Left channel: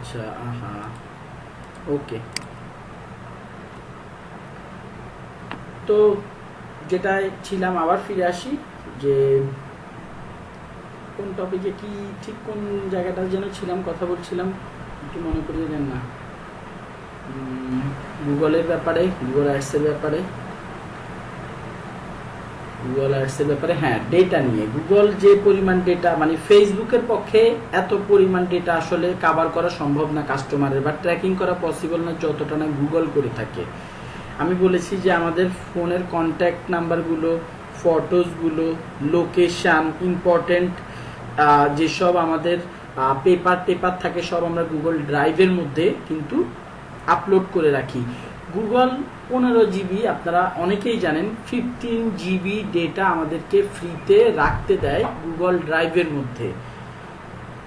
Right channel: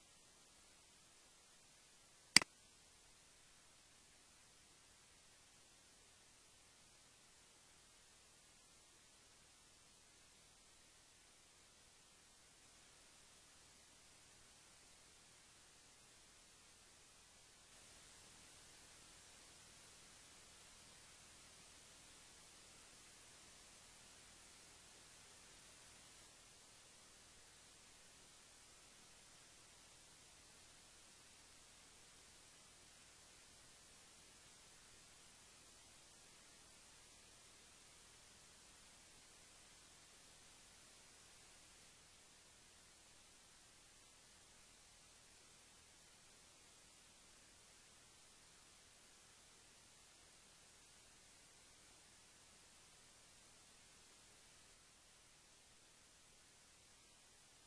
আচ্ছা, আহা, ওকে। তো যেটায় ছিলাম, আবার ফিরে আসি যে কোন টপিকে কি, ঠিক কোন জায়গাটা যেন ছিলাম, কথা বলছিলাম, একটু মনে করিয়ে দেন না। গুগলের ব্যাপারে, গুগল অ্যাডসের ব্যাপারে, গুগল অ্যাডসের ব্যাপারে, হ্যাঁ, ডেটা নিয়ে। গুগল যে পরিমাণ ডেটা, মানে ফেসবুকের পক্ষে এত পরিমাণ ডেটা আসলে কাভার করা সম্ভব না কাস্টমারের, বা ট্র্যাকিং করা পসিবল না যতটা না গুগল করে থাকে। আমি বলেছি যে আমাদের ফোনের কন্ট্যাক্ট নাম্বারগুলো, ফটোসগুলো, লোকেশান, ইম্পর্টেন্ট যেসব আমাদের পেপার থাকে, সব আমরা গুগল ড্রাইভের মধ্যে কিন্তু আপলোড করে রাখি। গুগল 15 GB, আপনারা অনেকেই জানেন 15 GB ডেটা আমাদেরকে ফ্রিতে রাখতে দেয় গুগল ড্রাইভের মধ্যে।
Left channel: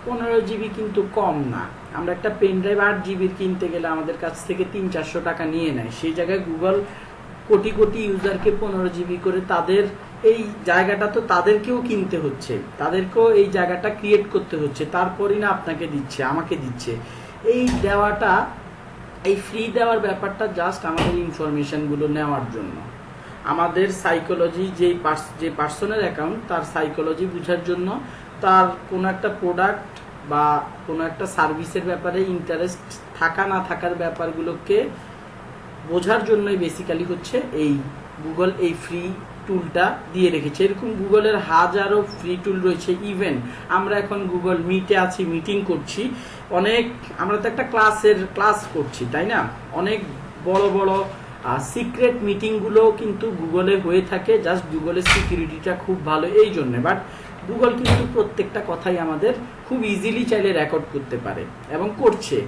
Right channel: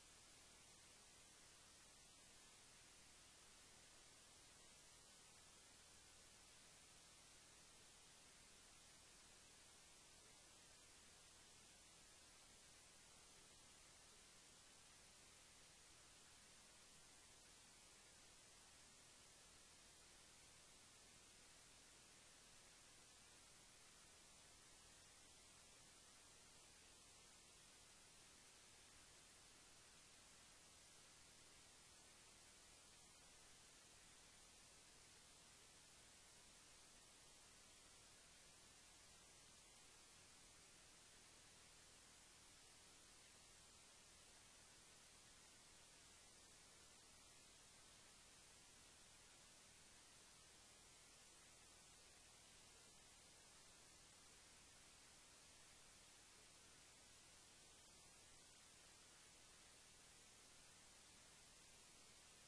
15 GB কিন্তু কম না। আমরা একটা পেন ড্রাইভ 8 GB কিনতে গেলে আমাদের কাছ থেকে 300-400 টাকা নিয়ে নেয়। সেই জায়গায় গুগল কোটি কোটি ইউজারকে 15 GB করে, তাদের এই জায়গাটা তো তাদেরকেও কিনতে হচ্ছে, তাদেরকেও এই জায়গাটা ক্রিয়েট করতে হচ্ছে, তারপরই না আপনাকে দিচ্ছে, আমাকে দিচ্ছে। এই দেওয়াটা, এই ফ্রি দেওয়ার ব্যাপারটা জাস্ট আমাদের ইনফরমেশনগুলো নেওয়ার জন্য, আমাদের সাইকোলজি, যে পার্সনের অ্যাকাউন্ট, তার সাইকোলজি বোঝার জন্য, তার কোনো একটা প্রোডাক্ট বা কোনো একটা সার্ভিসের ব্যাপারে ইন্টারেস্ট থাকা না থাকার ব্যাপারগুলোকে বোঝার জন্যই বেসিক্যালি হচ্ছে এই গুগল এই ফ্রি টুলটা দিয়ে রেখেছে। এরকম গুগলের হাজারো ফ্রি টুল রয়েছে। ইভেন আমরা এখন গুগল মিটে আছি, মিটিং করছি, অনেক, আমরা তো একটা ক্লাস করছি, তাই না? অনেক বড় বড় সিক্রেট মিটিংগুলো কিন্তু গুগলে হয়ে থাকে, জাস্ট গুগলের সিকিউরিটিটা খুব ভালো এই জন্যে। বাট গুগল কিন্তু প্রত্যেকটা কথাই আমাদের খুব ইজিলি চাইলে রেকর্ড করতে পারে এবং করছে।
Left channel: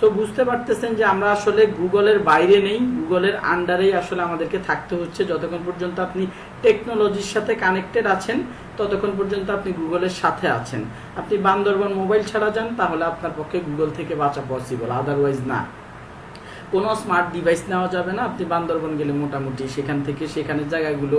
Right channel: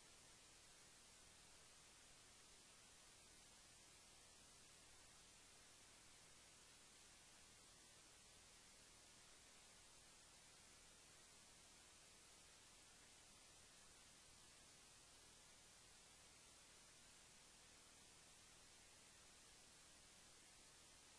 তো বুঝতে পারতেছেন যে আমরা আসলে গুগলের বাইরে নেই, গুগলের আন্ডারেই আসলে আমাদেরকে থাকতে হচ্ছে। যতক্ষণ পর্যন্ত আপনি টেকনোলজির সাথে কানেক্টেড আছেন, ততক্ষণ পর্যন্ত আপনি গুগলের সাথে আছেন। আপনি বান্দরবান মোবাইল ছাড়া যান, তাহলে আপনার পক্ষে গুগল থেকে বাঁচা পসিবল, আদারওয়াইজ না। কোনো স্মার্ট ডিভাইস নেওয়া যাবে না। আপনি বান্দরবান গেলে মোটামুটি সেখান থেকে সেখানের জায়গাগুলো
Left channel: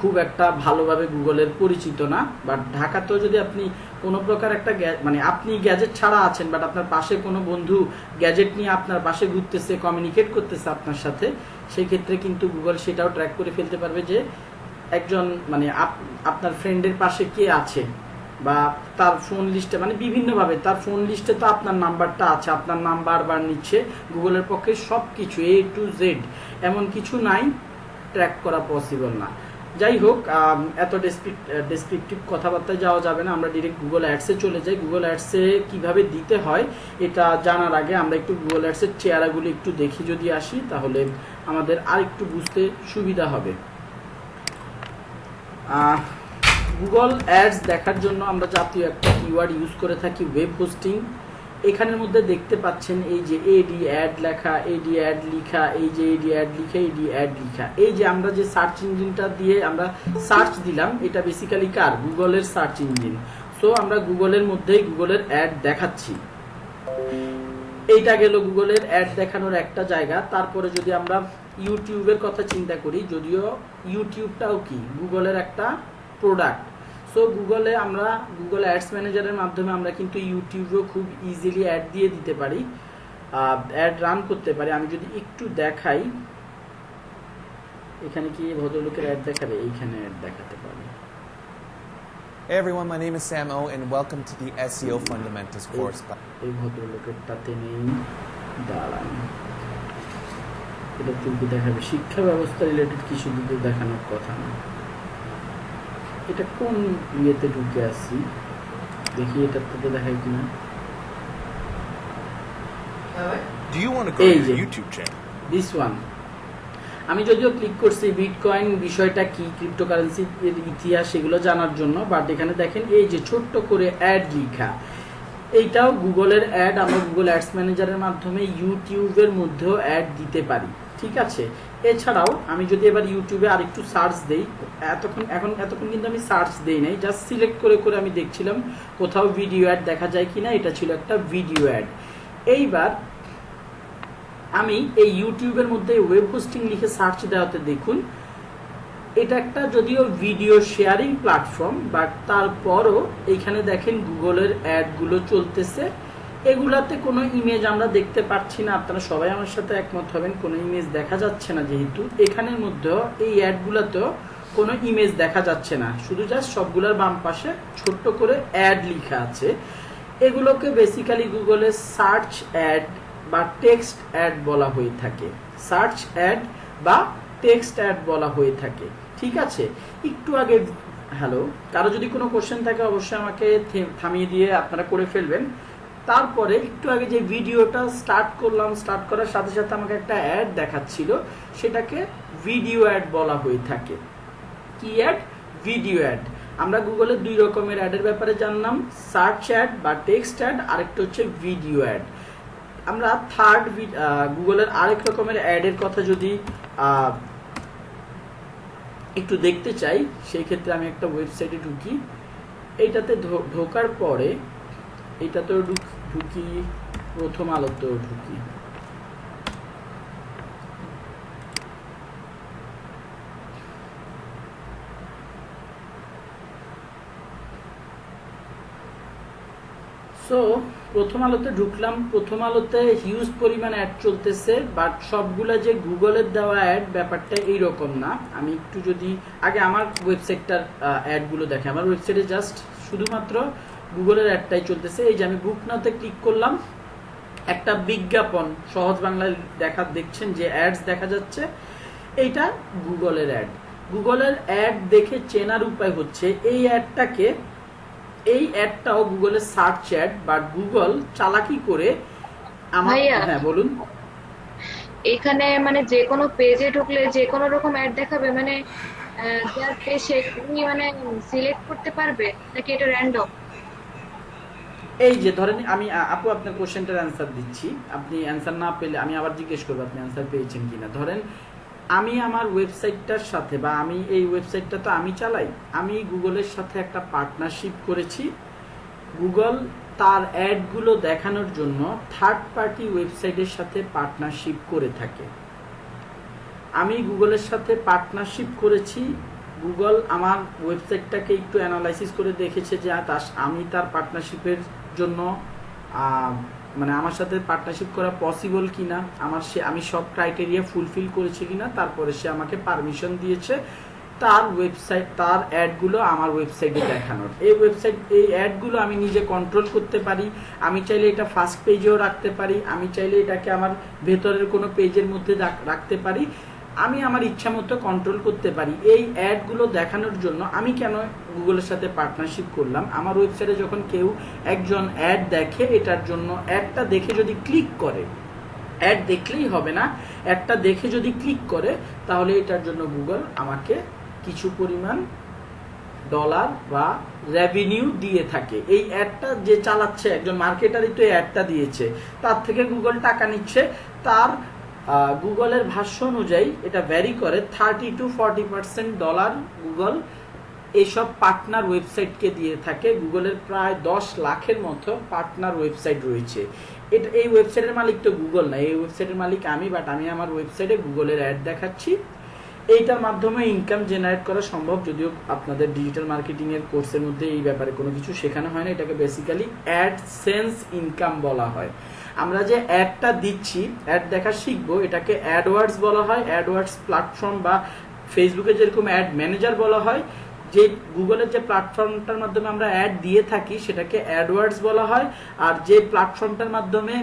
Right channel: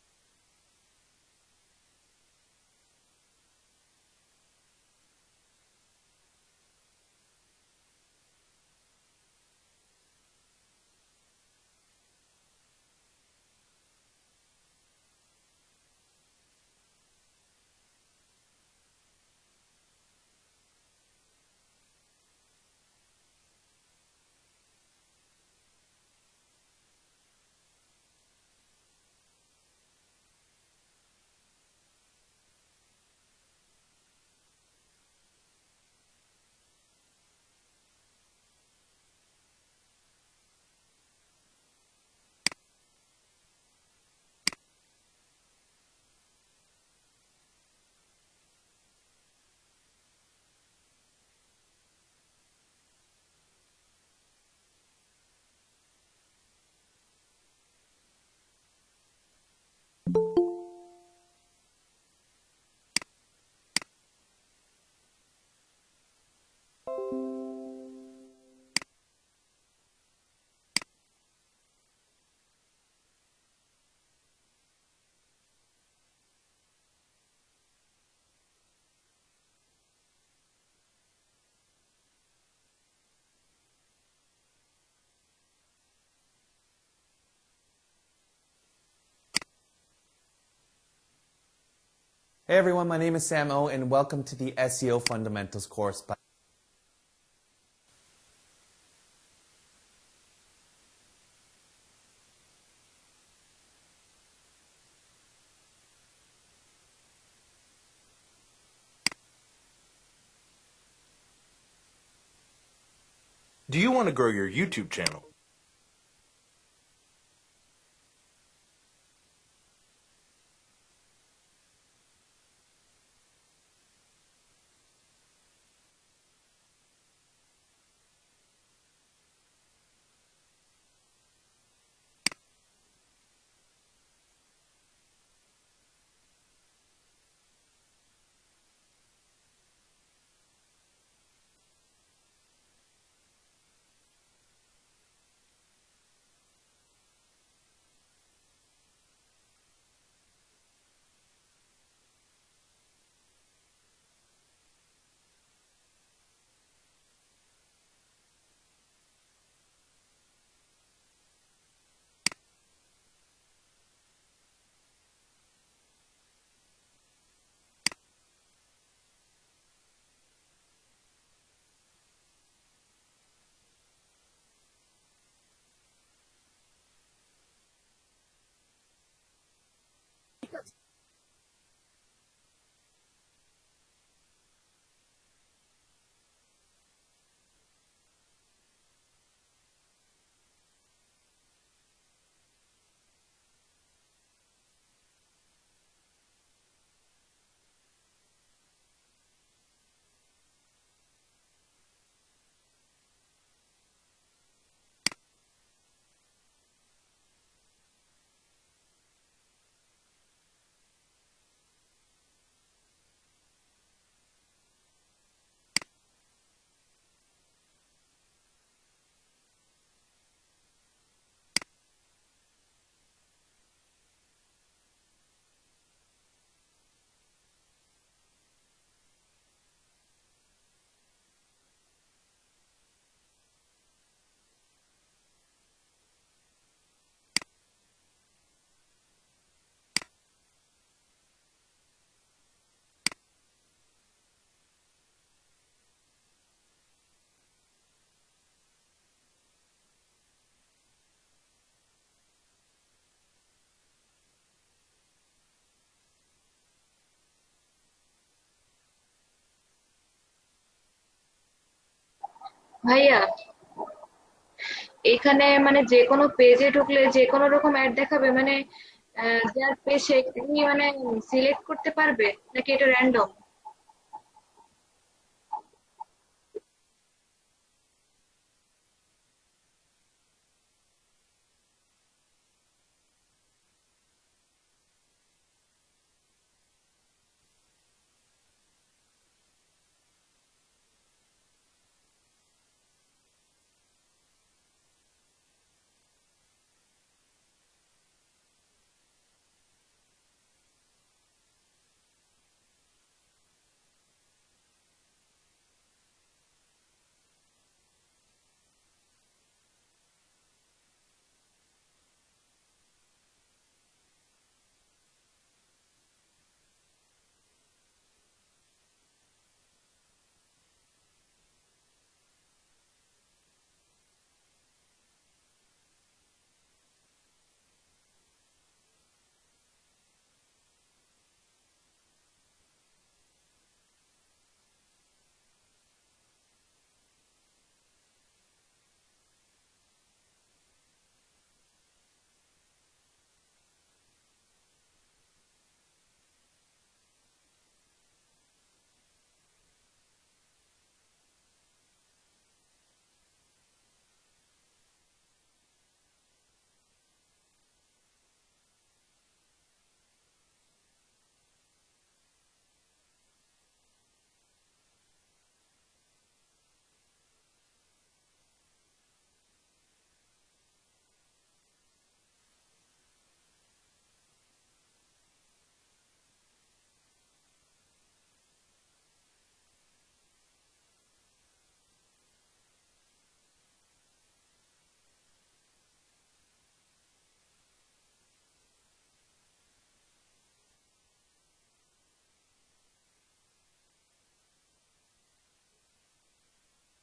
খুব একটা ভালোভাবে গুগলের পরিচিত না। বাট ঢাকাতেও যদি আপনি কোনো প্রকার একটা মানে আপনি গ্যাজেট ছাড়া আছেন, বাট আপনার পাশে কোনো বন্ধু গ্যাজেট নিয়ে আপনার পাশে ঘুরতেছে, কমিউনিকেট করতেছে আপনার সাথে, সেই ক্ষেত্রে কিন্তু গুগল সেটাও ট্র্যাক করে ফেলতে পারবে যে একজন, মানে আপনার ফ্রেন্ডের পাশে কে আছে, বা তার ফোন লিস্টে, মানে বিভিন্নভাবে তার ফোন লিস্টে তো আপনার নাম্বারটা আছে, আপনার নাম্বার বার নিচ্ছে। গুগলের পক্ষে সব কিছু A to Z, এমন কিছু নাই, ট্র্যাক করা পসিবল না। যাই হোক, এত ডেসক্রিপটিভ কথাবার্তায় যাওয়া যাবে না, আমরা ডিরেক্ট গুগল অ্যাডসে চলে যাই। গুগল অ্যাডসে কিভাবে দিতে হয় এটা জানার আগে আমরা একটু গুগল অ্যাডসের চেহারাগুলো একটু দেখি যদি আসি, তাহলে আমাদের আর একটু বুঝতে সুবিধা হবে। গুগল অ্যাডস দেখার জন্য আমরা জাতীয় একটা কিওয়ার্ড ইউজ করে থাকি, ওয়েব হোস্টিং। এখানের মধ্যে দেখতে পাচ্ছেন এই যে এডি অ্যাড লেখা, এডি অ্যাড লিখা, এই যে এডি অ্যাড লিখা, এডি অ্যাড লিখা। এই যে আমরা যে সার্চ ইঞ্জিনটা দিয়ে আমরা সার্চ দিলাম, এটা বেসিক্যালি কার? গুগলের সার্চ ইঞ্জিন। সো আমরা গুগলের মধ্যেই গুগলের অ্যাড দেখাচ্ছি। এইটা গেল গুগলের অ্যাড দেখানোর একটা জায়গা। তারপরে যদি আমরা ইউটিউবের কথা চিন্তা করি, যদিও ইউটিউবটাও কি গুগলের একটা প্রোডাক্ট। সো গুগলে আমরা গুগল অ্যাডস ম্যানেজারের মাধ্যমে আমরা কিন্তু ইউটিউবেও খুব ইজিলি অ্যাড দিয়ে দিতে পারি, অ্যাড রান করতে পারি। আমি যদি একটু দেখাই, এখানে কি ভদ্রলোকের অ্যাড দেখাবে? এইখানে অ্যাড দেখাতে পারি। Hey everyone, my name is Sam O and welcome to the SEO Fundamentals course. এই ভদ্রলোকেরটাতে নেই, দাঁড়ান, এটা তুলতে দেখাবে। শিক্ষা ব্যবস্থা রিলেটেড কিছু দিকে দেখানোর কথা না। এটা কোন ইয়েতে ঢুকে আসছি দেখি, এটার থেকে দেখাই কিনা। Do you want to grow your YouTube channel? This one. আমি যদিও ক্লিক করছি বিটকয়েন বিষয়টা কি, ক্রিপ্টোকারেন্সি এর ইতিহাস, সেগুলো জানার জন্য। বাট এখানে দেখেন এই যে ছোট্ট করে অ্যাড লেখা, এইটাও গুগলের অ্যাড। আমরা গুগল অ্যাডস ম্যানেজারের মাধ্যমে ইউটিউবের মধ্যেও অ্যাড দিতে পারি, ঠিক আছে? এছাড়াও আমি যদি এবার ইউটিউবে আরেকটু সার্চ দেই, এতক্ষণ কিন্তু আমি সার্চ দেই নাই, জাস্ট সিলেক্ট করে করে আমি দেখছিলাম কোথাও ভিডিও অ্যাড দেখা যায় কিনা। এটা ছিল একটা ভিডিও অ্যাড। এইবার আমি এই ইউটিউবের মধ্যে ওয়েব হোস্টিং লিখে সার্চ দেওয়াতে দেখুন, এটা একটা যদিও ভিডিও শেয়ারিং প্ল্যাটফর্ম, বাট তারপরও এইখানে দেখেন গুগলের অ্যাডগুলো চলতেছে। এগুলাতে কোনো ইমেজ আমরা দেখতে পাচ্ছি না, আপনারা সবাই আমার সাথে একমত হবেন, কোনো ইমেজ দেখা যাচ্ছে না। যেহেতু এখানের মধ্যে এই অ্যাডগুলোতেও কোনো ইমেজ দেখা যাচ্ছে না, শুধু জাস্ট সবগুলোর বাম পাশে ছোট্ট করে অ্যাড লেখা আছে। এগুলোকে বেসিক্যালি গুগলে সার্চ অ্যাড বা টেক্সট অ্যাড বলা হয়ে থাকে, সার্চ অ্যাড বা টেক্সট অ্যাড বলা হয়ে থাকে। ঠিক আছে, একটু আগে হ্যালো, কারো যদি কোনো কোশ্চেন থাকে অবশ্যই আমাকে থামিয়ে দিয়ে আপনারা করে ফেলবেন। তারপরে একটু আগে যে ভিডিওটা স্টার্ট করলাম, স্টার্ট করার সাথে সাথে আমাকে একটা অ্যাড দেখাচ্ছিল, সেটাকে ভিডিও অ্যাড বলা হয়ে থাকে। কি অ্যাড? Video add. আমরা গুগলের দুই রকমের অ্যাডের ব্যাপারে জানলাম, সার্চ অ্যাড বা টেক্সট অ্যাড, আরেকটা হচ্ছে ভিডিও অ্যাড। আমরা থার্ড গুগলের আরেক রকমের অ্যাডের কথা যদি একটু দেখতে চাই, সেই ক্ষেত্রে আমি একটা ওয়েবসাইটে ঢুকি। এইটাতে ঢোকার পরে এইটাতেও ঢুকি, প্রথম আলোতেও ঢুকি। সো প্রথম আলোতে ঢুকলাম, প্রথম আলোতে হিউজ পরিমাণ অ্যাড চলতেছে, বাট সবগুলা যে গুগলের দেওয়া অ্যাড ব্যাপারটা এইরকম না। আমি একটু যদি আগে আমার ওয়েবসাইটটার অ্যাডগুলো দেখে, আমার ওয়েবসাইটে জাস্ট শুধুমাত্র গুগলের অ্যাডটাই চলতেছে। এই যে আমি বুক নাওতে ক্লিক করলাম, একটা বিজ্ঞাপন সহজ বাংলায় দেখছেন যে অ্যাডস দেখা যাচ্ছে, এইটা গুগলের অ্যাড। গুগলের অ্যাড দেখে চেনার উপায় হচ্ছে এই অ্যাডটাকে, এই অ্যাডটাও গুগলের সার্চ অ্যাড, বাট গুগল চালাকি করে হ্যাঁ বলুন। এখানে মানে যে কোনো পেজে ঢুকলে যে কোনো রকম অ্যাড দেখাবে, মানে যার পেজ সেখানে মানে সিলেক্ট করতে পারবে নাকি এটা র্যান্ডম? এই যে ধরেন আমি আপু আপনার কোশ্চেনটার অ্যান্সার দিচ্ছি, আপনি অ্যান্সার না পেলে আমি আবার জিজ্ঞেস করবো আপনি অ্যান্সার পেয়েছেন কিনা। ধরেন আমি আমার ওয়েবসাইটটার সাথে, বা আমি এই ওয়েবসাইটটা তো আমি চালাই, আমি গুগলের সাথে একটা পার্টনারশিপ করেছি। গুগল তার অ্যাডগুলো দেখানোর জন্য থার্ড পার্টি ওয়েবসাইটের সাথে পার্টনারশিপ করে থাকে। আমি গুগলের সাথে পার্টনারশিপ করেছি, গুগল আমার ওয়েবসাইটটাকে একটু অ্যানালাইসিস করে দেখেছে যে আমি তার পার্টনারশিপের জন্য মানে আমার সাথে পার্টনারশিপ করা পসিবল কিনা, আমি সব ক্রাইটেরিয়া ফুলফিল করেছি কিনা, তারপরে সে আমাকে পারমিশন দিয়েছে তার ওয়েবসাইট, তার অ্যাডগুলো আমার ওয়েবসাইটে দেখানোর। এই অ্যাডগুলো আমি নিজে কন্ট্রোল করতে পারি। আমি চাইলে এটা ফার্স্ট পেজেও রাখতে পারি, আমি চাইলে এটাকে আমার ভেতরের কোনো পেজের মধ্যে রাখতে পারি, আমি আমার ইচ্ছা মতো কন্ট্রোল করতে পারি। এই অ্যাডগুলো দেখানোর জন্য আমি কেন গুগলের সাথে পার্টনারশিপ করলাম, আমার ওয়েবসাইটে যখন কেউ একজন অ্যাড দেখে, এটার জন্য অ্যাডটা দেখে যদি ক্লিক করে, অ্যাড দেখলেই হবে না, অ্যাডটা দেখে যদি ক্লিক করে, তাহলে এটার জন্য গুগল আমাকে কিছু পরিমাণ ডলার বা রেভিনিউ দিয়ে থাকে। এই অ্যাডটা যে চালাচ্ছে, একজন মার্কেটারই তো এই অ্যাডটা দিয়েছে, তার থেকে গুগল টাকা নিচ্ছে। তার গুগলের ভাষ্য অনুযায়ী এটা ভ্যারি করে 30-40% ডলার গুগল এইসব পার্টনার ওয়েবসাইটকে দিয়ে থাকে। গুগলের প্রায় 10 লাখের মতো পার্টনার ওয়েবসাইট রয়েছে। এই ওয়েবসাইটের মালিক তো গুগল না, এই ওয়েবসাইটের মালিক আমি, বাট আমি আমার ওয়েবসাইটে গুগলের অ্যাড দেখাচ্ছি। এইটার মাধ্যমে ইনকাম জেনারেট করা সম্ভব, যদিও আপনাদের ডিজিটাল মার্কেটিং এর কোর্সের মধ্যে এই ব্যাপারে কোনো কিছু শেখানো হয় না। এটাকে বেসিক্যালি অ্যাডসেন্স ইনকাম বলা হয়। আমরা যে অ্যাডটা দিচ্ছি, অ্যাড দেখা শিখবো, এটাকে অ্যাডওয়ার্ডস বলা হয়। অ্যাডওয়ার্ডস প্ল্যাটফর্ম বা ফেসবুকে যেরকম অ্যাড ম্যানেজার বলা হয়, যে গুগলের যে প্ল্যাটফর্মটার মাধ্যমে আমরা অ্যাড দিয়ে থাকি সেটাকে অ্যাডওয়ার্ডস বলা হয়। আর যে প্ল্যাটফর্মটার মাধ্যমে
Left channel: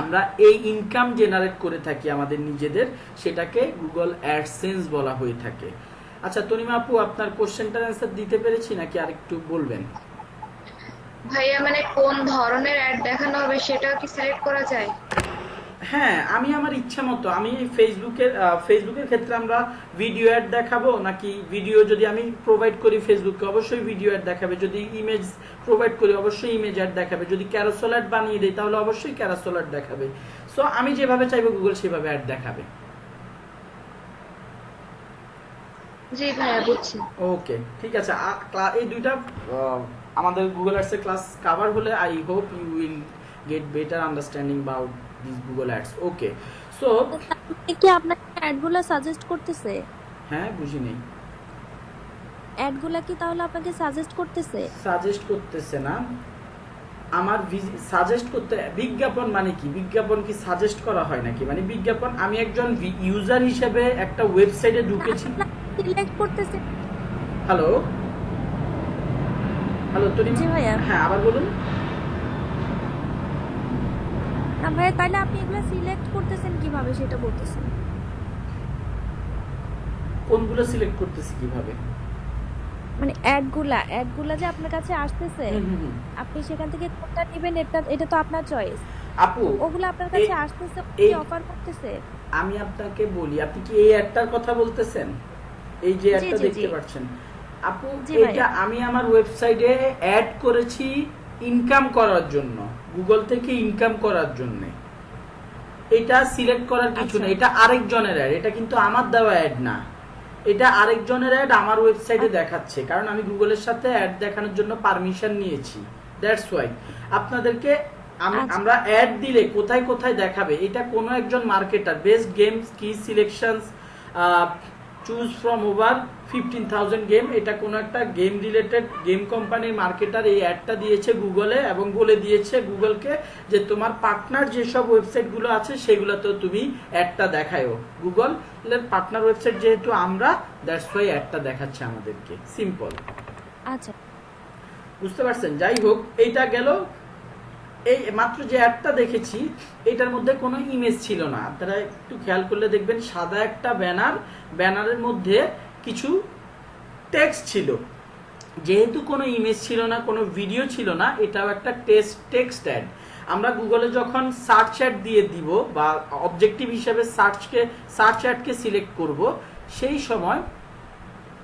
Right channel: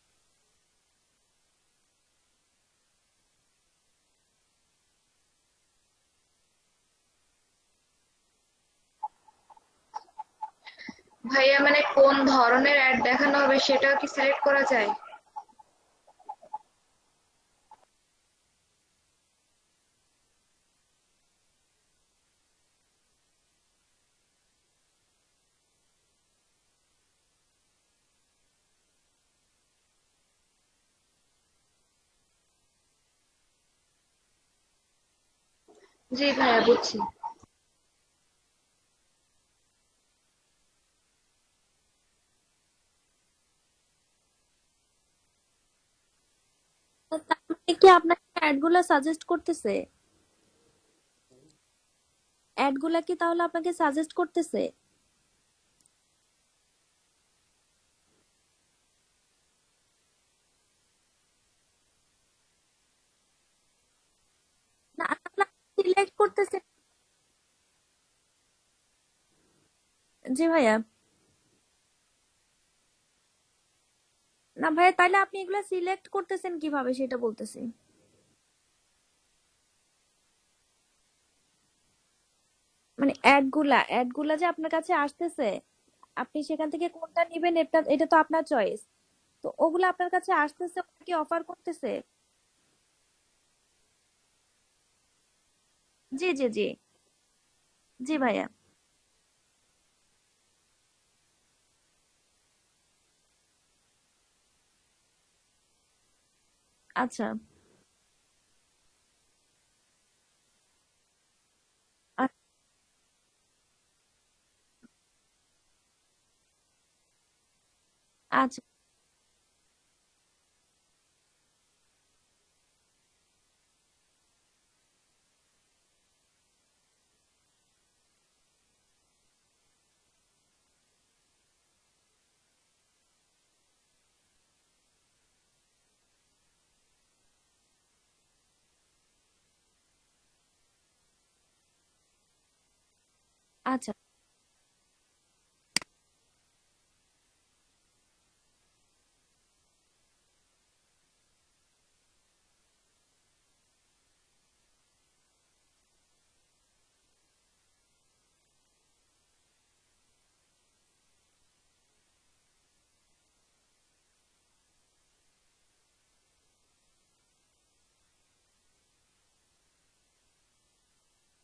আমরা এই ইনকাম জেনারেট করে থাকি আমাদের নিজেদের, সেটাকে গুগল অ্যাডসেন্স বলা হয়ে থাকে। আচ্ছা তনিমা আপু, আপনার কোশ্চেনটার অ্যান্সার দিতে পেরেছি নাকি আরেকটু বলবেন? ভাইয়া মানে কোন ধরনের অ্যাড দেখানো হবে সেটাও কি সিলেক্ট করা যায়? হ্যাঁ, আমি আমার ইচ্ছা মতো, আমি ফেসবুকের ক্ষেত্রে আমরা ভিডিও অ্যাড দেখাবো, নাকি ভিডিও যদি আমি প্রোভাইড করি ফেসবুককে অবশ্যই ভিডিও অ্যাড দেখাবে, যদি ইমেজ প্রোভাইড করি অবশ্যই ইমেজ অ্যাড দেখাবে, যদি ক্যারাসেল অ্যাড বানিয়ে দেই তাহলে অবশ্যই ক্যারাসেল অ্যাড দেখাবে। সো আমি যেভাবে চাইবো গুগল সেভাবে অ্যাড দেখাবে। জি ভাইয়া বুঝছি। ওকে ঠিক আছে, এই দুইটা আমাদের গুগল অ্যাডস এর ক্লাস কভার হলে I hope you will get better understanding about this Google ads. Okay so কি আপনাকে অ্যাডগুলো সাজেস্ট করতেছে? হ্যাঁ, বুঝি নেই। অ্যাডগুলো কি তাহলে আপনাকে সাজেস্ট করতেছে? সাজেস্ট করতেছে না, আমার সাজেস্ট করতে, বিজ্ঞাপন মানে কি, বিজ্ঞাপন কি সাজেস্ট করা হয় নাকি, মানে বিজ্ঞাপন আমি একজন ইউজার হিসেবে একটা ওয়েবসাইটে ঢুকেছি। সিলেক্ট করতেছেন। হ্যালো হ্যালো তরিমা, জি ভাইয়া। হ্যাঁ আবার বলুন। না ভাইয়া, তাহলে আপনি এগুলো সিলেক্ট করতেছেন কিভাবে সেটা বলতেছেন। কোনগুলো সিলেক্ট করতেছি কিভাবে? মানে অ্যাডগুলা যে আপনার কাছে আসতেছে, আপনি সেখান থেকে কোনটা নেবেন এটা তো আপনার চয়েস। আপু ওগুলো আপনার কাছে আসতেছে, কি অফার করতেছে। আমি আপনাকে বলি, আপনি কি এই অ্যাডটার কথা বলতেছেন? এই যে অ্যাডটা দেখতে পাচ্ছেন আপু, এটা আমি আমার ওয়েবসাইটে অ্যাড করেছি ইনকাম করার জন্য, গুগল থেকে ইনকাম করার জন্য। এটা সিলেক্ট করার কিছু না, এটা আরেকজনের অ্যাড, এটা কিন্তু আমার দেওয়া অ্যাড না, এটা আরেকজনের অ্যাড আমার ওয়েবসাইটে দেখাচ্ছে, কারণ আমি গুগলের সাথে অ্যাড দেখানোর জন্য পারমিশন নিয়েছি। দ্যাটস ওয়াই আপনাদেরকে আমরা অ্যাড দিলে কোথায় কোথায় দেখাবে, এটা কোনো একজন মার্কেটার, বেস্ট গেমস কি selections choose from over 15,000 game, এটা কোনো একটা গেম রিলেটেড গেম কোম্পানির মার্কেটার এই অ্যাডটা দিয়েছে গুগলে, এবং বলে দিয়েছে গুগলকে যে তোমার পার্টনার যেসব ওয়েবসাইটগুলো আছে সেগুলোতেও তুমি অ্যাডটা দেখায়ও। গুগলের পার্টনার ওয়েবসাইট যেহেতু আমরা, দ্যাটস ওয়াই অ্যাডটা দেখাচ্ছে আমাদেরকে। সিম্পল। আচ্ছা, বুঝতে পারছেন? যাই হোক, এইটা গেল। এই মাত্র যে অ্যাডটা দেখেছি এটার মধ্যে কোনো ইমেজ ছিল না, আপনারা একটু খেয়াল করলে দেখবেন সাদা একটা ব্যানারের মধ্যে কিছু টেক্সট ছিল। যেহেতু কোনো ইমেজ ছিল না, কোনো ভিডিও ছিল না, এটাও একটা টেক্সট অ্যাড। আমরা গুগলে যখন সার্চ অ্যাড দিয়ে দিব বা অবজেক্টিভ হিসেবে সার্চ অ্যাডকে সিলেক্ট করব, সেই সময়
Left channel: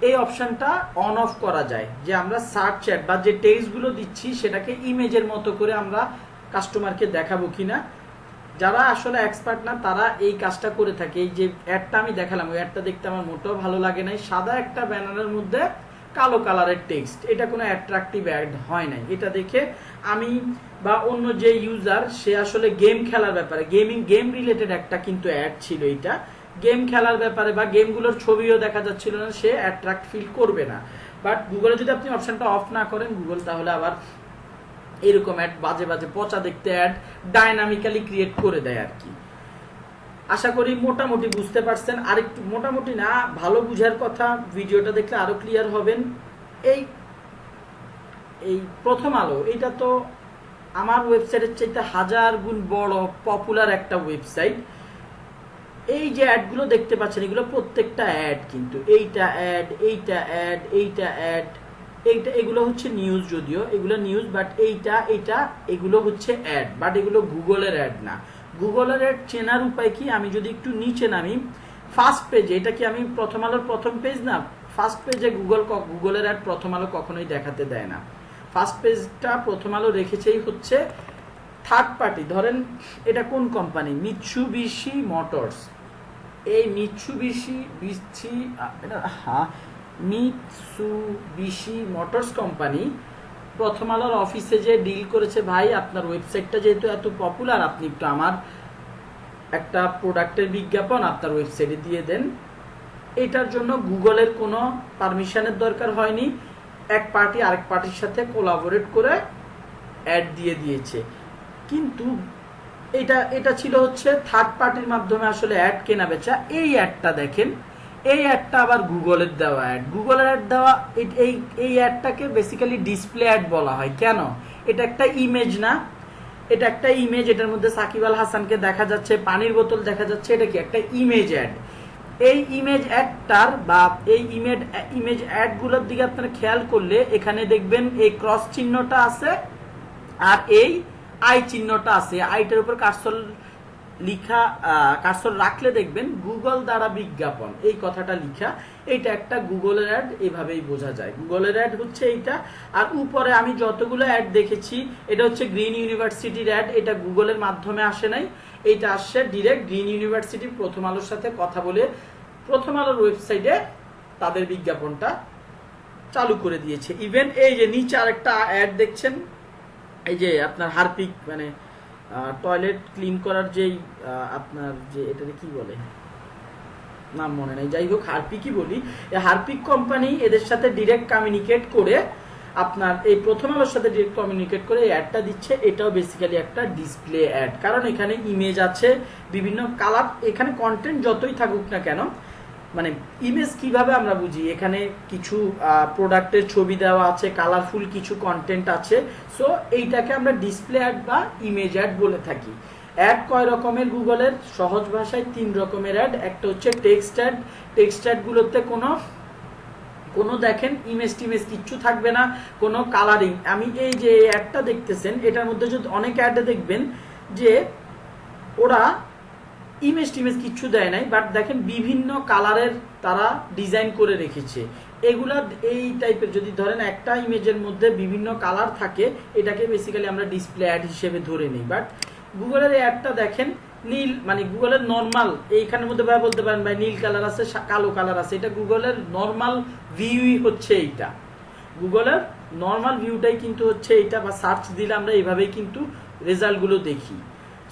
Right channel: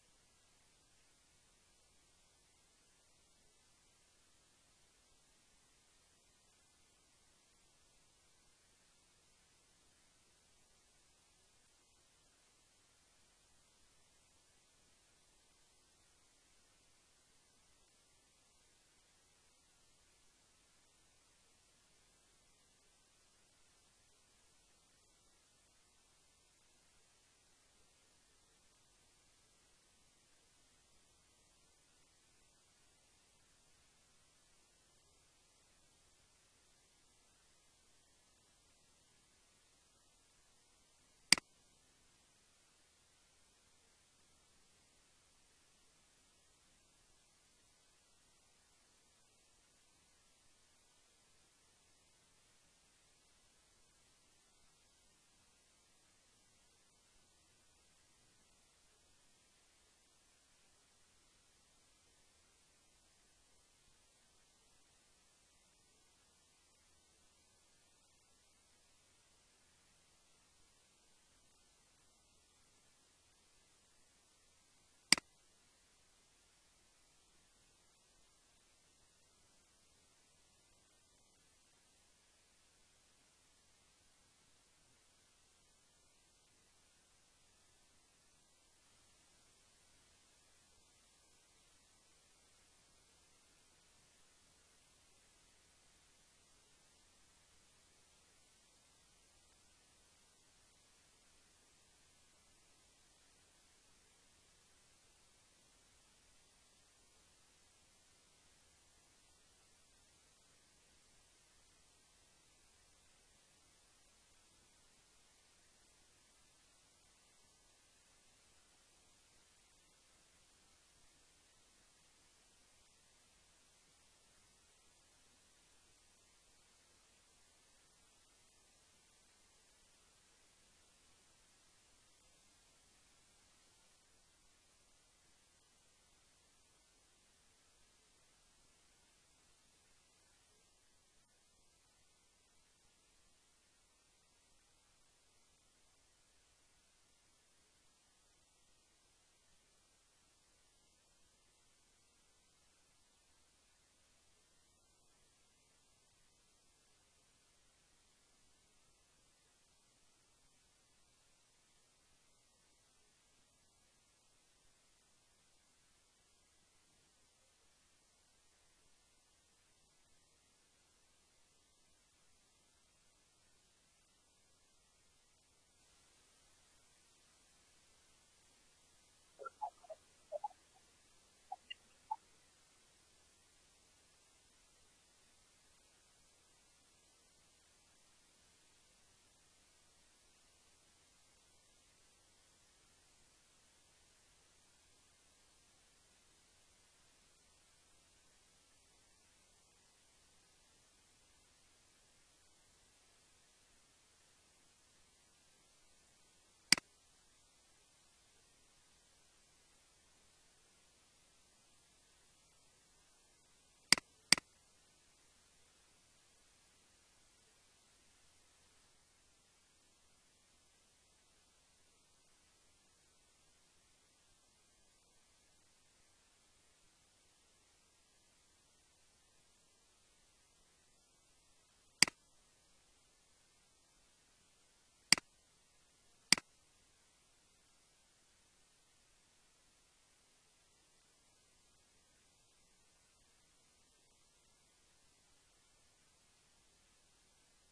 এই অপশনটা অন অফ করা যায়, যে আমরা সার্চ অ্যাড বা যে টেক্সটগুলো দিচ্ছি সেটাকে ইমেজের মতো করে আমরা কাস্টমারকে দেখাবো কিনা। যারা আসলে এক্সপার্ট না তারা এই কাজটা করে থাকে। এই যে অ্যাডটা আমি দেখালাম, ওই অ্যাডটা দেখতে আমার মোটেও ভালো লাগে নাই, সাদা একটা ব্যানারের মধ্যে কালো কালারের টেক্সট, এটা কোনো অ্যাট্রাকটিভ অ্যাড হয় নাই। এটা দেখে আমি বা অন্য যে ইউজার, সে আসলে গেম খেলার ব্যাপারে, গেম রিলেটেড একটা কিন্তু অ্যাড ছিল, এটা গেম খেলার ব্যাপারে বা গেমগুলোর ছবিও দেখা যাচ্ছিল না, সে অ্যাট্রাক্ট ফিল করবে না। বাট গুগলে যদি আপনি অপশনটা অফ না করেন, গুগল তাহলে আবার এরকম অ্যাড, বাজে বাজে পচা দেখতে অ্যাড ডাইনামিক্যালি ক্রিয়েট করে দেয় আর কি। আশা করি মোটামুটি বুঝতে পারছেন। আরেকটু মোটামুটি না, ভালো বুঝার কথা, ভিডিওটা দেখলে আরো ক্লিয়ার হবেন। এই প্রথম আলো, এটা তো আমার ওয়েবসাইটের চাইতে 1000 গুণ বড় পপুলার একটা ওয়েবসাইট। এই যে অ্যাডগুলো দেখতে পাচ্ছেন, এগুলো প্রত্যেকটা অ্যাড, কিন্তু এইটা অ্যাড, এইটা অ্যাড, এইটা অ্যাড, এগুলো হচ্ছে নিউজ, যদিও এগুলো নিউজ, বাট এগুলো হচ্ছে অ্যাড, বাট এগুলো গুগলের অ্যাড না। গুগলের অ্যাড চেনার উপায় কি, আমি যদি একটু নিচে নামি, ফার্স্ট পেজে, এটা কি আমি প্রথম আলোর প্রথম পেজ না, ফার্স্ট পেজে গুগলের অ্যাড প্রথম আলো কখনোই দেখাতে দেয় না। ফার্স্ট পেজটা প্রথম আলো রেখেছেই হচ্ছে থার্ড পার্টি। ধরেন এটা কোন কোম্পানি, মিৎসুবিশি মোটরস, এই মিৎসুবিশি মোটরস কোম্পানি প্রথম আলোর অফিসে যে ডিল করেছে, ভাই আপনার ওয়েবসাইটটা যেহেতু এত পপুলার, আপনি একটু আমার একটা প্রোডাক্টের বিজ্ঞাপন আপনার ওয়েবসাইটে দিয়ে দেন। এটার জন্য গুগলের কোনো পারমিশনের দরকার হয়নি, এক পার্টি আরেক পার্টির সাথে কোলাবোরেট করে অ্যাড দিয়ে দিয়েছে। কিন্তু এটা ছিল হচ্ছে থার্ড পার্টির মাধ্যমে আসলে অ্যাড কেনা বেচা। এই অ্যাডটা দেখেন, এই অ্যাডটা আবার গুগলের দেওয়া অ্যাড, গুগলের অ্যাড দেওয়া। এই অ্যাডটাকে বেসিক্যালি ডিসপ্লে অ্যাড বলা হয়। কেন? এটা একটা ইমেজ না, এটা একটা ইমেজ, এটার মধ্যে সাকিব আল হাসানকে দেখা যাচ্ছে, পানির বোতল দেখা যাচ্ছে, এটা কি একটা ইমেজ অ্যাড। এই ইমেজ অ্যাডটার বা এই ইমেজ অ্যাডগুলোর দিকে আপনারা খেয়াল করলে এখানে দেখবেন এই ক্রস চিহ্নটা আছে আর এই আই চিহ্নটা আছে। আইটার উপর কার্সর রাখলে দেখবেন গুগল দ্বারা বিজ্ঞাপন, এই কথাটা লিখা। এইটা একটা গুগলের অ্যাড, এভাবেই বোঝা যায় গুগলের অ্যাড হচ্ছে এইটা। আর উপরে আমি যতগুলো অ্যাড দেখেছি, এটা হচ্ছে গ্রিন ইউনিভার্সিটির অ্যাড, এটা গুগলের মাধ্যমে আসে নাই, এইটা আসছে ডিরেক্ট গ্রিন ইউনিভার্সিটি প্রথম আলোর সাথে কথা বলে প্রথম আলোর ওয়েবসাইটে তাদের বিজ্ঞাপনটা চালু করে দিয়েছে। ইভেন এই যে নিচে আরেকটা অ্যাড দেখছেন, এই যে আপনার হারপিক, মানে টয়লেট ক্লিন করার যেই আপনার যে এটাকে কি বলে, নাম মনে নেই, যাই হোক হারপিকই বলি। এই হারপিক কোম্পানি এদের সাথে ডিরেক্ট কমিউনিকেট করে আপনার এই প্রথম আলোর সাথে ডিরেক্ট কমিউনিকেট করে এই অ্যাডটা দিচ্ছে, এটাও বেসিক্যালি একটা ডিসপ্লে অ্যাড। কারণ এখানে ইমেজ আছে, বিভিন্ন কালার, এখানে কন্টেন্ট যতই থাকুক না কেন, মানে ইমেজ কিভাবে আমরা বুঝি, এখানে কিছু প্রোডাক্টের ছবি দেওয়া আছে, কালারফুল কিছু কন্টেন্ট আছে। সো এইটাকে আমরা ডিসপ্লে অ্যাড বা ইমেজ অ্যাড বলে থাকি। অ্যাড কয় রকমের গুগলের? সহজ ভাষায় 3 রকমের অ্যাড। একটা হচ্ছে টেক্সট অ্যাড। টেক্সট অ্যাডগুলোতে কোনো দেখেন ইমেজ টিমেজ কিচ্ছু থাকবে না, কোনো কালারিং। আমি এই যে অ্যাডটা দেখতেছেন, এটার মধ্যে যদি অনেক অ্যাডে দেখবেন যে ওরা ইমেজ টিমেজ কিচ্ছু দেয় নাই, বাট দেখেন বিভিন্ন কালারের তারা ডিজাইন করে রেখেছে। এগুলা এই টাইপের যদি ধরেন একটা ইমেজের মধ্যে বিভিন্ন কালার থাকে, এটাকে বেসিক্যালি আমরা ডিসপ্লে অ্যাড হিসেবে ধরে নিই। বাট গুগলের এই অ্যাডটা দেখেন নীল, মানে গুগলের নর্মাল, এইখানের মধ্যে ভাই বলতে পারেন ভাই নীল কালার আছে, কালো কালার আছে, এটা গুগলের নর্মাল ভিউই হচ্ছে এইটা। গুগলের নর্মাল ভিউটাই কিন্তু হচ্ছে এইটা, বা সার্চ দিলে আমরা এইভাবেই কিন্তু রেজাল্টগুলো দেখি।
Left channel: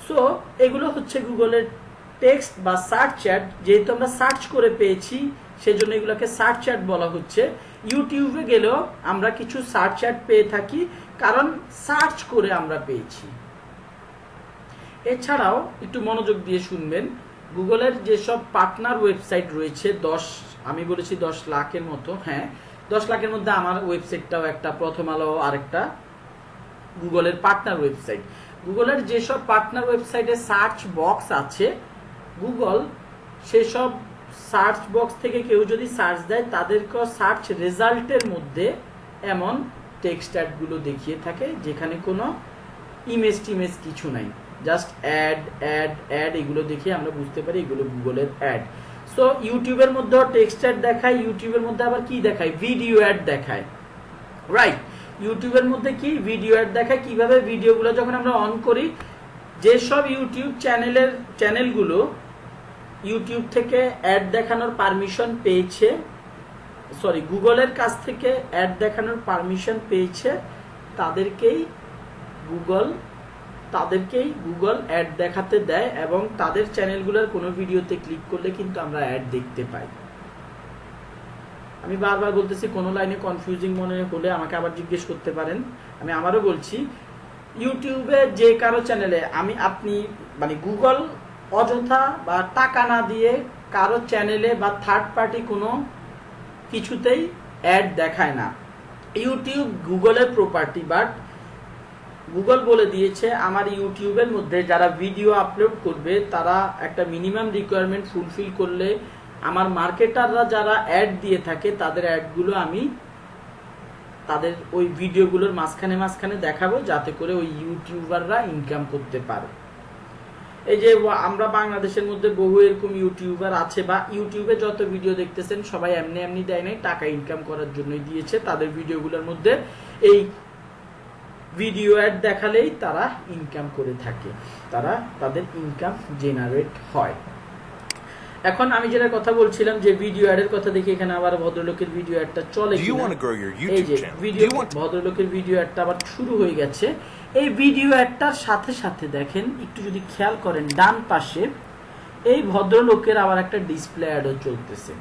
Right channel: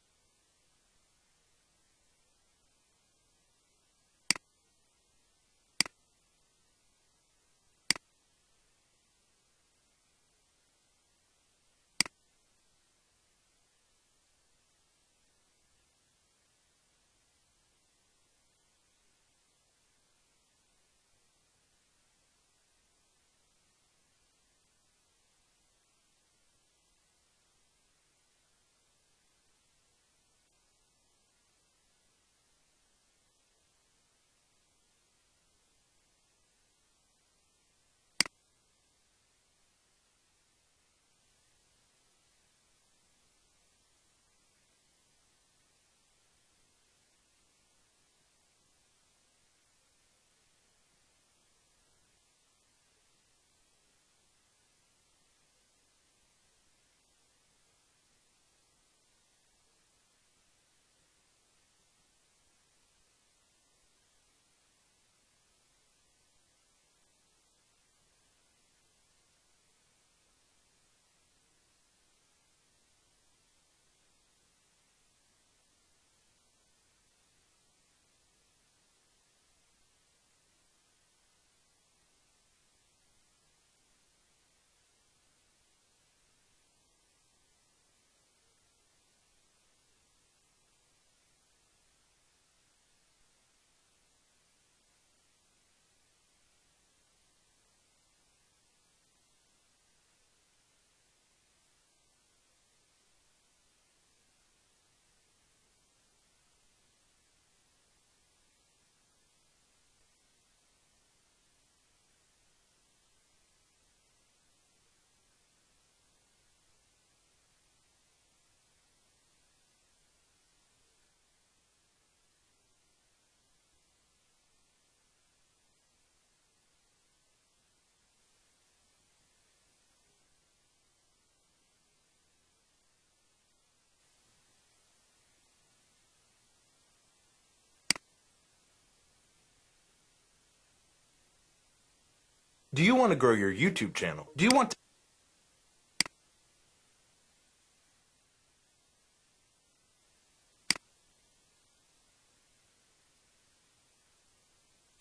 সো এগুলো হচ্ছে গুগলের টেক্সট বা সার্চ অ্যাড। যেহেতু আমরা সার্চ করে পেয়েছি, সেজন্য এগুলোকে সার্চ অ্যাড বলা হচ্ছে। ইউটিউবে গেলেও আমরা কিছু সার্চ অ্যাড পেয়ে থাকি, কারণ সার্চ করে আমরা পেয়েছি। এছাড়াও একটু মনোযোগ দিয়ে শুনবেন, গুগলের যেসব পার্টনার ওয়েবসাইট রয়েছে, আমি বলেছি 10 লাখের মতো, হ্যাঁ 10 লাখের মধ্যে আমার ওয়েবসাইটটাও একটা, প্রথম আলো আরেকটা গুগলের পার্টনার ওয়েবসাইট। গুগলের যেসব পার্টনার ওয়েবসাইটে সার্চ বক্স আছে, গুগল সেসব সার্চ বক্স থেকে কেউ যদি সার্চ দেয়, তাদেরকে সার্চ রেজাল্টের মধ্যে এমন টেক্সট অ্যাডগুলো দেখিয়ে থাকে যেখানে কোনো ইমেজ টিমেজ কিছু নাই, জাস্ট অ্যাড অ্যাড অ্যাড। এগুলো দেখে আমরা বুঝতে পারি এগুলো গুগলের অ্যাড। সো ইউটিউবের মধ্যে টেক্সট অ্যাড দেখায়, ইউটিউবের মধ্যে আবার কি দেখায়? ভিডিও অ্যাড দেখায়, রাইট? ইউটিউবের মধ্যে কি ভিডিও অ্যাড দেখায়। কিভাবে? ভিডিওগুলো যখন আমরা অন করি, যেসব ইউটিউব চ্যানেলগুলো ইউটিউব থেকে অ্যাড দেখানোর পারমিশন পেয়েছে, সরি গুগলের কাছ থেকে অ্যাড দেখানোর পারমিশন পেয়েছে, তাদেরকেই গুগল অ্যাড দেখাতে দেয়, এবং তাদের চ্যানেলগুলোর কোনো ভিডিওতে ক্লিক করলে কিন্তু আমরা অ্যাড দেখতে পাই। আমি বারবার বলতেছি, কোনো লাইনে কনফিউজিং মনে হলে আমাকে আবার জিজ্ঞেস করতে পারেন। আমি আমারও বলছি, ইউটিউবে যে কারো চ্যানেলে আপনি মানে গুগল অযথা বা টাকা না দিয়ে কারো চ্যানেলে বা থার্ড পার্টি কোনো কিছুতেই অ্যাড দেখায় না। ইউটিউব গুগলের প্রপার্টি, বাট গুগল বলে দিয়েছে আমার ইউটিউবের মধ্যে যারা ভিডিও আপলোড করবে, তারা একটা মিনিমাম রিকোয়ারমেন্ট ফুলফিল করলে আমার মার্কেটাররা যারা অ্যাড দিয়ে থাকে, তাদের অ্যাডগুলো আমি তাদের ওই ভিডিওগুলোর মাঝখানে দেখাবো, যাতে করে ওই ইউটিউবাররা ইনকাম করতে পারে। এই যে আমরা বাংলাদেশের মধ্যে বহু এরকম ইউটিউবার আছে, বা ইউটিউবে যত ভিডিও দেখতেছেন সবাই এমনি দেয় নাই, টাকা ইনকাম করার জন্যই দিয়েছে। তাদের ভিডিওগুলোর মধ্যে এই ভিডিও অ্যাড দেখালেই তারা ইনকাম করে থাকে, তাদের ইনকাম জেনারেট হয়। এখন আমি যেটা কথা বলছিলাম যে ভিডিও অ্যাডের কথা, দেখি এখানে আবার ভদ্রলোকের ভিডিও অ্যাডটা চলে। ভদ্রলোকের ভিডিও অ্যাডটা আবার শুরু হয়ে গেছে। এই ভিডিও অ্যাডটার সাথে সাথে দেখেন, একটু যদি খেয়াল করেন ডান পাশে, এই ভদ্রলোকের আবার একটা ডিসপ্লে অ্যাডও চলতেছে।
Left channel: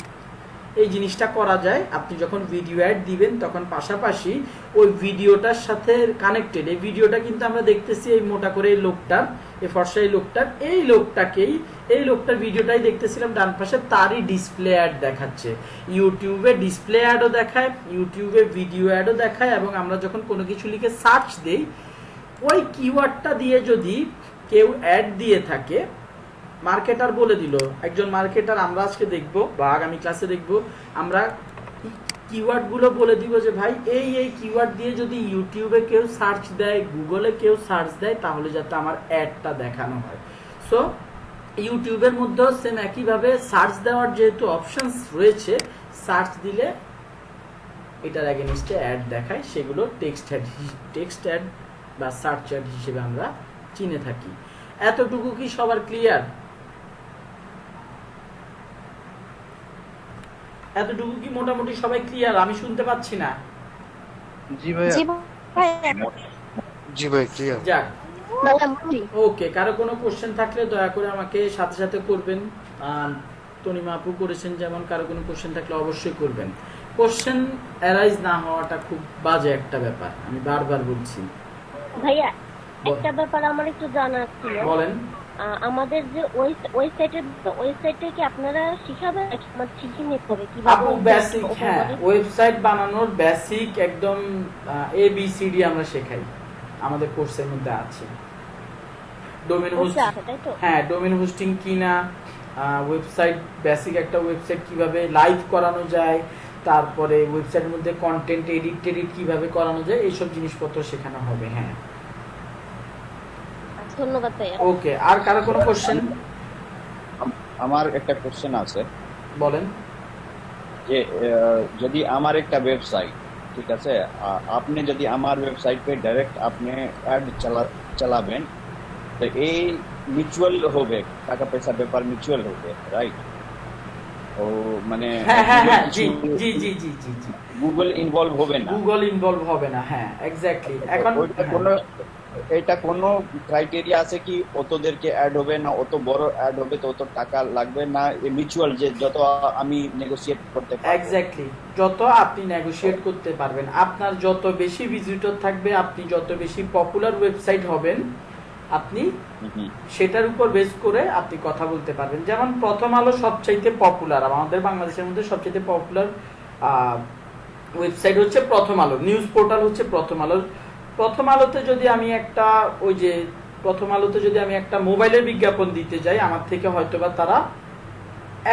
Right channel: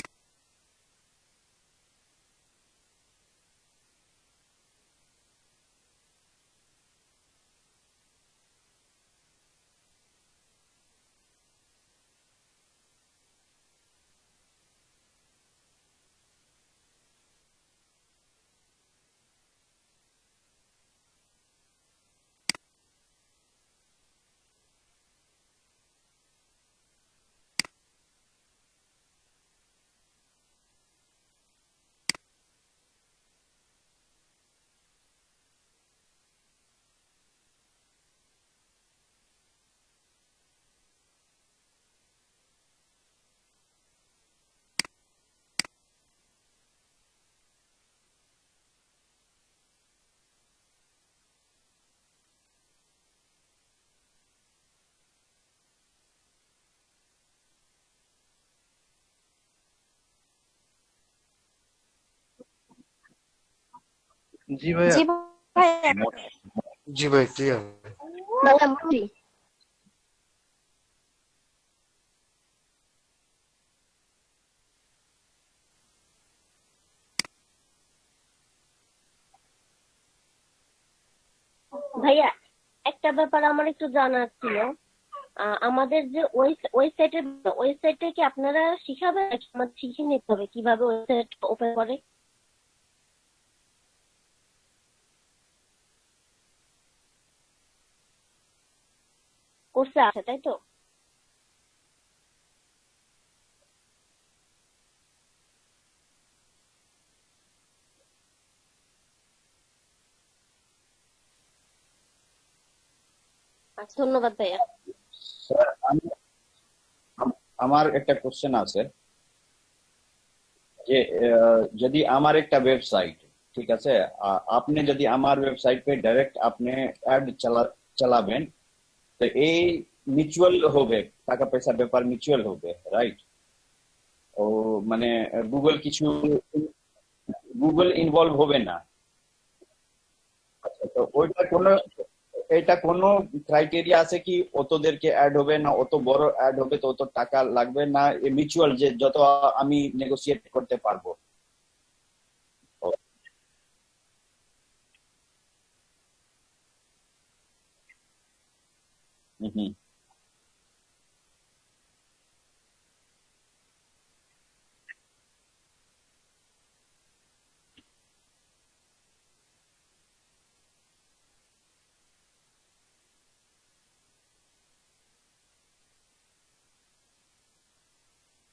এই জিনিসটা করা যায়, আপনি যখন ভিডিও অ্যাড দিবেন তখন পাশাপাশি ওই ভিডিওটার সাথে কানেক্টেড, এই ভিডিওটা কিন্তু আমরা দেখতেছি এই মোটা করে এই লোকটার, এই ফর্সা এই লোকটার ভিডিওটাই দেখতেছিলাম ডান পাশে, তারই ডিসপ্লে অ্যাড দেখাচ্ছে। ইউটিউবে ডিসপ্লে অ্যাডও দেখায়, ইউটিউবে ভিডিও অ্যাডও দেখায়, এবং আমরা যখন কোনো কিছু লিখে সার্চ দেই, ওই কিওয়ার্ডটা দিয়ে যদি কেউ অ্যাড দিয়ে থাকে, মার্কেটার বলে দিল, একজন মার্কেটার, আমরা আজকে দেখব বা আগামী ক্লাসে দেখব, আমরা কিওয়ার্ডগুলো বলে দিব যে ভাই এই কিওয়ার্ড দিয়ে যদি ইউটিউবে কেউ সার্চ দেয়, গুগলে কেউ সার্চ দেয়, তাহলে যাতে আমার অ্যাডটা দেখানো হয়। সো ইউটিউবের মধ্যেও সেম একইভাবে সার্চ দেওয়ার যেহেতু অপশনস রয়েছে, সার্চ দিলে এটার এগেইনস্টে অ্যাড দেখায়, সেগুলো টেক্সট অ্যাড বা সার্চ অ্যাড হিসেবে আমরা চিনে থাকি। এতটুকু কি সবার ক্লিয়ার? এতটুকু কি মোটামুটি সবাই ক্লিয়ার? আমি শুনতে পাচ্ছি না। জি ভাই ক্লিয়ার। যাক, ওকে। কারো কোনো কোশ্চেন থাকলে দয়া করে আমাকে সাথে করবেন। তনিমা আপু করেছেন যেমন, কারো কোনো কোশ্চেন থাকলে অবশ্যই করবেন। কোশ্চেন অ্যারাইজ না হওয়াটা খুব বাজে একটা ব্যাপার, আমি বারবার বলছি। ভাইয়া একটা ব্যাপার আমার একটু জানার ছিল। বলেন। আমাদের যে ওয়েবসাইটে কি আপনারা শিখাবেন নাকি আমাদের শিখে নিতে হবে কিভাবে ওপেন করে? ওয়েবসাইট বানানোর বেসিক একদম ABCD আমরা শেখাই, আমাদের কোর্সের মধ্যে আছে। ডোমেন হোস্টিং, তাই তো? হ্যাঁ, ডোমেন হোস্টিং কিনা, ওয়েবসাইট বেসিক একটা ওয়েবসাইট কিভাবে লাইভ করানো যায়, তারপরে ওয়েবসাইটের মধ্যে কন্টেন্ট এডিট কিভাবে করানো যায়, এইসব জিনিসপত্র শেখানো হবে। হ্যাঁ, ধন্যবাদ ভাইয়া। ওকে, আর কারো কোনো কোশ্চেন? আমার একটা কোশ্চেন আছে। বলেন। যে যদি আমার একটা ওয়েবসাইট, ঠিক আছে, আপনি যদি আমার ওয়েবসাইটে ডাইরেক্ট আপনি অ্যাড চালাবেন, তো এই মিউচুয়াল হবে, টাকা পয়সার ব্যাপার মিউচুয়াল হবে, রাইট? ও মানে গুগল কিছু গুগল ইনভলভ হবে না? গুগল ইনভলভ হবে না, হ্যাঁ, এক্স্যাক্টলি। এখন এটা কোনো ক্রাইটেরিয়া আছে কি অতদেরকে অ্যাড হবে না, অত বড় অ্যাড হবে তো অত টাকা লাগবে না? মিউচুয়াল যে যত আমি নেগোশিয়েট করতে পারবো? এক্স্যাক্টলি, যত আপনি নেগোশিয়েট করতে পারবেন, আপনার যত বেশি ভিজিটর থাকবে, আপনি যত বেশি পপুলার ওয়েবসাইট হবেন, আপনি সেটার উপর বেস করে আপনি কথা বলতে পারবেন। যেমন প্রথম আলো সবচাইতে পপুলার, আমাদের বাংলাদেশের মধ্যে সবচাইতে পপুলার ওয়েবসাইট হচ্ছে প্রথম আলো, নিউজ পোর্টাল হচ্ছে প্রথম আলো। প্রথম আলোতে যদি আমি একটা মোবাইলের বিজ্ঞাপন দিতে যাই, আমার থেকে হয়তোবা তারা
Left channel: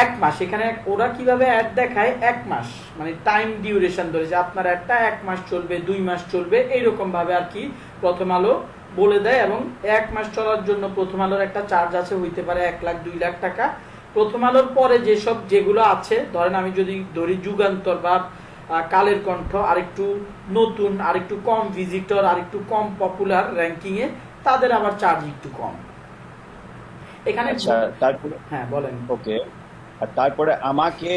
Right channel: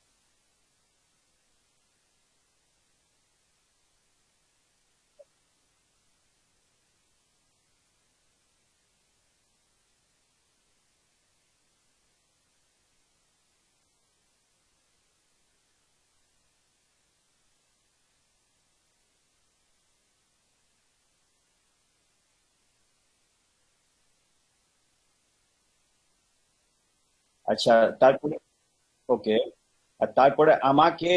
1 মাস, এখানে ওরা কিভাবে অ্যাড দেখায় 1 মাস, মানে টাইম ডিউরেশন ধরেছে, আপনার অ্যাডটা 1 মাস চলবে, 2 মাস চলবে, এইরকম ভাবে আর কি প্রথম আলো বলে দেয়। এবং 1 মাস চলার জন্য প্রথম আলোর একটা চার্জ আছে, হইতে পারে 1 লাখ 2 লাখ টাকা। প্রথম আলোর পরে যেগুলো আছে, ধরেন আমি যদি ধরি যুগান্তর বা কালের কণ্ঠ, আরেকটু নতুন, আরেকটু কম ভিজিটর, আরেকটু কম পপুলার র্যাঙ্কিং এ, তাদের আবার চার্জ একটু কম। এখানে আচ্ছা, তারপরে হ্যাঁ বলেন। ওকে, আর তারপরে আমাকে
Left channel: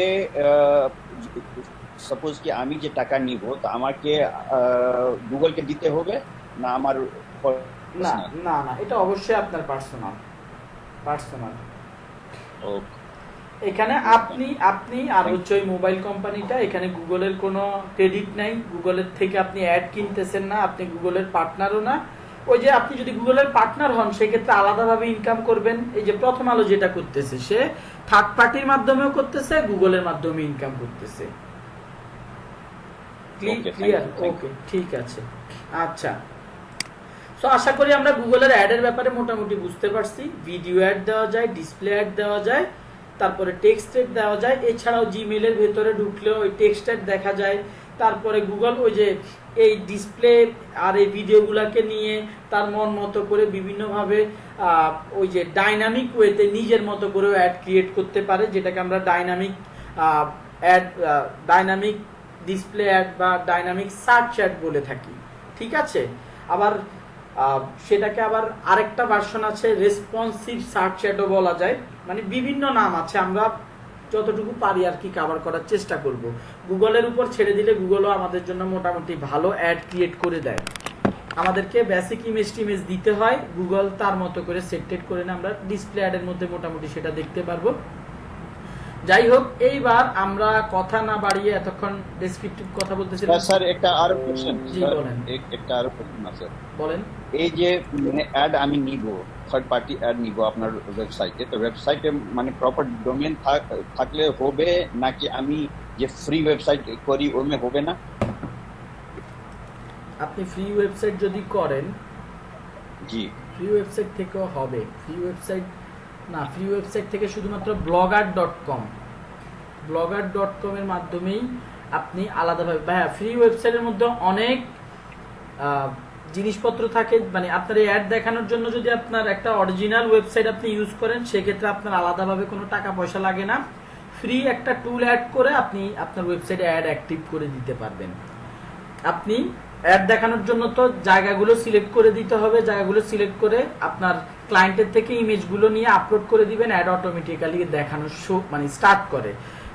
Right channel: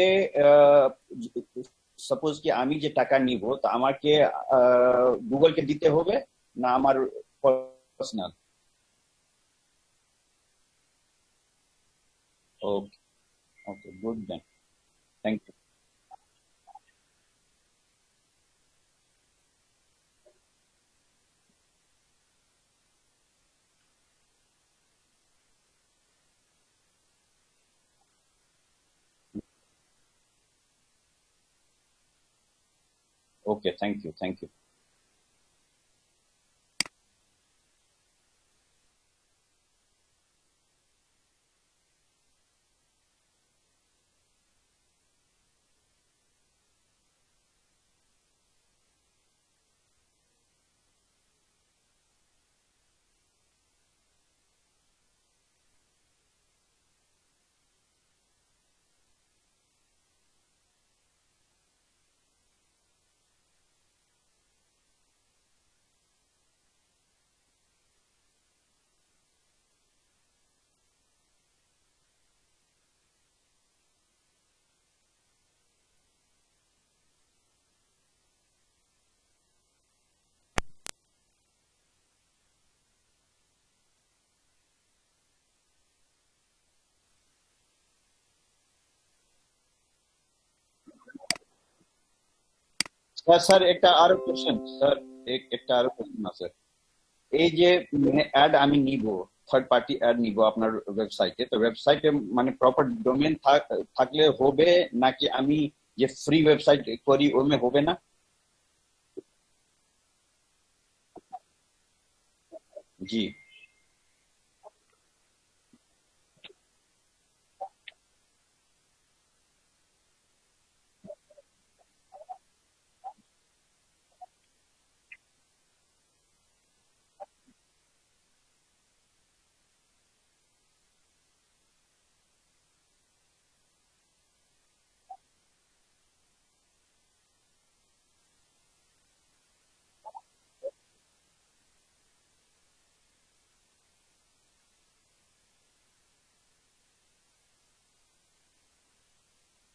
সাপোজ কি আমি যে টাকা নিব, তো আমাকে গুগলকে দিতে হবে না আমার পার্সোনাল? না, এটা অবশ্যই আপনার পার্সোনাল। ওকে, এখানে আপনি আর হচ্ছে ওই মোবাইল কোম্পানিটা, এখানে গুগলের কোনো ক্রেডিট নাই, গুগলের থেকে আপনি অ্যাড কিনতেছেন না, আপনি গুগলের পার্টনারও না। ওই যে আপনি যদি গুগলের পার্টনার হন, সেক্ষেত্রে আলাদাভাবে ইনকাম করবেন। এই যে প্রথম আলো যেটা করতেছে, সে থার্ড পার্টির মাধ্যমেও করতেছে, গুগলের মাধ্যমে ইনকাম করতেছে। ঠিক আছে, আচ্ছা। সো আশা করি আমরা গুগলের অ্যাডের ব্যাপারে মোটামুটি বুঝতে পারছি। ভিডিও অ্যাড দেওয়া যায়, ডিসপ্লে অ্যাড দেওয়া যায়, তারপরে টেক্সট অ্যাড দেওয়া যায়, এছাড়াও জিমেইলের ভেতরে ঢুকলেও ওই টেক্সট অ্যাড দেখা যায়। তারপরে গুগল ওই যে এই ডিসপ্লে আর এই ভিডিওগুলোকে নিয়ে তার মন মতো করে বিভিন্নভাবে ওই যে ডাইনামিক ওয়েতে নিজের মতো করে অ্যাড ক্রিয়েট করতে পারে, যেটাকে আমরা ডাইনামিক ডিসপ্লে অ্যাড বা ডাইনামিক সার্চ অ্যাড বলে থাকি। ঠিক আছে, আবার সেটাকে আবার আরেকটা ভার্সন আছে, রেসপন্সিভ সার্চ অ্যাডও বলা যায়। মানে বিভিন্ন নাম আছে, আমরা যতটুকু পারি আর কি কভার করার চেষ্টা করব। গুগলের উপর ছেড়ে দিলে গুগলও আমাদের জন্য মোটামুটি ভালো অ্যাড ক্রিয়েট করে দেয়। আমাদেরকে বেসিক ইমেজ দিতে হয়, গুগল তার মতো করে সেটেড করে না, আমরা ডিসপ্লে অ্যাডের মধ্যে মোটামুটি সেটা দেখতে পারবো। যাই হোক, এইবার আমরা কথা না বাড়িয়ে এতক্ষণ ডেসক্রিপটিভ কথা বলতেছি। স্যার একটা আরো কোশ্চেন, আছে। বলেন। এই যে অ্যাড আমি নিব, থার্ড পার্টি অ্যাড নিব আপনার ওয়েবসাইটে, তো ওয়েবসাইটে মানে প্রপার ডোমেইন থাকলে হবে নাকি আমি যে ফ্রি ওয়েবসাইট করি ওমে হবে না? আপনি ফ্রি ওয়েবসাইট যদি করেন, জি, ফ্রি ওয়েবসাইট থেকেও হবে। ফ্রি ওয়েবসাইট থেকে শুধুমাত্র blogger.com এর মাধ্যমেই আপনি আলাদাভাবে, হ্যাঁ, ফ্রি ওয়েবসাইটের মধ্যে অনেক জিনিসপত্র থাকে। মানে আপনার এই অ্যাড দেখানোর জন্য যদি আপনার একটা অরিজিনাল ওয়েবসাইট আপনি ইউজ করেন, সেক্ষেত্রে আপনার আলাদাভাবে কোনো টাকা পয়সা লাগে না। ফ্রি একটা টুল অ্যাড করে আপনি আপনার ওয়েবসাইটে অ্যাড অ্যাক্টিভ করে দিতে পারবেন। আপনি অ্যাড দেখানোর জন্য তো জায়গাগুলো সিলেক্ট করে দিতে হবে, জায়গাগুলো সিলেক্ট করে আপনার ক্লায়েন্টের থেকে ইমেজগুলো নিয়ে আপলোড করে দিবেন, অ্যাড অটোমেটিক্যালি দেখানো মানে স্টার্ট করে।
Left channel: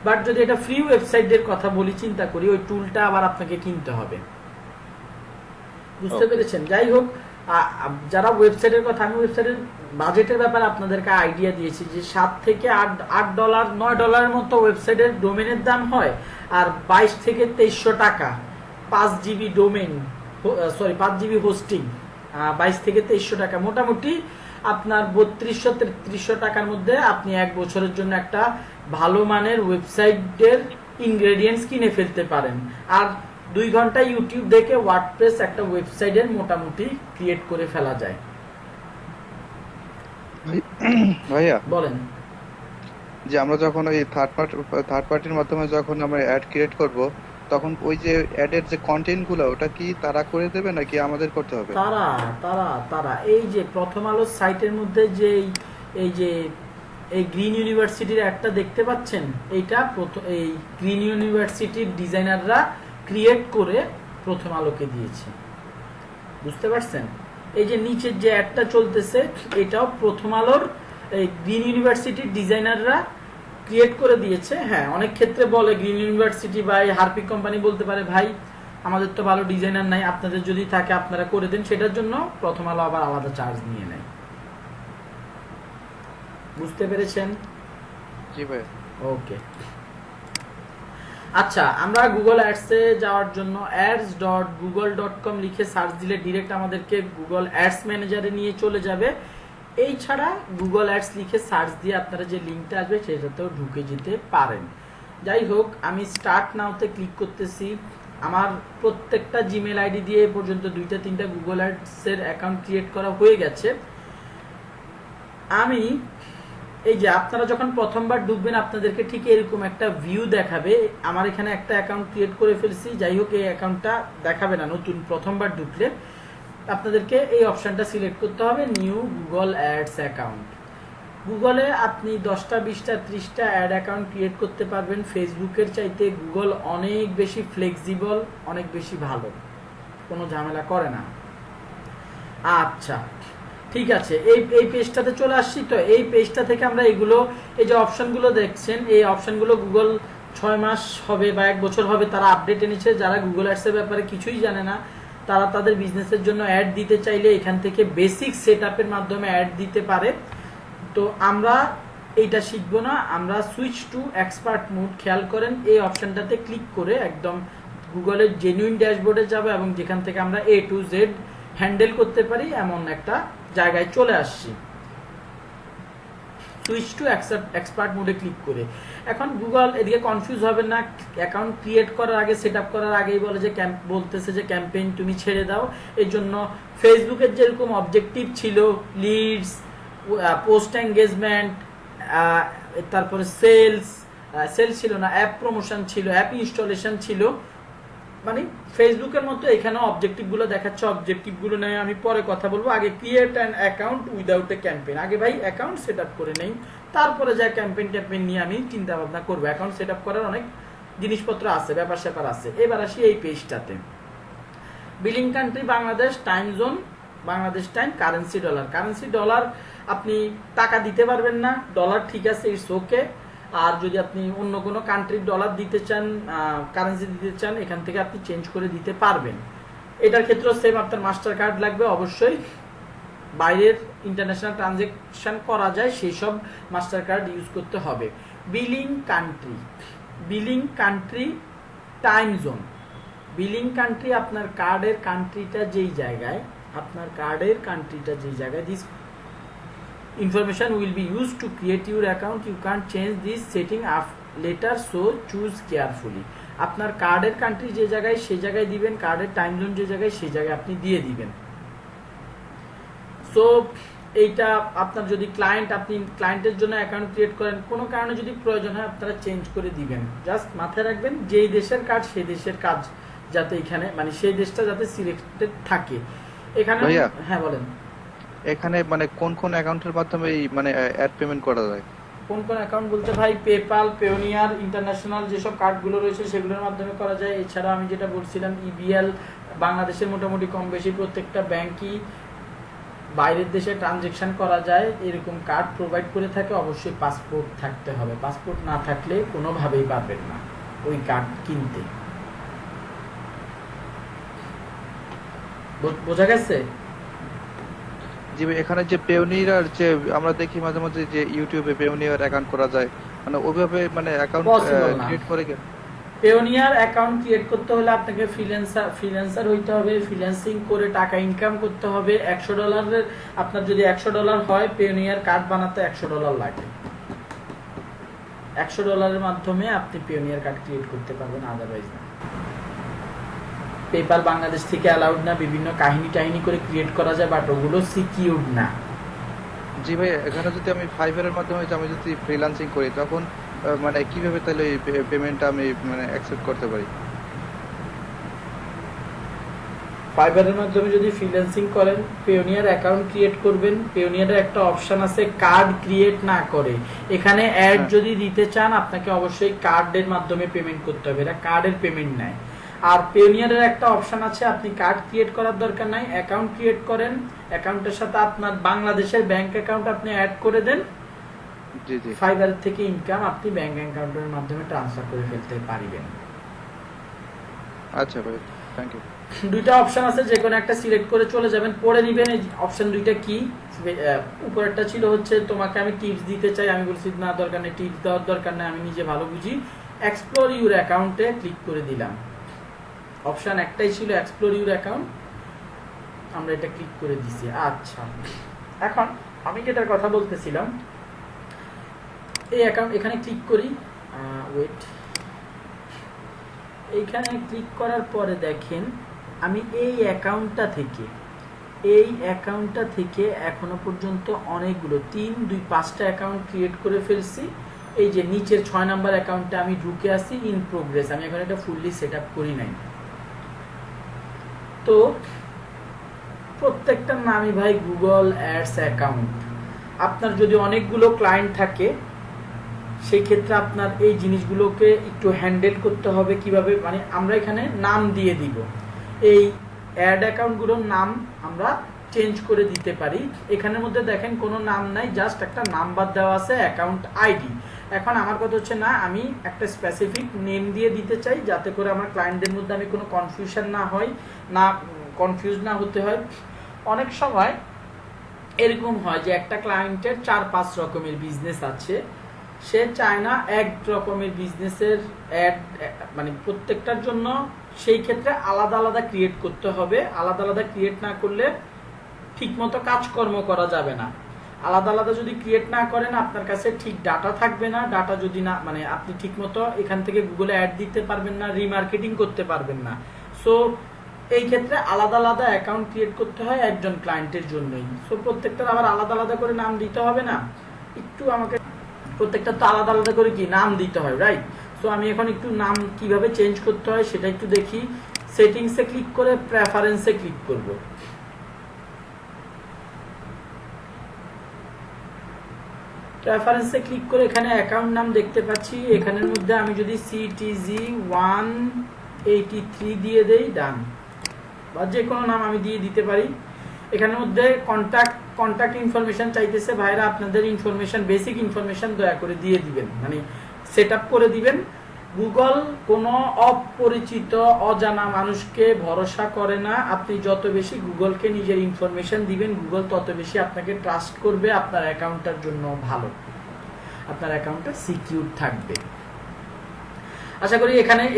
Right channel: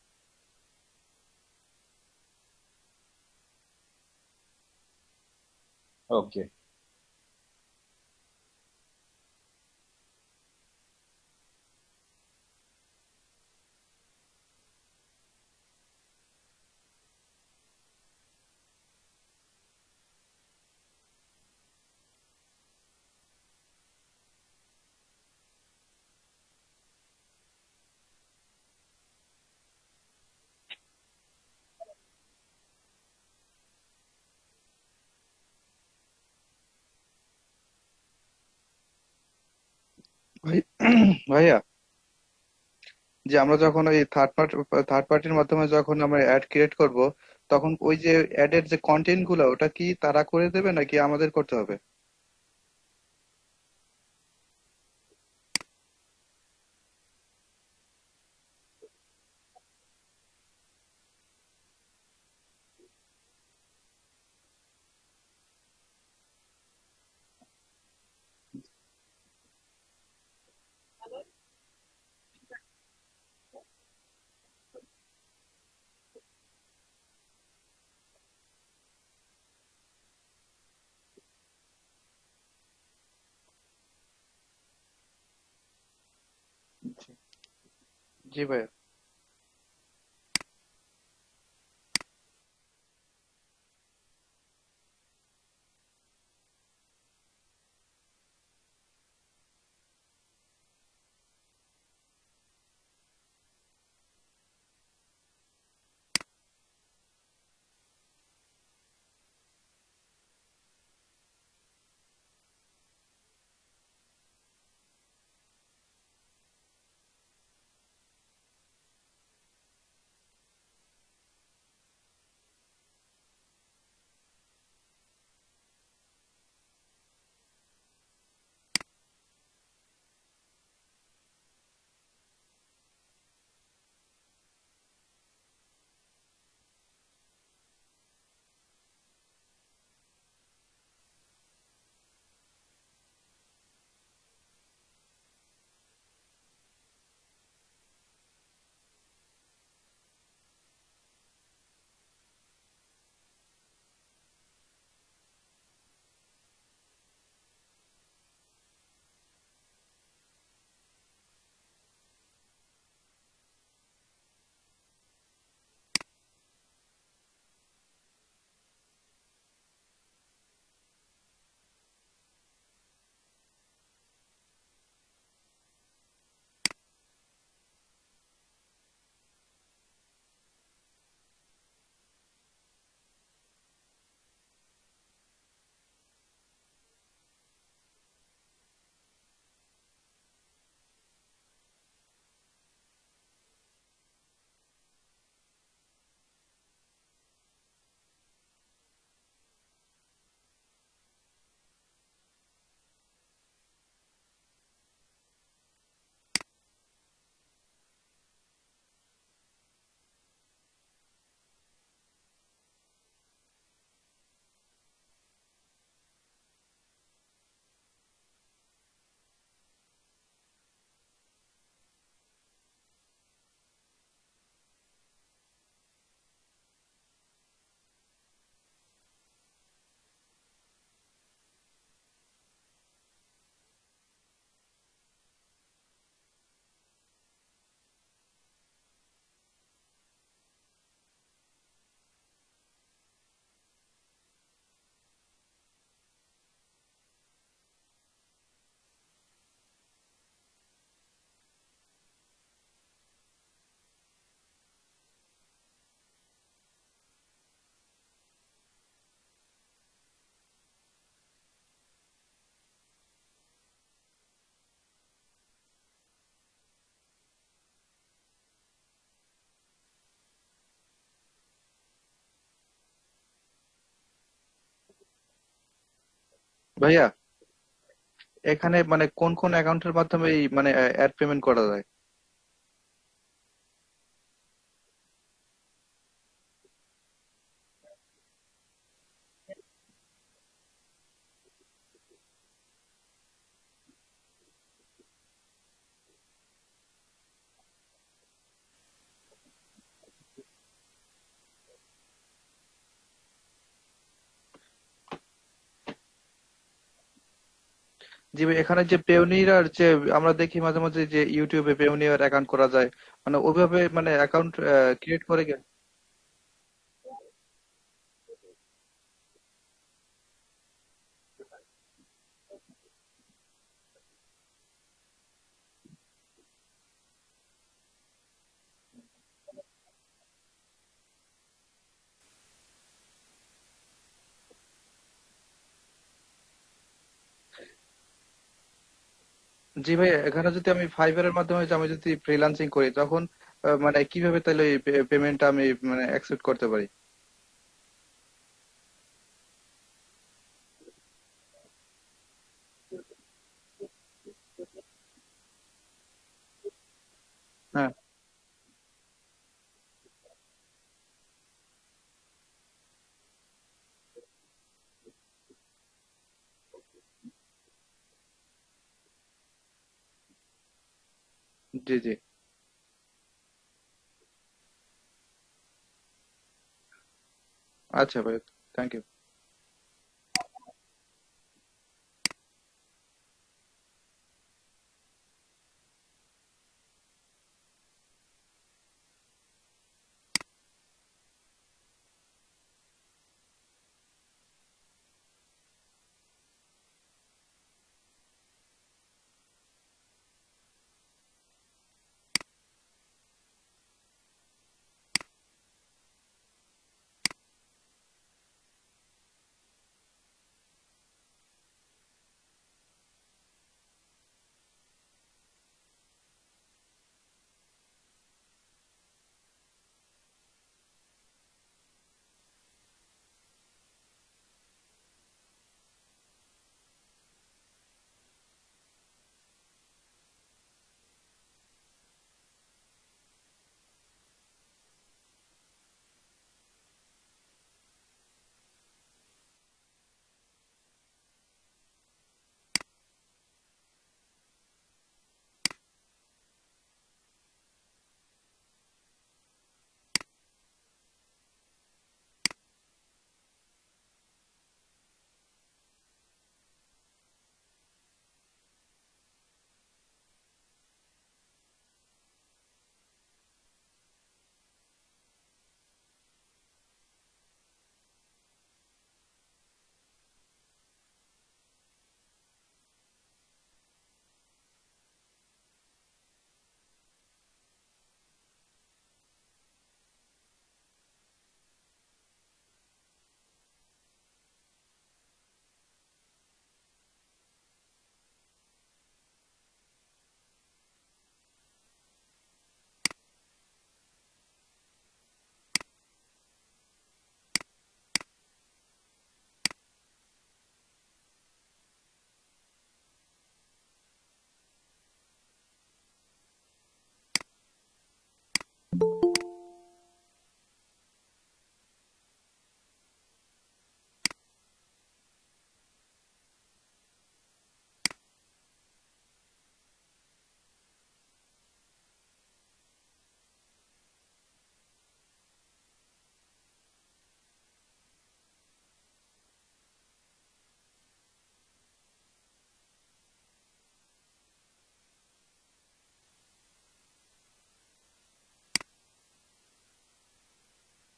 বাট যদি এটা ফ্রি ওয়েবসাইটের কথা বলি, চিন্তা করি, ওই টুলটা আবার আপনাকে কিনতে হবে। বুঝতে পেরেছেন? যাই হোক, যারা ওয়েবসাইটের কথা, আমি ওয়েবসাইটের বাজেটের ব্যাপারে আপনাদেরকে আইডিয়া দিয়েছি যে $7 থেকে $8 $9 মতো ওয়েবসাইটের ডোমেনের দাম হয়, আর 22 থেকে 2300 টাকা 5 জিবি ডোমেন, 5 জিবি হোস্টিং, 22 থেকে 2300 টাকা, মোটামুটি আপনার 3200-3300 টাকার মধ্যে আপনি 1 বছরের জন্য একটা ভালো মানের ওয়েবসাইটের ইনগ্রেডিয়েন্টস কিনে ফেলতে পারেন। আর 2 ঘন্টা ইউটিউব দেখে ওয়ার্ডপ্রেস একটা ওয়েবসাইটের মোটামুটি ক্রিয়েট করে ফেলা যায়। ভাইয়া বলেন। যে আমরা যখন ওই থার্ড পার্টির মাধ্যমে যখন আমরা অ্যাড ক্রিয়েট করব, তখন ওই যে অ্যাডের যে কন্টেন্ট গুলো ওটা কি তারা করে দেবে নাকি আমাদের করতে হবে? তারা এই যে প্রথম আলো সাইটের মধ্যে যে এই গ্রিন ইউনিভার্সিটির একটা দেখতে পাচ্ছেন, এইটা এই গ্রিন ইউনিভার্সিটির ডিজাইনাররা ক্রিয়েট করে প্রথম আলোকে দিয়েছে, বুঝতে পারছেন? এই যে নিচের যে অ্যাডটা চলতেছে এটাও প্রথম আলোর এই গ্রিন ইউনিভার্সিটির ডিজাইনাররা ক্রিয়েট করে দিয়েছে। হ্যাঁ, অনেক ক্ষেত্রে বলে গ্রিন ইউনিভার্সিটি বা হারপিক কোম্পানি বলতে পারে ভাই আমাদের তো ভালো ডিজাইনার নাই, আপনাদের যদি থাকে আপনারা করে দেন, সেটার জন্য প্রথম আলো আবার আলাদা চার্জ নিয়ে নেয়। বুঝতে পেরেছেন? জি ভাই। ওকে, আচ্ছা, আমরা গুগল অ্যাডসে যাওয়ার জন্য ads.google.com লিখে সার্চ দিলে ডিরেক্ট আমাদেরকে গুগল অ্যাডস ম্যানেজারে নিয়ে চলে যাবে। এই ছাড়া গুগল অ্যাডস লিখে সার্চ দিয়ে আপনারা যে লিঙ্কটা আসবে সেটাতেও ঢুকে যেতে পারেন। যাই হোক, আমি স্টার্ট নাওতে ক্লিক করতেছি। আমার প্রত্যেকটা জিমেল আইডি দিয়ে এ পর্যন্ত 2-3টা গুগল অ্যাডসের অ্যাকাউন্ট ক্রিয়েট করা হয়ে গেছে। আমি এই যে আপনারা যখন প্রথমবার ঢুকবেন আপনাদেরকে ঠিক এরকম একটা ভিউ দেখাবে। আমার এখানে একটা অ্যাকাউন্ট ক্রিয়েট করে ফেলছি, যাই হোক এই অ্যাকাউন্টটা দেখাবে না নতুন প্রথমবার ঢুকলে। আপনাদেরকে এই অপশনটা সিলেক্ট করতে হবে, নিউ গুগল অ্যাডস অ্যাকাউন্ট। গুগলে আপনি 10টা 20টা 30টা অ্যাড অ্যাকাউন্ট ক্রিয়েট করতে পারবেন। ফেসবুকের চাইতে গুগল অনেক বেশি ফ্লেক্সিবল, অনেক বেশি ভালো, কোনো ঝামেলা করে না। আচ্ছা, ঠিক আছে, এই পেজটাতে চলে আসছি। তো এই পেজটা থেকে আমরা এগুলো, এই যে অপশনগুলো দেখছেন, এই অপশনগুলো গুগল 6 মাস হবে বা 1 বছর হবে তারা আপডেট এনেছে। যারা গুগল অ্যাডসের ব্যাপারে কিছুই জানে না তারা তাদের বিজনেসের জন্য অ্যাড দিতে চাইলে এখান থেকে বেসিক সেটআপের মাধ্যমে অ্যাড দিতে পারে। তো আমরা এইটা শিখবো না, আমরা সুইচ টু এক্সপার্ট মোড। খেয়াল করেন এই অপশনটাতে ক্লিক করে একদম গুগলের জেনুইন ড্যাশবোর্ডে যাব এবং যেখান থেকে আমরা A to Z হ্যান্ডেল করতে পারি এমন একটা জায়গায় চলে আসছি। সুইচ টু এক্সপার্ট মোডে ক্লিক করে এখন গুগল এদিকে কনফিউজ হবে না। অ্যাকাউন্ট ক্রিয়েট করার আগে, সেট আপ করার আগেই বলে যে বলতেছে যে ক্যাম্পেইন তুমি ছেড়ে দাও। এর জন্য ফেসবুকের যেরকম অবজেক্টিভ ছিল লিডস, পোস্ট এঙ্গেজমেন্ট, তারপরে সেলস ছিল না, অ্যাপ প্রমোশন ছিল, অ্যাপ ইনস্টলেশন ছিল, মানে ফেসবুকের মতো এখানেও অবজেক্টিভগুলো দেখাচ্ছে। অবজেক্টিভগুলো নিয়ে আমি পরে কথা বলবো। আগে create an account without a campaign. আগে ভাই অ্যাকাউন্ট সেট আপ করে নেই, তারপরে যা ক্যাম্পেইন নিয়ে আমি চিন্তা ভাবনা করবো। অ্যাকাউন্ট সেট আপ করার অনেক জিনিসপত্র আছে, ব্যাপার স্যাপার আছে। এবার আসি এই পেজটাতে। Billing country Bangladesh, time zone Bangladesh time, currency dollar. Currency dollar আপনি টাকা দিতে পারবেন না, ডলার ঠিক আছে, ইটস ওকে। আর যদি আপনি অন্য কোনো কান্ট্রির ডলার দিতে চান, কারেন্সি দিতে চান, এখান থেকে আপনি চেঞ্জ করে দিতে পারবেন। এটার ক্ষেত্রেও সেম, আপনার মাস্টার কার্ড লাগবে অবশ্যই। বাইরের ইন্টারন্যাশনাল ট্রানজ্যাকশন করা যায় সেই সব মাস্টার কার্ড ইউজ করতে হবে। Billing country, time zone. Billing country আপনার কার্ডের কান্ট্রিটা যেই জায়গায়, this information will be used to create your account. You can't change this setting later, so choose carefully. আপনার কার্ডের কান্ট্রি যে জায়গায় সেই জায়গায় দিবেন, কার্ডের টাইম জোন যে জায়গায় সেই জায়গায় আপনি দিয়ে দিবেন। সো এইটা আপনার যদি আপনি ক্লায়েন্টের জন্য অ্যাকাউন্ট ক্রিয়েট করেন, কোনো কারণে যদি প্রয়োজন হয় আপনারা চেঞ্জ করে দিবেন। জাস্ট মাথায় রাখবেন যেই দেশের কার্ড সেই দেশের কাজ যাতে এখানে, মানে সেই দেশটা যাতে সিলেক্টেড থাকে এখানে। হ্যাঁ বলেন। এখানে মানে কোন কোন অ্যাকাউন্টের মাধ্যমে এই মানে অ্যাড পেমেন্ট করা যায়? কোন কোন অ্যাকাউন্ট বলতে ভাই, পেপাল, পেওনিয়ার, ইন্টারন্যাশনাল যেসব কার্ডগুলো রয়েছে সেগুলোর মাধ্যমে করা যায়। এছাড়া আমি যেটা বলছিলাম ইবিএল, বাংলাদেশের মোটামুটি কম বেশি প্রত্যেকটা ব্যাংকই বাইরের দেশে ট্রানজেকশন করা যায়, এরকম কার্ড প্রোভাইড করে থাকে। অবশ্যই পাসপোর্ট থাকতে হবে, পাসপোর্ট না থাকলে কোনোভাবেই পারবেন না ওই কার্ড কিনতে। বোঝা গেছে? জি ভাই, এখানে যে পেওনিয়ার যে আমরা দেখি মাঝে মাঝে যে ইউটিউবে পেওনিয়ার অ্যাকাউন্ট করা যায়, মানে ওইভাবে মানে অ্যাকাউন্ট পসিবল না। ক্রিয়েট করে পেওনিয়ার অ্যাকাউন্ট ক্রিয়েট করতে হলে আপনাকে ফ্রিল্যান্সার হইতে হবে, ফ্রিল্যান্সিং করে টাকা ইনকাম করতে হবে। $100 আপনার যদি $100 হয়, পেওনিয়ার কার্ড বানাতে $100 লাগে। $100 মাধ্যমে আপনি পেওনিয়ার কার্ড ক্রিয়েট করতে পারবেন, আদারওয়াইজ না। পেপাল বাংলাদেশ থেকে অ্যালাউড না, বিভিন্ন কাহিনী করে ক্রিয়েট করা যায়, বাট ওগুলো সিকিউরড না। জি ভাই, এখানে যদি আমি ফাইবারের মাধ্যমে আমি যদি ফ্রিল্যান্সিং করি, তখন মানে কিভাবে তাহলে এই পেমেন্টটা আমি মানে অ্যাকসেপ্ট করতে পারি? ফাইবারের মাধ্যমে যদি ফ্রিল্যান্সিং করেন, পেওনিয়ার অ্যাকাউন্ট ক্রিয়েট করবেন। পেওনিয়ারের একটা অপশন আছে কার্ড ক্রিয়েট না করে, এখানে অ্যাড যদি দিতে চান আপনাকে অবশ্যই কার্ডের মাধ্যমে পেমেন্ট করতে হবে, এটা কার্ডের পেমেন্ট নেয়। আর পেওনিয়ারের একটা অপশন আছে, আপনি কার্ড ক্রিয়েট করার দরকার নাই, অ্যাকাউন্ট ক্রিয়েট করেন, অ্যাকাউন্টের সাথে আপনার বাংলাদেশের ব্যাংক অ্যাকাউন্ট আপনি অ্যাড করে দেন। জি জি, ফাইবার থেকে ইনকাম আপনি ব্যাংক অ্যাকাউন্টের মাধ্যমে ট্রান্সফার করে ফেলতে পারবেন। আচ্ছা ভাই, থ্যাংক ইউ। দুইটা অপশন আছে, যে কোনো একটা সিলেক্ট করে চলে যাবেন, পড়ে নেবেন এই অপশন দুইটা কি। উপরেরটা ছিল হচ্ছে তোমাকে আমি টিপস দিতে চাই, আমি বলছি না দরকার নেই, টিপস দেওয়ার দরকার নেই, আমি নিজে ভালো বুঝি। এক্সপ্লোর ইউর অ্যাকাউন্টে ক্লিক করে দিলাম। অপশন একটাই ছিল এক্সপ্লোর ইউর অ্যাকাউন্ট, আমরা এটা ক্লিক করে দিছি। আচ্ছা, এখন আমি যেটার কথা বলতেছিলাম, এই অ্যাকাউন্ট এখানে ক্লিক করি, ওয়েট, এইখানে ক্লিক করার পরে দেখেন আমি এই অ্যাকাউন্টটা থেকে এখনো পর্যন্ত অনেকগুলো 3, 2, 5টা অ্যাকাউন্ট ক্রিয়েট করে ফেলছি। এই যে নিচের 6 নাম্বার অ্যাকাউন্টে আমি ঢুকে আসি, ইন প্রোগ্রেস, আমি এখন এটা ফুললি সেট আপ করি নাই। তো প্রত্যেকটার নামই ভাই গুগল অ্যাডস অ্যাকাউন্ট। আপনার যদি অনেকগুলো ক্লায়েন্ট থাকে, সেই ক্ষেত্রে আপনার এই জিনিসগুলোকে একটু হ্যান্ডেল করতে হবে কিভাবে, মানে আমরা এখানে নাম দিয়ে দিব। এই অ্যাড অ্যাকাউন্টগুলোর নাম আমরা চেঞ্জ করে দিতে পারি। এখানের মধ্যে দেখেন কোনো নাম নাই, জাস্ট একটা নাম্বার দেওয়া আছে, অ্যাকাউন্ট আইডি। এখন আমার কথা হচ্ছে না, আমি একটা স্পেসিফিক নেম দিয়ে দিতে চাই, যাতে করে আমার ক্লায়েন্টদের মধ্যে আমি কোনো কনফিউশন না হয়, কনফিউজ না হতে হয়। অনেক সময় এরকম হয় যে একটা ক্লায়েন্টের 4-5 রকমের বিজনেস আছে, সে চায় না এক রকমের বিজনেসের অ্যাড, মানে প্রত্যেকটার জন্য সেই ক্ষেত্রে আলাদা আলাদা ক্রিয়েট করতে হবে। আলাদা আলাদা ক্রিয়েট না করলে ঠিকমতো কাজকর্ম করা যাবে না। আলাদা আলাদা যদি ক্রিয়েট না করেন, আপনার কাছে ঠিক ডাটা থাকবে না। ডাটা যদি না, মানে আপনি ঠিকমতো এখান থেকে গুগলে অ্যাড দিতে পারবেন না, রিমার্কেটিং করতে পারবেন না। সো এই ক্ষেত্রে আলাদা আলাদা অ্যাকাউন্ট ক্রিয়েট করতে হয় একজন ক্লায়েন্টের জন্যই। সো প্রত্যেকটার আবার আলাদা আলাদা করে নাম দিতে হবে না, একটু আমাকে প্রত্যেকটা তো আলাদা আলাদা করে কি নাম দিতে হয়, রাইট? সো আমি এখন একটু নাম কিভাবে চেঞ্জ করতে হয় সেটা একটু দেখি। সেটিংসে ক্লিক করে প্রেফারেন্সে ক্লিক করব। প্রেফারেন্সে ক্লিক করে এখানে অ্যাকাউন্ট নাম দেখতে পাচ্ছি, এখানের মধ্যে আমি যদি CTG183 দিয়ে দেই, ডান, বা যে কোনো নাম আমি দিয়ে দিতে পারি। এখানের মধ্যে কন্ট্যাক্ট ইনফরমেশন চাইতেছে, ভাইরা আপনাদের ইনফরমেশন, বেসিক ইনফরমেশন দয়া করে দিয়ে দিবেন, মানে সেট আপ করে দিবেন। গুগল কোনো অপরিচিত অজানা মানুষকে ভরসা করে না। আপনি যত বেশি গুগলকে নিজের ইনফরমেশন দিবেন, গুগল তত বেশি আপনাকে ট্রাস্ট করবে, আপনার অ্যাকাউন্টটার জন্য ভালো, আপনার অ্যাকাউন্টটা সিকিউর থাকবে। আশা করি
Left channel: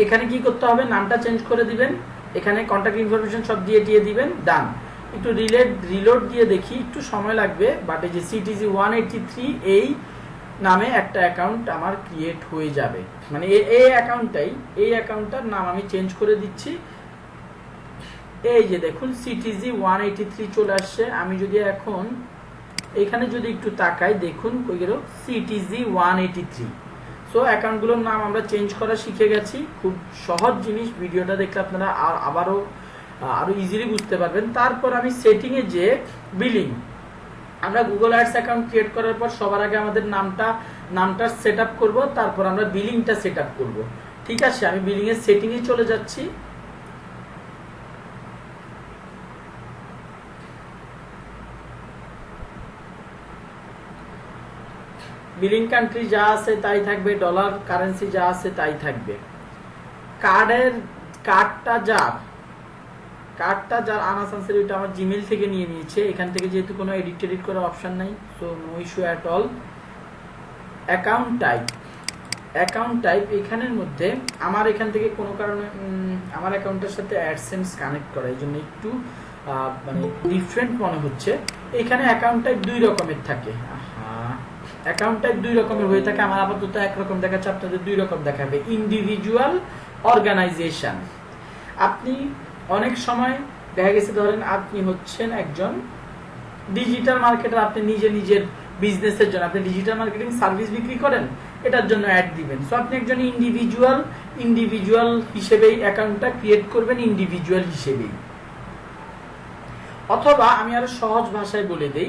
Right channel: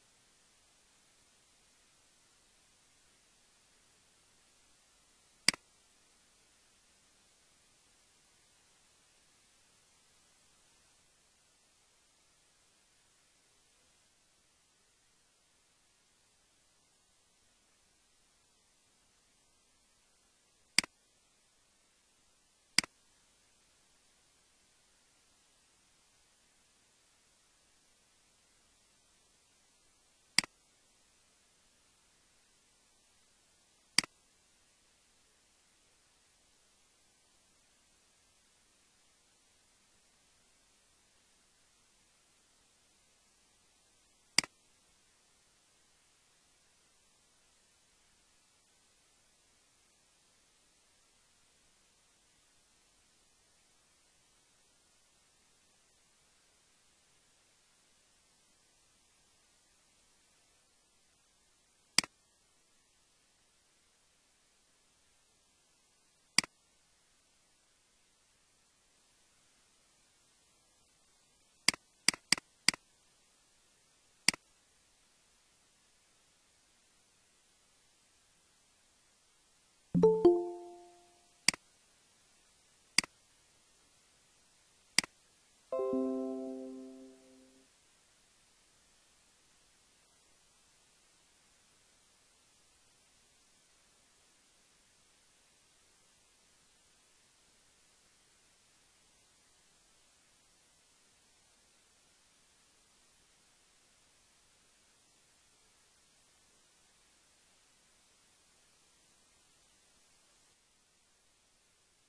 এখানে কি করতে হবে, নামটা চেঞ্জ করে দিবেন, এখানে কন্ট্যাক্ট ইনফরমেশন সব দিয়ে দিবেন, ডান। একটু রিলোড দিয়ে দেখি, একটু সময় লাগবে, বাট এই যে CTG183 এই নামে একটা অ্যাকাউন্ট আমার ক্রিয়েট হয়ে যাবে। মানে এই অ্যাকাউন্টটার নাম আমি চেঞ্জ করে দিচ্ছি। এই যে দেখুন CTG183 চলে আসছে। আমি যদি এখন এখানে যদি একটু তাকাই, দেখুন কই গেল, CTG183। সো অ্যাকাউন্টগুলোর নাম আমরা চেঞ্জ করা শিখে গেছি। খুব সহজ জিনিস, ভিডিওটা দেখলে আপনারা আরো ইজিলি বুঝতে পারবেন। তারপর আমি সেটিংয়ে যে বিলিং, আমরা গুগল অ্যাডস অ্যাকাউন্ট ক্রিয়েট করার পর সবার আগে আমাদের নামটা সেট আপ করবো, তারপর আমরা বিলিংটা সেট আপ করবো। ঠিক আছে, আমি বিলিং এর সেটিংয়ে চলে যাচ্ছি। বিলিং কান্ট্রি যা আছে তাই থাকবে, ডলার কারেন্সি যা আছে তাই থাকবে। কার্ডটা যার কার্ডটা যার আনা চান্সের ওইটা আমার জিমেইল থেকে নিয়ে নিয়েছে, এখান থেকে যেহেতু কোনো এডিট করার অপশন নাই, so no issue at all. Account type এখানের মধ্যে আমার এখান থেকে কোনো কারণে আমার অ্যাকাউন্টের সাথে অ্যাডসেন্স কানেক্ট করা, এই জন্য একটু মানে ডিফারেন্ট মনে হচ্ছে। এখানে অ্যাকাউন্ট টাইপ 2 রকমের থাকে, অ্যাকাউন্ট টাইপ 2 রকমের হয়ে থাকে। আমার আপাতত একরকম দেখাচ্ছে, আপনাদের 2 রকম দেখাবে। Individual, organisation. আপনি অনেক সময় দেখা গেছে ধরেন আপনি হচ্ছেন একজন ডিজিটাল মার্কেটার, আপনি নিজের বিজনেসের জন্য আপনি ডিজিটাল মার্কেটিং সার্ভিস বিক্রি করেন, এটার জন্য অ্যাড দিবেন। সো আপনি একজন ইন্ডিভিজুয়াল হিসেবেই অ্যাকাউন্টটা ক্রিয়েট করবেন, ইন্ডিভিজুয়াল হিসেবেই। অথবা আমি আরো সহজ ভাষায় বলে দেই,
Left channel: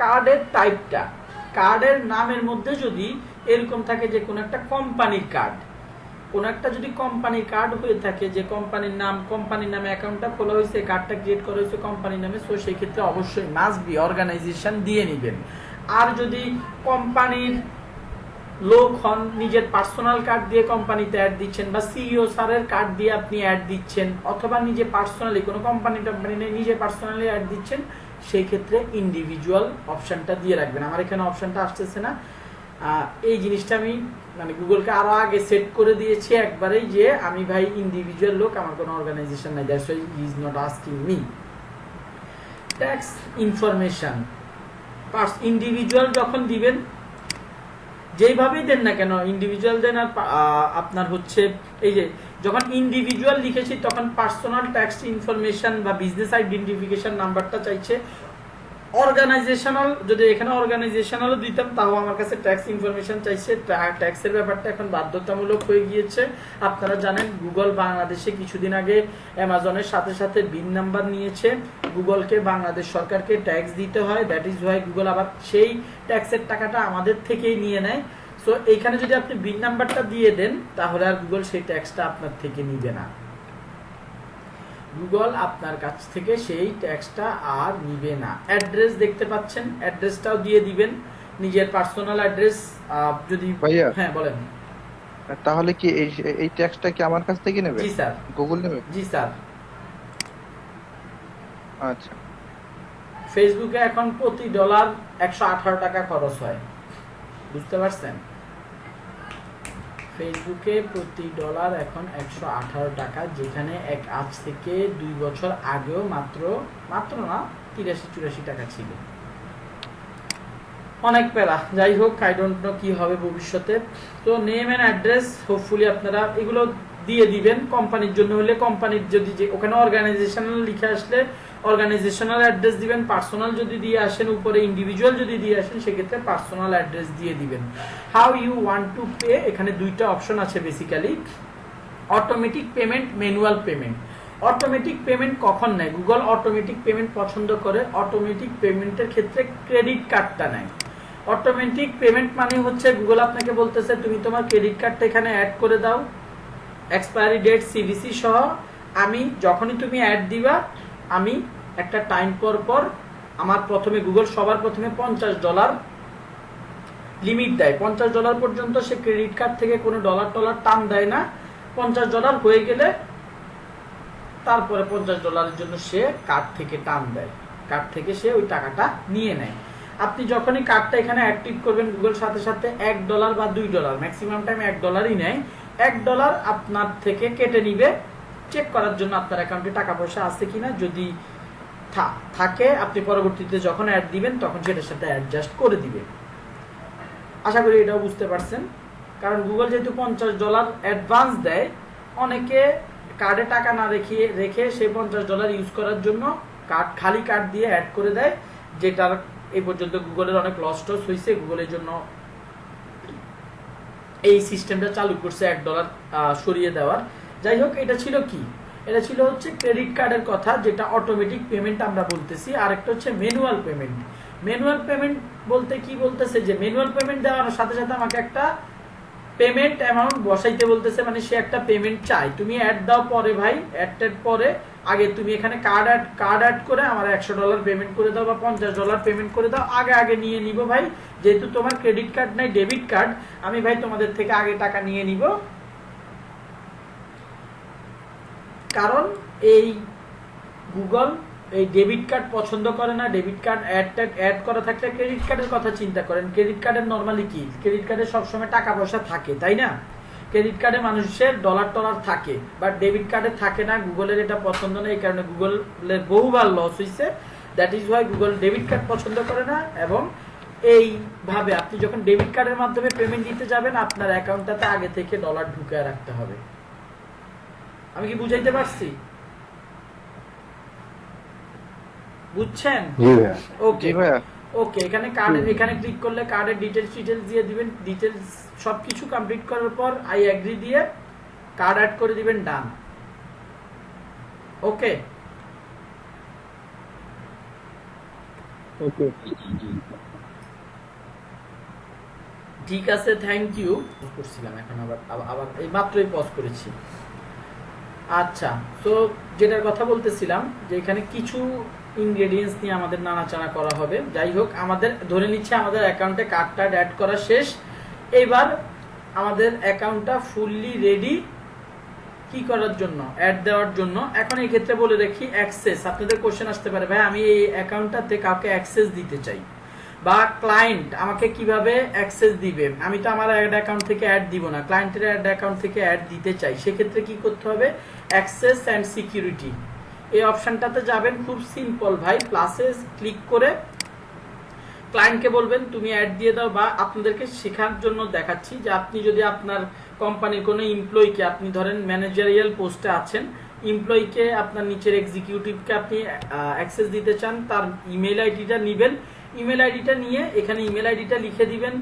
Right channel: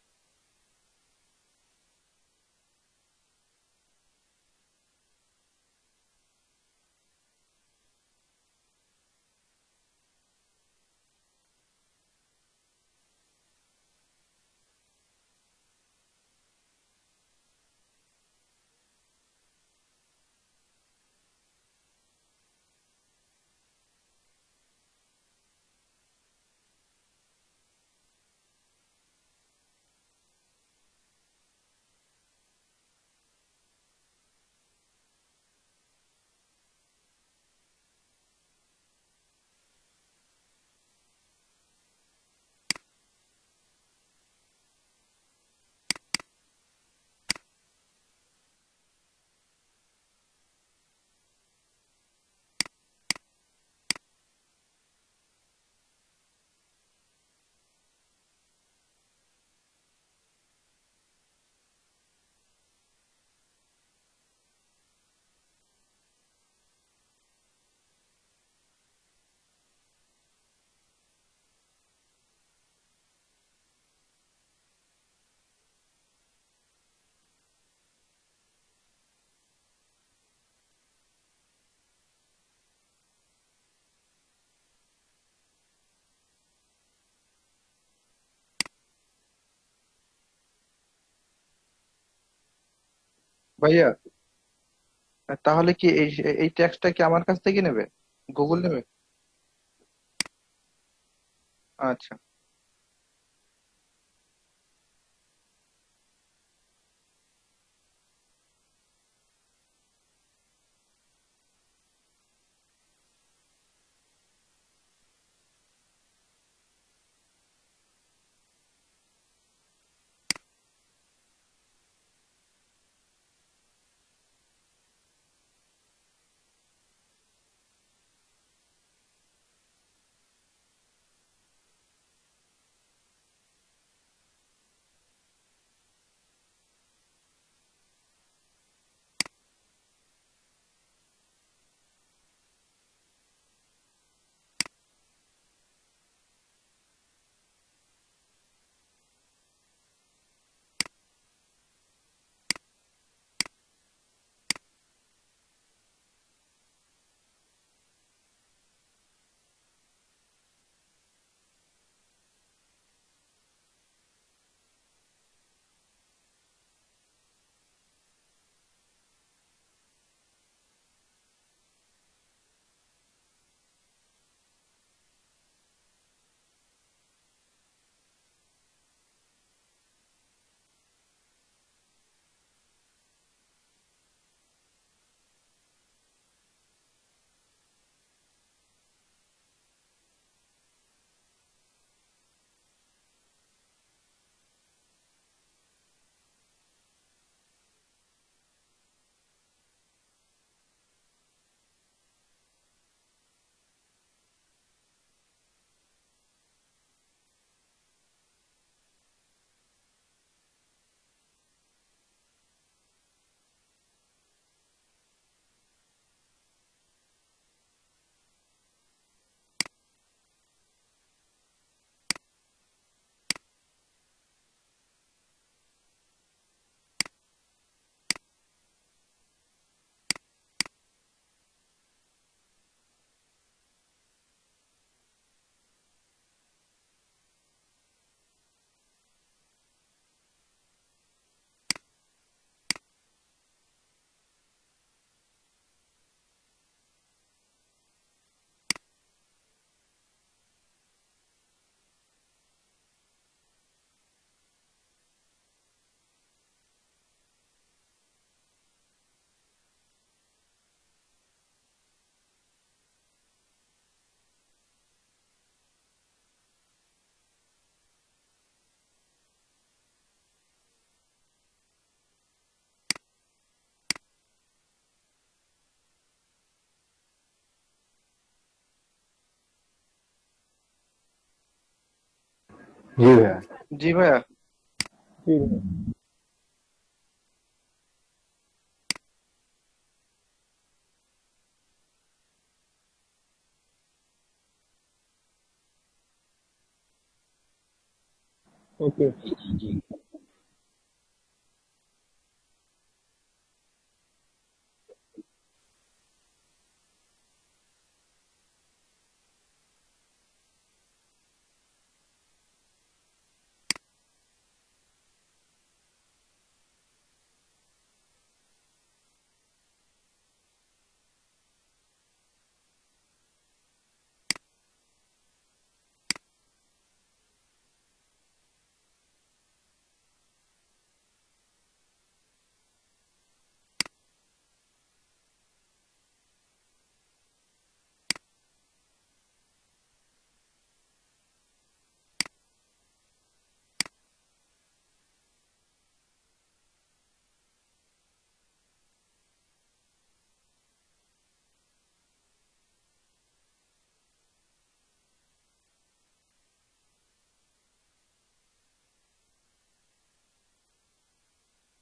কার্ডের টাইপটা, কার্ডের নামের মধ্যে যদি এরকম থাকে যে কোন একটা কোম্পানির কার্ড, কোন একটা যদি কোম্পানির কার্ড হয়ে থাকে, যে কোম্পানির নামে অ্যাকাউন্টটা খোলা হয়েছে, কার্ডটা ক্রিয়েট করা হয়েছে কোম্পানির নামে, সো সেই ক্ষেত্রে অবশ্যই মাস্ট বি অর্গানাইজেশন দিয়ে নেবেন। আর যদি কোম্পানির লোক হন, নিজের পার্সোনাল কার্ড দিয়ে কোম্পানিতে অ্যাড দিচ্ছেন, বা সিইও স্যারের কার্ড দিয়ে আপনি অ্যাড দিচ্ছেন, অথবা নিজে পার্সোনালি কোনো কোম্পানি নেই নিজে পার্সোনালি অ্যাড দিচ্ছেন, সেই ক্ষেত্রে ইন্ডিভিজুয়াল অপশনটা দিয়ে রাখবেন। আমার এখানে অপশনটা আসতেছে না, এই জিনিসটা আমি মানে গুগলকে আরো আগে সেট করে দিয়েছি একবারেই, যে আমি ভাই ইন্ডিভিজুয়াল লোক, আমার কোনো অর্গানাইজেশন নাই, that's why he is not asking me. Tax information, individual যখন দিবেন, যেইভাবেই দেন না কেন, ইন্ডিভিজুয়াল দেন আর আপনার হচ্ছে এই যে যখন ইন্ডিভিজুয়াল লিখেছি তখন পার্সোনাল ট্যাক্স ইনফরমেশন বা বিজনেস আইডেন্টিফিকেশন নাম্বারটা চাইছে। অর্গানাইজেশনাল, যদি এখানে অর্গানাইজেশনালও দিতাম তাও আমার কাছে ট্যাক্স ইনফরমেশন চাইছে। ট্যাক্সের ব্যাপারটা এখন বাধ্যতামূলক হয়ে গিয়েছে। আপনারা জানেন গুগল বাংলাদেশে কিছুদিন আগে অ্যামাজনের সাথে বিন নাম্বার নিয়েছে, গুগলকে বাংলাদেশ সরকারকে ট্যাক্স দিতে হয়, দ্যাট ইজ ওয়াই গুগল আবার সেই ট্যাক্সের টাকাটা আমাদের থেকেই নিয়ে নেয়। সো এইখানে যদি আপনি বিন নাম্বারটা দিয়ে দেন তাহলে আর গুগল সেই ট্যাক্সটা আপনার থেকে নিবে না, গুগল আপনার কাছ থেকে সেই ট্যাক্সটা আর নিবে না। অ্যাড্রেস দেখতে পাচ্ছেন, অ্যাড্রেসটাও দিয়ে দিবেন, নিজের পার্সোনাল অ্যাড্রেস। যদি ভাইয়া, হ্যাঁ বলেন। তাহলে কি এই ট্যাক্সটা কি আমার কাছ থেকে নেবে? জি স্যার। গুগল নেবে? জি স্যার। আচ্ছা। ফেসবুকে এখন প্রতি ডলার 118 টাকা খরচ হয়, বুঝতে পারছেন? ফেসবুকে প্রতি ডলার এখন 118 টাকা, যেখানে আজ থেকে 2 বছর আগেও মাত্র না 83-84 টাকা ছিল। অনেক প্যারা, যাই হোক, আই ডোন্ট নো কি হবে ভবিষ্যতে। তো নেম এন্ড অ্যাড্রেস হোপফুলি আপনারা এগুলো দিয়ে দিবেন। কোম্পানির জন্য হলে কোম্পানির যদি যে ওখানে অর্গানাইজেশনাল লিখে আসলে অর্গানাইজেশনাল অ্যাড্রেস দিবেন, পার্সোনাল যদি দিয়ে আসেন, উপরে ইন্ডিভিজুয়াল যদি দিয়ে আসেন সেক্ষেত্রে পার্সোনাল অ্যাড্রেস দিয়ে দিবেন। How you want to pay, এখানে 2টা অপশন আছে basically, automatic payment, manual payment. Automatic payment কখন নেয়? গুগল অটোমেটিক পেমেন্ট পছন্দ করে, অটোমেটিক পেমেন্টের ক্ষেত্রে ক্রেডিট কার্ডটা নেয়। অটোমেটিক পেমেন্ট মানে হচ্ছে গুগল আপনাকে বলতেছে তুমি তোমার ক্রেডিট কার্ডটা এখানে অ্যাড করে দাও, এক্সপায়ারি ডেট, সিভিসি সহ। আমি যখনই তুমি অ্যাড দিবা, আমি একটা টাইম পর আমার প্রথমে গুগল সবার প্রথমে $50 লিমিট দেয়। $50 পর্যন্ত সে ক্রেডিট কার্ড থেকে কোনো ডলার টান দেয় না। $50 হয়ে গেলে তারপরে $50 জন্য সে কার্ড থেকে টান দেয়, কার্ড থেকে সে ওই টাকাটা নিয়ে নেয়। আপনি যখনই কার্ডটা এখানে অ্যাক্টিভ করবেন, গুগল সাথে $1 বা $2, ম্যাক্সিমাম টাইম $1 নেয়, $1 আপনার থেকে কেটে নিবে চেক করার জন্য আপনার অ্যাকাউন্টে টাকা পয়সা আছে কিনা। যদি থাকে আপনি পরবর্তীতে যখন অ্যাড দিবেন তখন সেটার সাথে অ্যাডজাস্ট করে দিবে। আশা করি এটাও বুঝতে পারছেন। কারণ গুগল যেহেতু $50 অ্যাডভান্স দেয়, অনেকে কার্ডে টাকা না রেখে সে $50 ইউজ করার জন্য খালি কার্ড দিয়ে অ্যাড করে দেয়, যেটার এই পর্যন্ত গুগলের অনেক লস টস হয়েছে। গুগলের জন্য এই সিস্টেমটা চালু করছে $1 সরিয়ে দেওয়ার। যাই হোক, এটা ছিল কি? এটা ছিল হচ্ছে ক্রেডিট কার্ডের কথা, যেটা অটোমেটিক পেমেন্ট আমরা বলতেছি। আর একটা হচ্ছে ম্যানুয়াল পেমেন্ট। ম্যানুয়াল পেমেন্ট বলতে কি বলতেছে, যে ম্যানুয়াল পেমেন্ট দেওয়ার সাথে আমাকে একটা পেমেন্ট অ্যামাউন্ট বসাইতে বলতেছে, মানে সে একটা পেমেন্ট চাই। তুমি অ্যাড দাও পরে ভাই, অ্যাড পরে আগে তুমি এখানে কার্ড অ্যাড করে আমার $100 পেমেন্ট করে দাও বা $50 পেমেন্ট করে দাও, আগে নিয়ে নিব ভাই, যেহেতু তোমার ক্রেডিট কার্ড নাই, ডেবিট কার্ড, আমি ভাই তোমাদের থেকে আগে টাকা নিয়ে নিব। কারণ এই গুগল এই ডেবিট কার্ড পছন্দ করে না। ডেবিট কার্ড অ্যাড করা থাকলে ক্রেডিট কার্ডের কথা চিন্তা করেন। ক্রেডিট কার্ডের নরমালি কি, ক্রেডিট কার্ডে সবসময় টাকা পয়সা থাকে, তাই না? ক্রেডিট কার্ডে মানুষের ডলার টলার থাকে, বাট ডেবিট কার্ডে থাকে না। গুগলের এটা পছন্দ না, এই কারণে গুগলের বহুবার লস হয়েছে। That is Y Google debit card পছন্দ করে না। এবং এইভাবে আপনি যখন ডেবিট কার্ডের মাধ্যমে পেমেন্ট দিতে যাবেন, আপনার অ্যাকাউন্টটাতে আগে থেকে ডলার ঢুকায় রাখতে হবে। আমি কি বুঝাইতে পারছি? বুঝছেন? জি ভাইয়া। ওকে, এখানে ক্লিক করলে কার্ডের ডিটেলস দিয়ে দিবেন। ডিটেলস সবকিছু কমপ্লিট করার পর আই এগ্রি দিয়ে কার্ড অ্যাড করে দিবেন, ডান। ওকে ওকে ঠিক আছে, থ্যাংক ইউ। করছিলাম এখন আবার এই মাত্রই পজ করেছি। আচ্ছা, তো যেটার কথা বলতেছিলাম যে এখানে কিছু ইনগ্রেডিয়েন্টস নিয়ে আমাদের নাড়াচাড়া করা হবে। যাই হোক, আমাদের ধরে নিচ্ছে আমাদের অ্যাকাউন্টে কার্ডটা অ্যাড করা শেষ। এইবার আমাদের অ্যাকাউন্টটা ফুললি রেডি কি করার জন্য, অ্যাড দেওয়ার জন্য। এখন এই ক্ষেত্রে বলে রাখি, অ্যাক্সেস, আপনাদের কোশ্চেন আসতে পারে, ভাই আমি এই অ্যাকাউন্টটাতে কাউকে অ্যাক্সেস দিতে চাই, বা ক্লায়েন্ট আমাকে কিভাবে অ্যাক্সেস দিবে। আমি তো আমার অ্যাড অ্যাকাউন্ট থেকে অ্যাড দিব না, ক্লায়েন্টের অ্যাড অ্যাকাউন্ট থেকে অ্যাড দিতে চাই। সেক্ষেত্রে কি করতে হবে, অ্যাক্সেস অ্যান্ড সিকিউরিটি এই অপশনটাতে যাবেন। খুব সিম্পল ভাই, প্লাসে ক্লিক করে ক্লায়েন্টকে বলবেন তুমি অ্যাড দিয়ে দাও। বা আপনাদেরকে শেখার জন্য দেখাচ্ছি যে আপনি যদি আপনার কোম্পানির কোনো এমপ্লয়িকে, আপনি ধরেন ম্যানেজারিয়াল পোস্টে আছেন, এমপ্লয়িকে আপনার নিচের এক্সিকিউটিভকে আপনি অ্যাক্সেস দিতে চান, তার ইমেল আইডিটা নেবেন। ইমেল আইডিটা নিয়ে এখানে ইমেল আইডিটা লিখে দিবেন।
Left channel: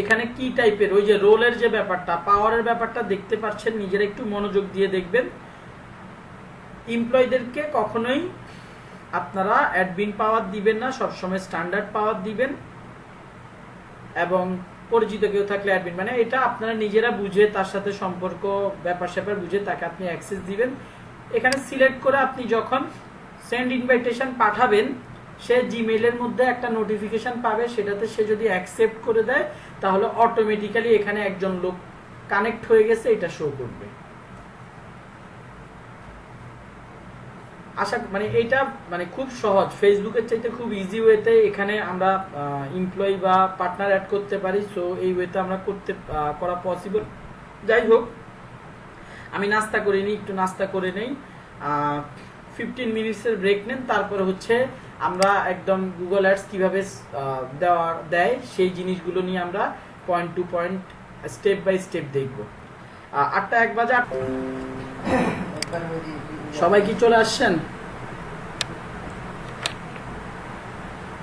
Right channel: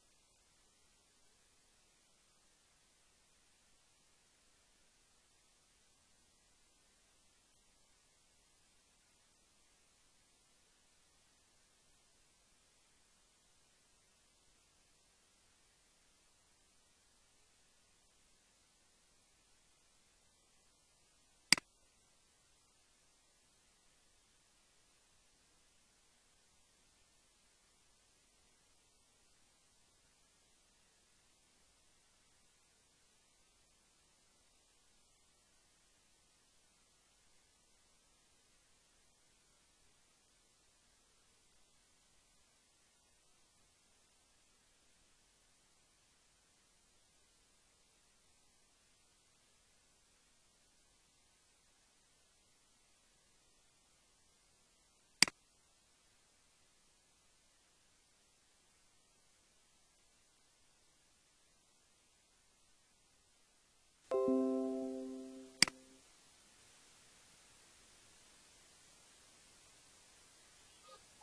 এখানে কি টাইপের, ওই যে রোলের যে ব্যাপারটা, পাওয়ারের ব্যাপারটা দেখতে পাচ্ছেন, নিজেরা একটু মনোযোগ দিয়ে দেখবেন। এমপ্লয়ীদেরকে কখনোই আপনারা অ্যাডমিন পাওয়ার দিবেন না, সবসময় স্ট্যান্ডার্ড পাওয়ার দিবেন। এবং পরিচিত কেউ থাকলে অ্যাডমিন, মানে এটা আপনারা নিজেরা বুঝে, তার সাথে সম্পর্ক ব্যাপার স্যাপার বুঝে তাকে আপনি অ্যাক্সেস দিবেন। এখানে সিলেক্ট করে আপনি যখন সেন্ড ইনভাইটেশন পাঠাবেন, সে জিমেইলের মধ্যে একটা নোটিফিকেশন পাবে, সেটাতে সে যদি অ্যাকসেপ্ট করে দেয় তাহলে অটোমেটিক্যালি এখানে একজন লোক কানেক্ট হয়ে গেছে এটা শো করবে। আশা মানে এটা মানে খুব সহজ, ফেসবুকের চাইতে খুব ইজি ওয়েতে এখানে আমরা এমপ্লয়ি বা পার্টনার অ্যাড করতে পারি। সো এই ওয়েতে আমরা করা পসিবল। যাই হোক, আমি নাস্তা করে নিই, একটু নাস্তা করে নেই, 15 মিনিটসের ব্রেক নেন। তারপরে হচ্ছে আমরা একদম গুগল অ্যাডস কিভাবে দেয় সেই জিনিসগুলো নিয়ে আমরা point to point step by step দেখব। 8টা 1 বাজে। সবাই কি চলে আসছেন?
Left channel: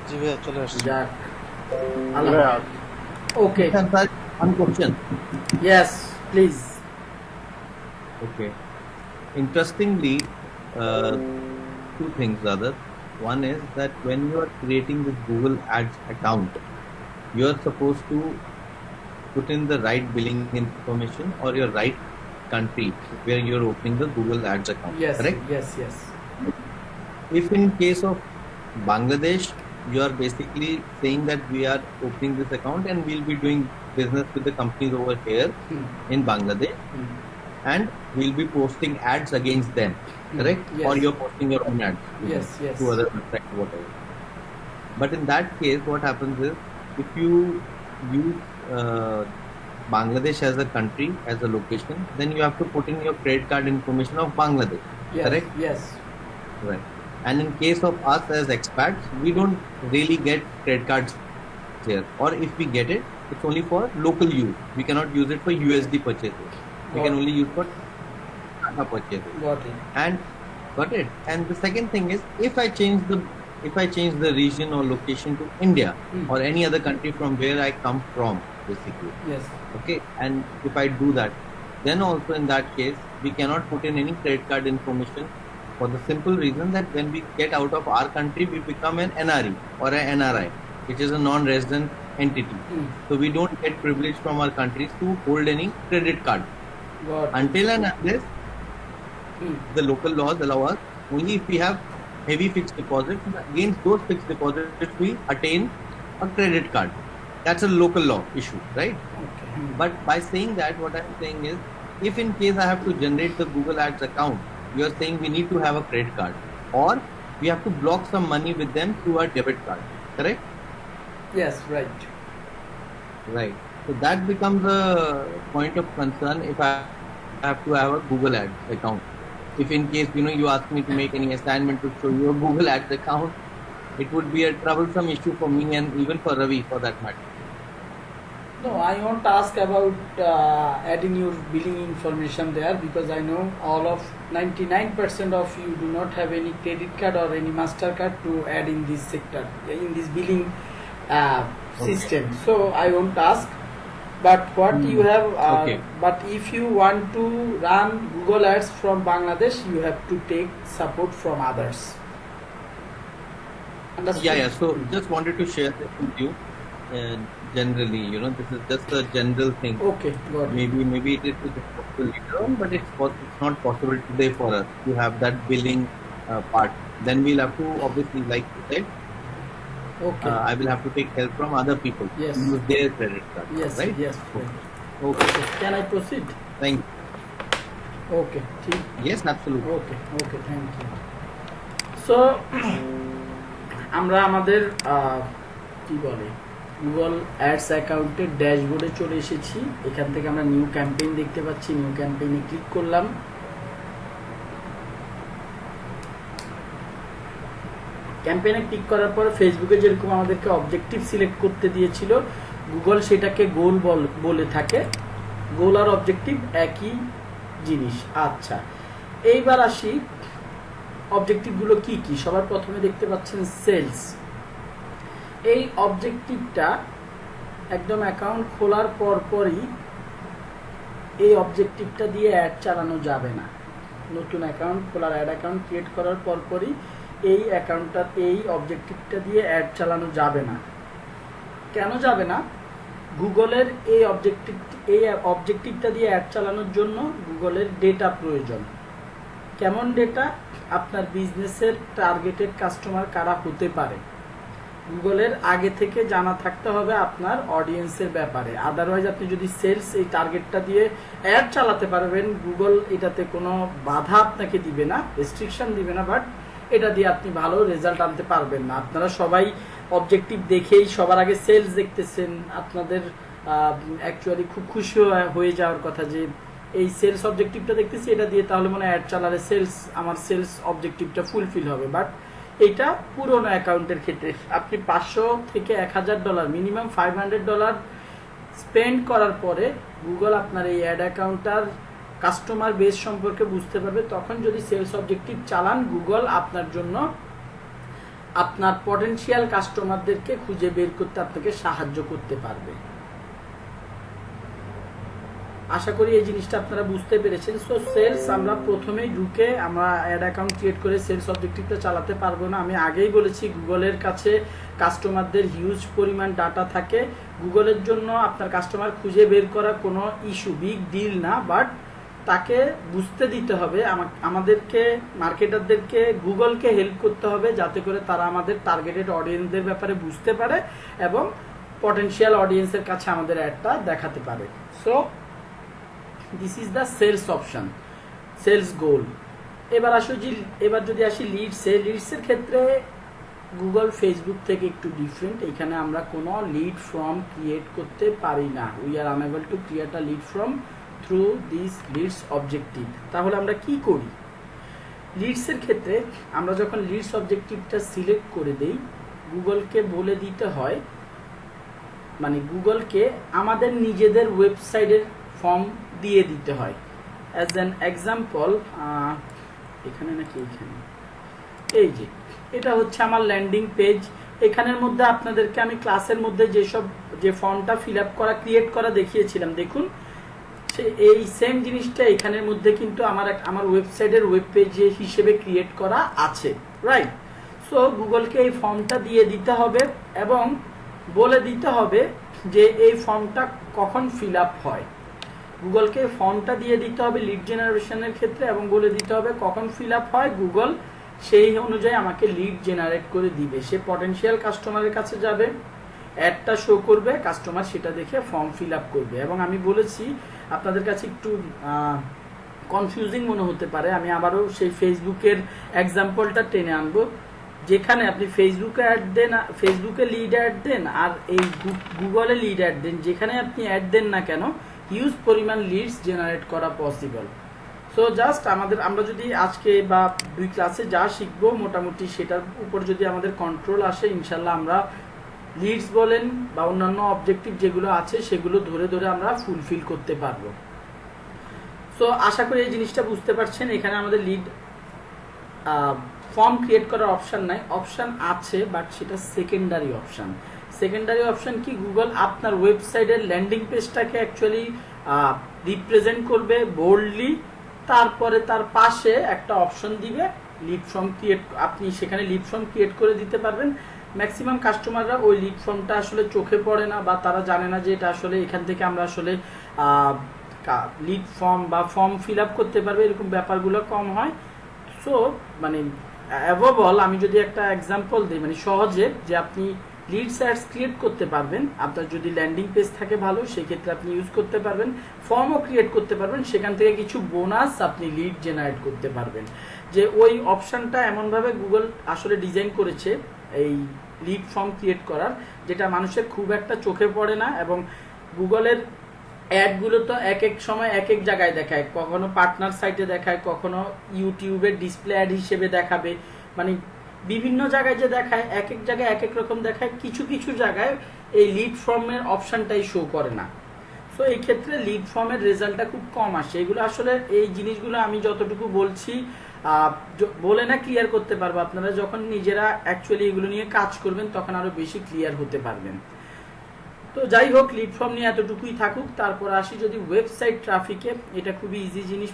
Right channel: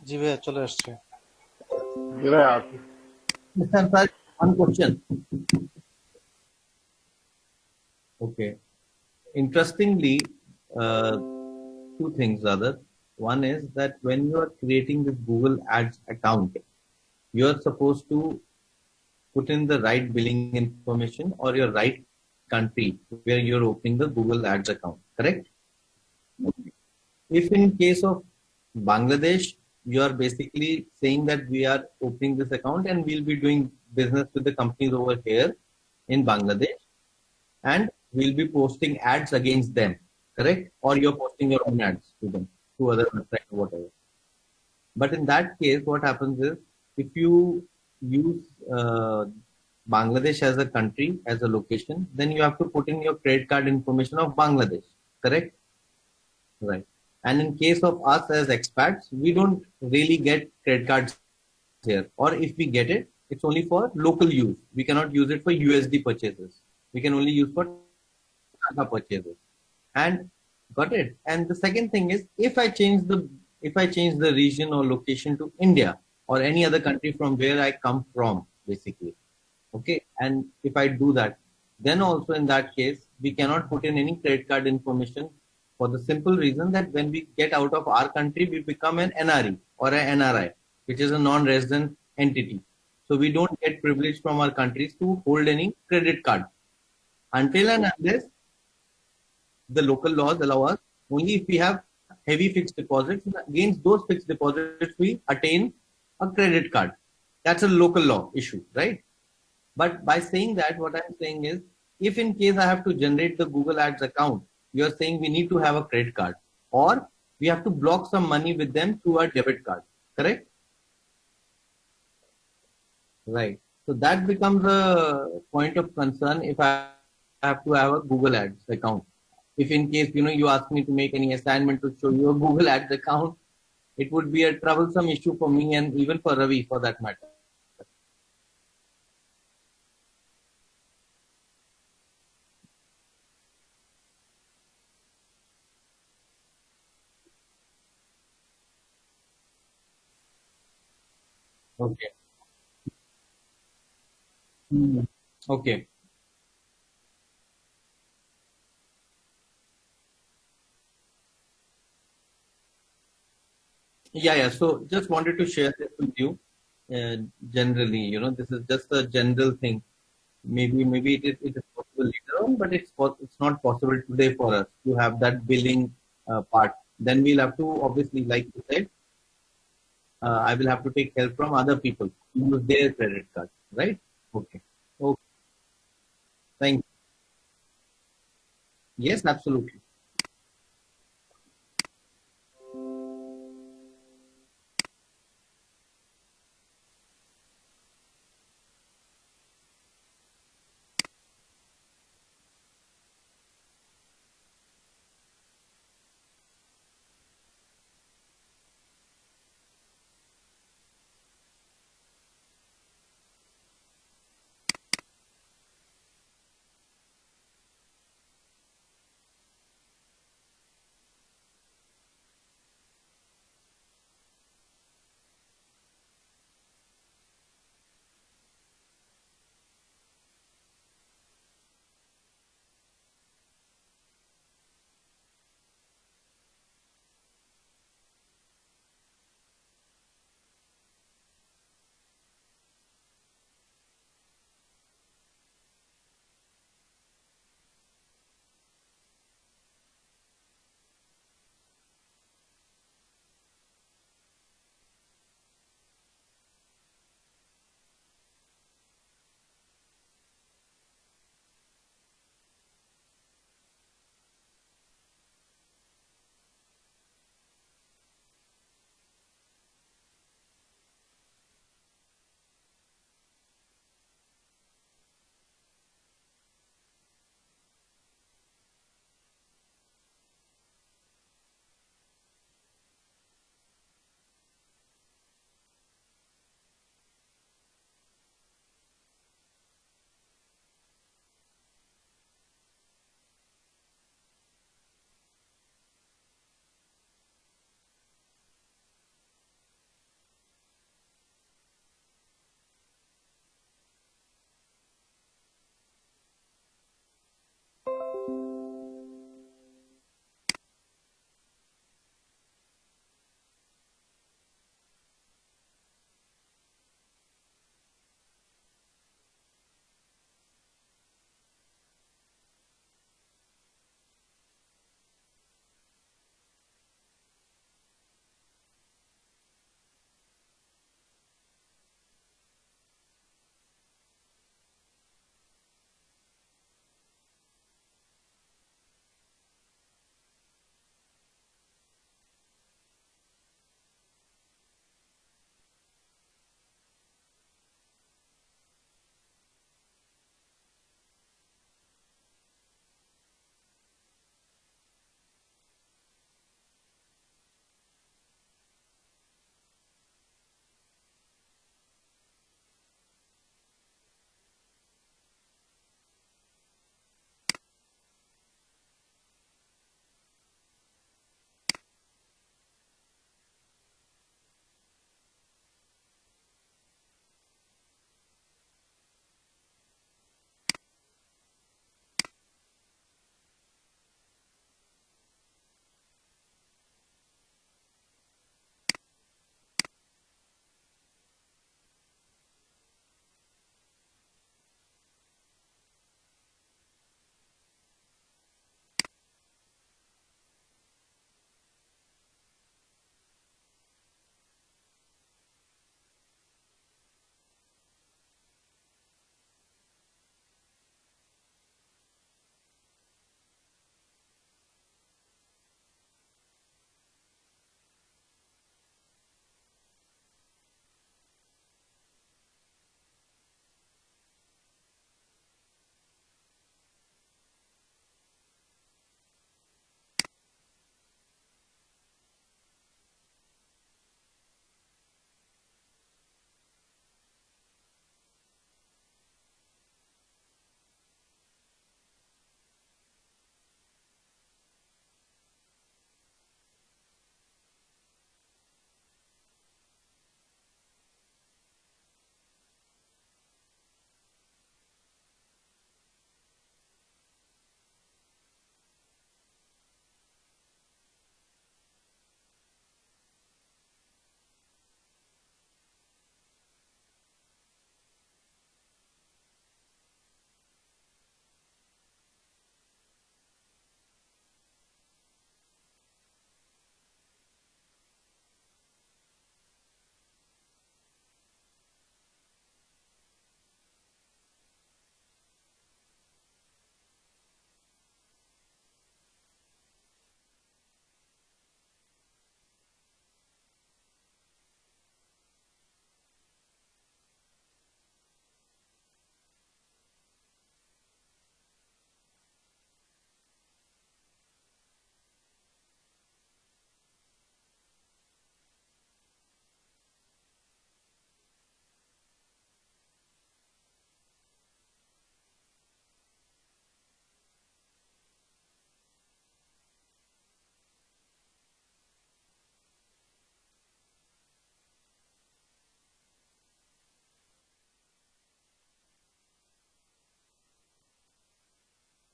জি ভাইয়া চলে আসছি। যাক, okay sir, one question. Yes, please. Okay. Interestingly, two things rather. One is that when you are creating this Google Ads account, you are supposed to put in the right billing information or your right country where you are opening the Google Ads account. Yes, correct? yes. If in case of Bangladesh, you are basically saying that we are opening this account and we'll be doing business with the companies over here in Bangladesh, and we'll be posting ads against them, correct? Yes. Or you're posting your own ads Yes. to other websites or whatever. But in that case, what happens is, if you use Bangladesh as a country, as a location, then you have to put in your credit card information of Bangladesh, Yes, correct? yes. Right. And in case of us as expats, we don't really get credit cards here. Or if we get it, it's only for local use. We cannot use it for USD purchases. We can only use for Tata purchases. Got it. And the second thing is, if I change the region or location to India or any other country from where I come from, basically. Yes. Okay. And if I do that, then also in that case, we cannot put in any credit card information, for the simple reason that when we get out of our country, we become an NRE or an NRI, which is a non-resident entity. So we don't get privilege from our countries to hold any credit card. Until and unless the local laws allow us, only if we have heavy fixed deposits, against those fixed deposits we attain a credit card. That's a local law issue, right? Okay. But by saying that, what I'm saying is, if in case I have to generate the Google Ads account, you are saying we need to have a credit card, or we have to block some money with them through our debit card. Correct? Yes, right. Right. So that becomes a point of concern if I have to have a Google Ads account. If in case, you ask me to make any assignment to show you a Google Ads account, it would be a troublesome issue for me and even for Ravi for that matter. No, I won't ask about adding your billing information there, because I know all of 99% of you do not have any credit card or any MasterCard to add in this sector, in this billing system. So I won't ask. But what you have, but if you want to run Google Ads from Bangladesh, you have to take support from others. Understood? Yeah. So just wanted to share this with you. Generally, this is just a general thing. Okay, got it. Maybe it is possible later on, but it's not possible today for us to have that billing part. Then we'll have to, obviously, like you said, I will have to take help from other people. Yes. Use their credit card. Yes. Right? Yes. Okay. Can I proceed? Thank you. Okay. Yes, absolutely. Okay. Thank you. So, আমরা আমাদের কি বলে Google ads অ্যাকাউন্টের ড্যাশবোর্ডে চলে এসেছি। এখান থেকে আমরা নিউ ক্যাম্পেইন দেখতে পাচ্ছি। নিউ ক্যাম্পেইনে ক্লিক করলাম। ক্যাম্পেইনে ক্লিক করার পর ফেসবুকে যেরকম আমাদেরকে অবজেক্টিভ সিলেক্ট করতে দিয়েছিল, গুগল সেটাকে গোল বলে থাকে। গোল আর অবজেক্টিভ একই জিনিস। আচ্ছা, এইবার আসি অবজেক্টিভগুলো কি কি। সবার প্রথমে দেখতে পাচ্ছেন সেলস। এই অবজেক্টিভটা একদম অ্যাকাউন্ট খোলার পরই এই অবজেক্টিভটা দিয়ে অ্যাড চালানো যাবে না। নতুন অ্যাকাউন্ট খোলার, অ্যাড অ্যাকাউন্ট ক্রিয়েট করার পরই এই অবজেক্টিভটা দিয়ে অ্যাড চালানো যাবে না। কেন যাবে না? গুগলের এই অবজেক্টিভটা দিয়ে অ্যাড চালানোর জন্য গুগলের ডেটা প্রয়োজন। কেমন ডেটা? আপনার বিজনেসের টার্গেটেড কাস্টমার কারা হতে পারে, গুগলের আগে থেকে জানা থাকতে হবে আপনার অডিয়েন্সের ব্যাপারে। আদারওয়াইজ আপনি যদি সেলস এই টার্গেটটা দিয়ে অ্যাড চালাতে পারবেন, গুগল এটাতে কোনো বাধা আপনাকে দিবে না, রেস্ট্রিকশন দিবে না, বাট এটা দিয়ে আপনি ভালো রেজাল্ট আনতে পারবেন না। আপনারা সবাই অবজেক্টিভ দেখেই সবার আগে সেলস দেখতেছেন। আপনাদের অ্যাকচুয়ালি খুব খুশি হয়ে যাওয়ার কথা যে এই সেলস অবজেক্টিভটা দেখতেছি, এটা দিয়ে তাহলে মনে হয় অ্যাড চালালে আমার সেলস অবজেক্টিভটা ফুলফিল হবে। বাট এটা পুরোনো অ্যাকাউন্টের ক্ষেত্রে আপনি $500 থেকে $1000 মিনিমাম $500 স্পেন্ড করার পরে গুগল আপনার এই অ্যাড অ্যাকাউন্টটার কাস্টমার বেস সম্পর্কে বুঝতে পারবে। তখন যদি সেলস অবজেক্টিভ চালান, গুগল আপনার জন্য আপনার পটেনশিয়াল কাস্টমারদেরকে খুঁজে বের করতে আপনাকে সাহায্য করতে পারবে। আশা করি এই জিনিসটা আপনারা বুঝতে পেরেছেন। সো সেলস আমরা প্রথমেই ঢুকে আমরা অ্যাড অ্যাকাউন্ট ক্রিয়েট করে সেলস অবজেক্টিভটা চালাতে পারবো না। আমি আগেই বলেছি গুগলের কাছে কাস্টমারদের হিউজ পরিমাণ ডাটা থাকে। গুগলের জন্য আপনার কাস্টমার খুঁজে বের করা কোনো ইস্যু, বিগ ডিল না, বাট তাকে বুঝতে দিতে হবে, আমাদেরকে মার্কেটারদেরকে গুগলকে হেল্প করতে হবে যাতে করে তারা আমাদের টার্গেটেড অডিয়েন্সদের ব্যাপারে বুঝতে পারে এবং পটেনশিয়াল অডিয়েন্সের কাছে আমাদের অ্যাডটা দেখাতে পারে। So this is the sales option, sales goal. এবার যদি আসি লিডসের ক্ষেত্রে গুগল ফেসবুক থেকে একটু ডিফারেন্ট। এখানে আমরা কোনো লিড ফর্ম ক্রিয়েট করতে পারি না। We are unable to create a lead form through this leads objective. তাহলে আমরা কি করি? লিডসের ক্ষেত্রে আমরা যখন লিডস অবজেক্টিভটা সিলেক্ট করে দেই, গুগলকে বলে দিতে হয়, মানে গুগলকে আমাদের নিজেদের ওয়েবসাইটের ফর্ম দিয়ে দিতে হয়। অ্যাজ অ্যান এক্সাম্পল, এখানে নাকি এইখানে, এই যে এটা হচ্ছে আমার ল্যান্ডিং পেজ। এখানের মধ্যে আপনাদেরকে আমি ক্লাসের মধ্যে যে ফর্মটা ফিল আপ করা, ক্রিয়েট করা দেখিয়েছিলাম, দেখুন এই সেম জিনিসটা এখানের মধ্যে কিন্তু আমার ওয়েবসাইটের ওয়েব পেজ হিসেবে ক্রিয়েট করা আছে, রাইট? সো গুগলকে এই ফর্মটা দিয়ে দিতে হবে এবং বলে দিতে হবে যে এই ফর্মটা কখন ফিল আপ হয়। গুগলকে ফর্মটা দিয়ে দিতে হবে লিড জেনারেশনের ক্ষেত্রে এবং বলে দিতে হবে কখন ফিল আপ হয়। গুগল সেই অনুযায়ী আমাকে লিড জেনারেট করে দিবে। সে পটেনশিয়াল কাস্টমারের কাছে যাবে, অ্যাডটা শো করবে, কাস্টমার সেটা দেখে ফর্ম ফিল আপ করবে। এবং আমি বলেছি আপনাদের কাছে একটু কনফিউজিং মনে হতে পারে, আমি আবারও সেই ফেসবুকের এক্সাম্পলটা টেনে আনবো। যেখানে আপনি ফেসবুকে অ্যাড দেন, ফেসবুকে লিড অ্যাড দেন আর এই গুগলে লিড অ্যাড দেন, যেখানে আপনি অ্যাড দেন না কেন হিউজ পরিমাণ লিডস জেনারেট করা পসিবল। সো জাস্ট আমরা যদি আজকে বা 2 ক্লাসে যা শিখবো মোটামুটি সেটার উপর যদি আমাদের কন্ট্রোল আসে, ইনশাল্লাহ আমরা লিডস বলেন বা অন্যান্য অবজেক্টিভ যেগুলো আছে সেগুলো ধরে ধরে আমরা ফুলফিল করতে পারবো। সো আশা করি এই জিনিসটা বুঝতে পারছেন। এখানে আমাদের লিড ফর্ম ক্রিয়েট করার অপশান নাই, অপশান আছে বাট সেটা সেকেন্ডারি অপশান। সেকেন্ডারি অপশান কি, গুগল আপনার ওয়েবসাইটের ল্যান্ডিং পেজটাকে অ্যাকচুয়ালি রিপ্রেজেন্ট করবে বোল্ডলি, তারপরে তার পাশে একটা অপশন দিবে লিড ফর্ম ক্রিয়েট, আপনি সেখানে লিড ফর্ম ক্রিয়েট করে দিতে পারবেন। ম্যাক্সিমাম কাস্টমাররা ওই লিড ফর্মটা আসলে চোখে পড়ে না বা তারা জানে না যে এটা আসলে এখান থেকে আমরা আসলে লিড ফর্ম বা ফর্ম ফিল আপ করতে পারবে, এরকম ব্যাপারগুলো কম হয়। সো মানে অ্যাবভ অল আমি যদি একটা এক্সাম্পল দিই, মানে সহজে যে আপনি লিডস অ্যাডস ক্রিয়েট করতে পারবেন, আপনার যদি ল্যান্ডিং পেজ থাকে ভালো সেক্ষেত্রে আপনি ইউজ করতে পারবেন, ফর্মও ক্রিয়েট করতে পারবেন, সেখান থেকে কিছু বোনাস আপনি লিড জেনারেট করতে পারবেন। যে ওই অপশানটা এমনভাবে গুগল আসলে ডিজাইন করেছে এই লিড ফর্ম ক্রিয়েট করার, যেটা মানুষের খুব একটা চোখে পড়ে না। এবং গুগলের অ্যাডগুলো তো এক এক সময় এক এক জায়গায় দেখায়, কখনো পার্টনার সাইটে দেখায়, কখনো ইউটিউবের ডিসপ্লে অ্যাড হিসেবে দেখাবে, মানে বিভিন্ন জায়গায় যে দেখায় এক এক জায়গায় এক এক রকম দেখায়, কিছু কিছু জায়গায় এই লিড ফর্মের অপশানটাই শো করে না। সো এই ক্ষেত্রে লিড ফর্মের রেজাল্টটা খুব কম আসে। এগুলো আসলে এই জিনিসগুলো আমি যতটুকু বলছি বলে না ক্লিয়ার করতে পারবো, আপনারা যখন নিজেরা অ্যাকচুয়ালি এগুলো নিয়ে কাজ করবেন তখন আরো বেশি ক্লিয়ার হতে পারবেন। তো যাই হোক, লিড ফর্ম নিয়ে এতটুকুই থাকুক। তারপর আসি যদি ওয়েবসাইট ট্রাফিকে, এটা খুবই ইজি জিনিস,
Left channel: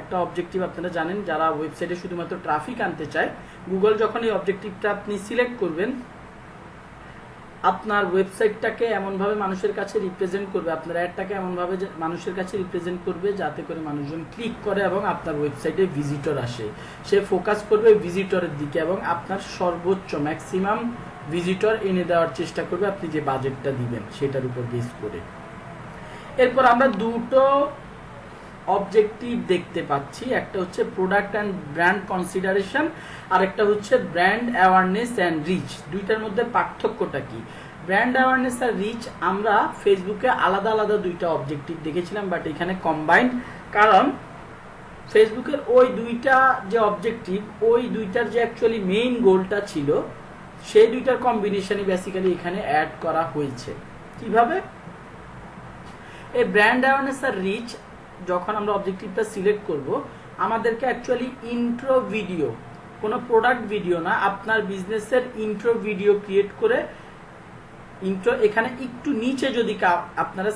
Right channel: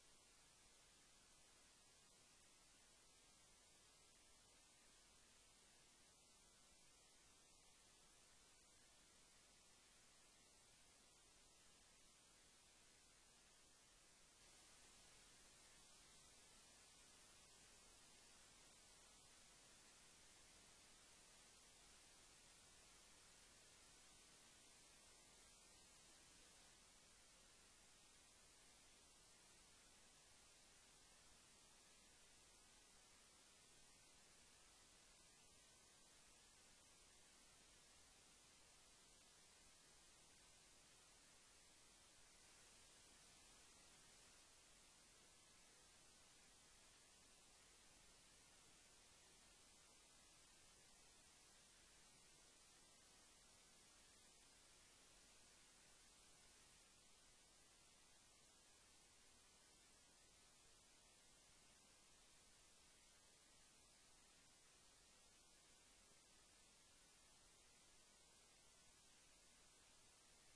একটা অবজেক্টিভ আপনারা জানেন যারা ওয়েবসাইটে শুধুমাত্র ট্রাফিক আনতে চায়, গুগল যখন এই অবজেক্টিভটা আপনি সিলেক্ট করবেন, আপনার ওয়েবসাইটটাকে এমনভাবে মানুষের কাছে রিপ্রেজেন্ট করবে, আপনার অ্যাডটাকে এমনভাবে মানুষের কাছে রিপ্রেজেন্ট করবে যাতে করে মানুষজন ক্লিক করে এবং আপনার ওয়েবসাইটে ভিজিটর আসে। সে ফোকাস করবে ভিজিটরের দিকে এবং আপনার সর্বোচ্চ ম্যাক্সিমাম ভিজিটর এনে দেওয়ার চেষ্টা করবে আপনি যে বাজেটটা দিবেন সেটার উপর বেস করে। এরপর আমরা দুটো অবজেক্টিভ দেখতে পাচ্ছি, একটা হচ্ছে প্রোডাক্ট অ্যান্ড ব্র্যান্ড কনসিডারেশন আর একটা হচ্ছে ব্র্যান্ড অ্যাওয়ারনেস অ্যান্ড রিচ। দুইটার মধ্যে পার্থক্যটা কি? ব্র্যান্ড অ্যাওয়ারনেস আর রিচ আমরা ফেসবুকে আলাদা আলাদা দুইটা অবজেক্টিভ দেখেছিলাম, বাট এখানে কম্বাইন্ড, কারণ ফেসবুকের ওই দুইটা যে অবজেক্টিভ, ওই দুইটার যে অ্যাকচুয়ালি মেইন গোলটা ছিল সেই দুইটার কম্বিনেশনই বেসিক্যালি এখানে অ্যাড করা হয়েছে। কিভাবে? এই ব্র্যান্ড অ্যাওয়ারনেস আর রিচ যখন আমরা অবজেক্টিভটা সিলেক্ট করব, আমাদেরকে অ্যাকচুয়ালি ইন্ট্রো ভিডিও, কোনো প্রোডাক্ট ভিডিও না, আপনার বিজনেসের ইন্ট্রো ভিডিও ক্রিয়েট করে, ইন্ট্রো এখানে একটু নিচে যদি আপনারা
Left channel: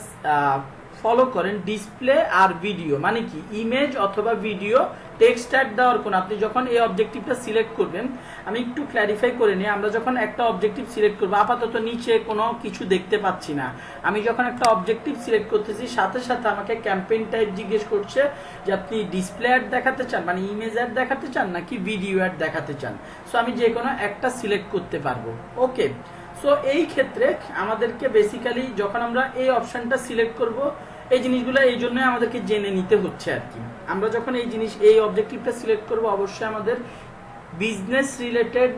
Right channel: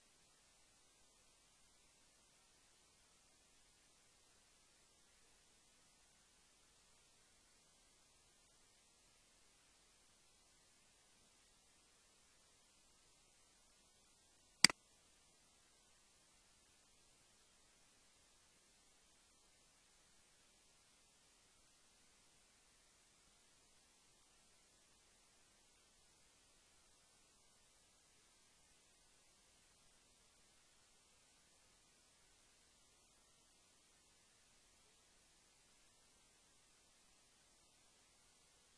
ফলো করেন ডিসপ্লে আর ভিডিও, মানে কি ইমেজ অথবা ভিডিও টেক্সট অ্যাড দেওয়ার কোন, আপনি যখন এই অবজেক্টিভটা সিলেক্ট করবেন, আমি একটু ক্ল্যারিফাই করে নিই, আমরা যখন একটা অবজেক্টিভ সিলেক্ট করবো, আপাতত নিচে কোনো কিছু দেখতে পাচ্ছি না, আমি যখন একটা অবজেক্টিভ সিলেক্ট করতেছি সাথে সাথে আমাকে ক্যাম্পেইন টাইপ জিজ্ঞেস করছে যে আপনি ডিসপ্লে অ্যাড দেখাতে চান, মানে ইমেজ অ্যাড দেখাতে চান নাকি ভিডিও অ্যাড দেখাতে চান। সো আমি যে কোনো একটা সিলেক্ট করতে পারবো। ওকে, সো এই ক্ষেত্রে আমাদেরকে বেসিক্যালি যখন আমরা এই অপশনটা সিলেক্ট করব, এই জিনিসগুলো এই জন্য আমাদেরকে জেনে নিতে হচ্ছে আর কি। আমরা যখন এই অবজেক্টিভটা সিলেক্ট করব, অবশ্যই আমাদের বিজনেস রিলেটেড,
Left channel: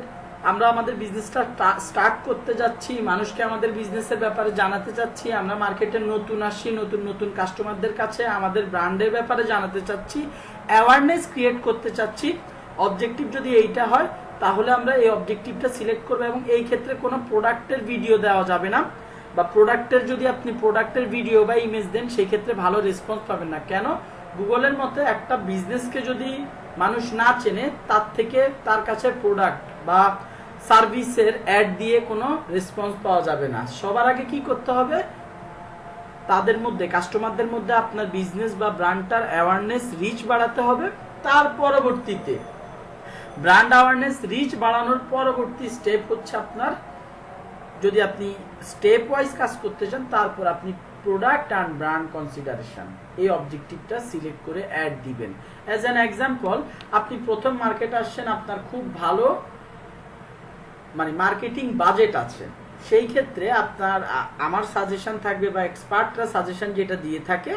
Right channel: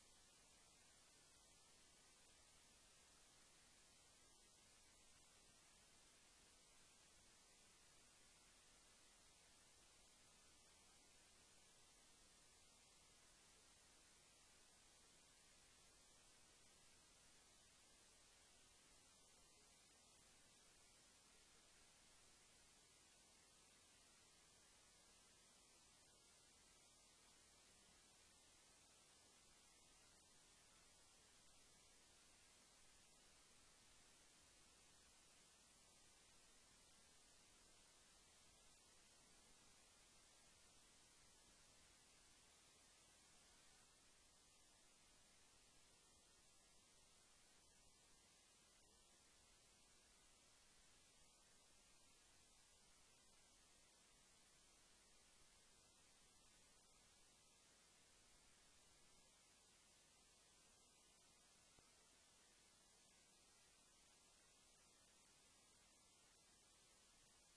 আমরা আমাদের বিজনেসটা স্টার্ট করতে যাচ্ছি, মানুষকে আমাদের বিজনেসের ব্যাপারে জানাতে চাচ্ছি, আমরা মার্কেটে নতুন আসছি, নতুন নতুন কাস্টমারদের কাছে আমাদের ব্র্যান্ডের ব্যাপারে জানাতে চাচ্ছি, অ্যাওয়ারনেস ক্রিয়েট করতে চাচ্ছি। অবজেক্টিভ যদি এইটা হয় তাহলে আমরা এই অবজেক্টিভটা সিলেক্ট করব এবং এই ক্ষেত্রে কোনো প্রোডাক্টের ভিডিও দেওয়া যাবে না, বা প্রোডাক্টের যদি আপনি প্রোডাক্টের ভিডিও বা ইমেজ দেন সেই ক্ষেত্রে ভালো রেসপন্স পাবেন না। কেন? গুগলের মতে একটা বিজনেসকে যদি মানুষ না চেনে, তার থেকে তার কাছে প্রোডাক্ট বা সার্ভিসের অ্যাড দিয়ে কোনো রেসপন্স পাওয়া যাবে না। সবার আগে কি করতে হবে? তাদের মধ্যে, কাস্টমারদের মধ্যে আপনার বিজনেস বা ব্র্যান্ডটার অ্যাওয়ারনেস রিচ বাড়াতে হবে। তার পরবর্তীতে ব্র্যান্ড অ্যাওয়ারনেস রিচ বাড়ানোর পরবর্তী স্টেপ হচ্ছে আপনার, যদি আপনি স্টেপ ওয়াইজ কাজ করতে চান, তারপর আপনি প্রোডাক্ট অ্যান্ড ব্র্যান্ড কনসিডারেশন এই অবজেক্টিভটা সিলেক্ট করে অ্যাড দিবেন। অ্যাজ অ্যান এক্সাম্পল, আপনি প্রথম মার্কেটে আসছেন, আপনার খুব ভালো মানে মার্কেটিং বাজেট আছে, সেই ক্ষেত্রে আপনার আমার সাজেশন থাকবে বা এক্সপার্টরা সাজেশন যেটা দিয়ে থাকে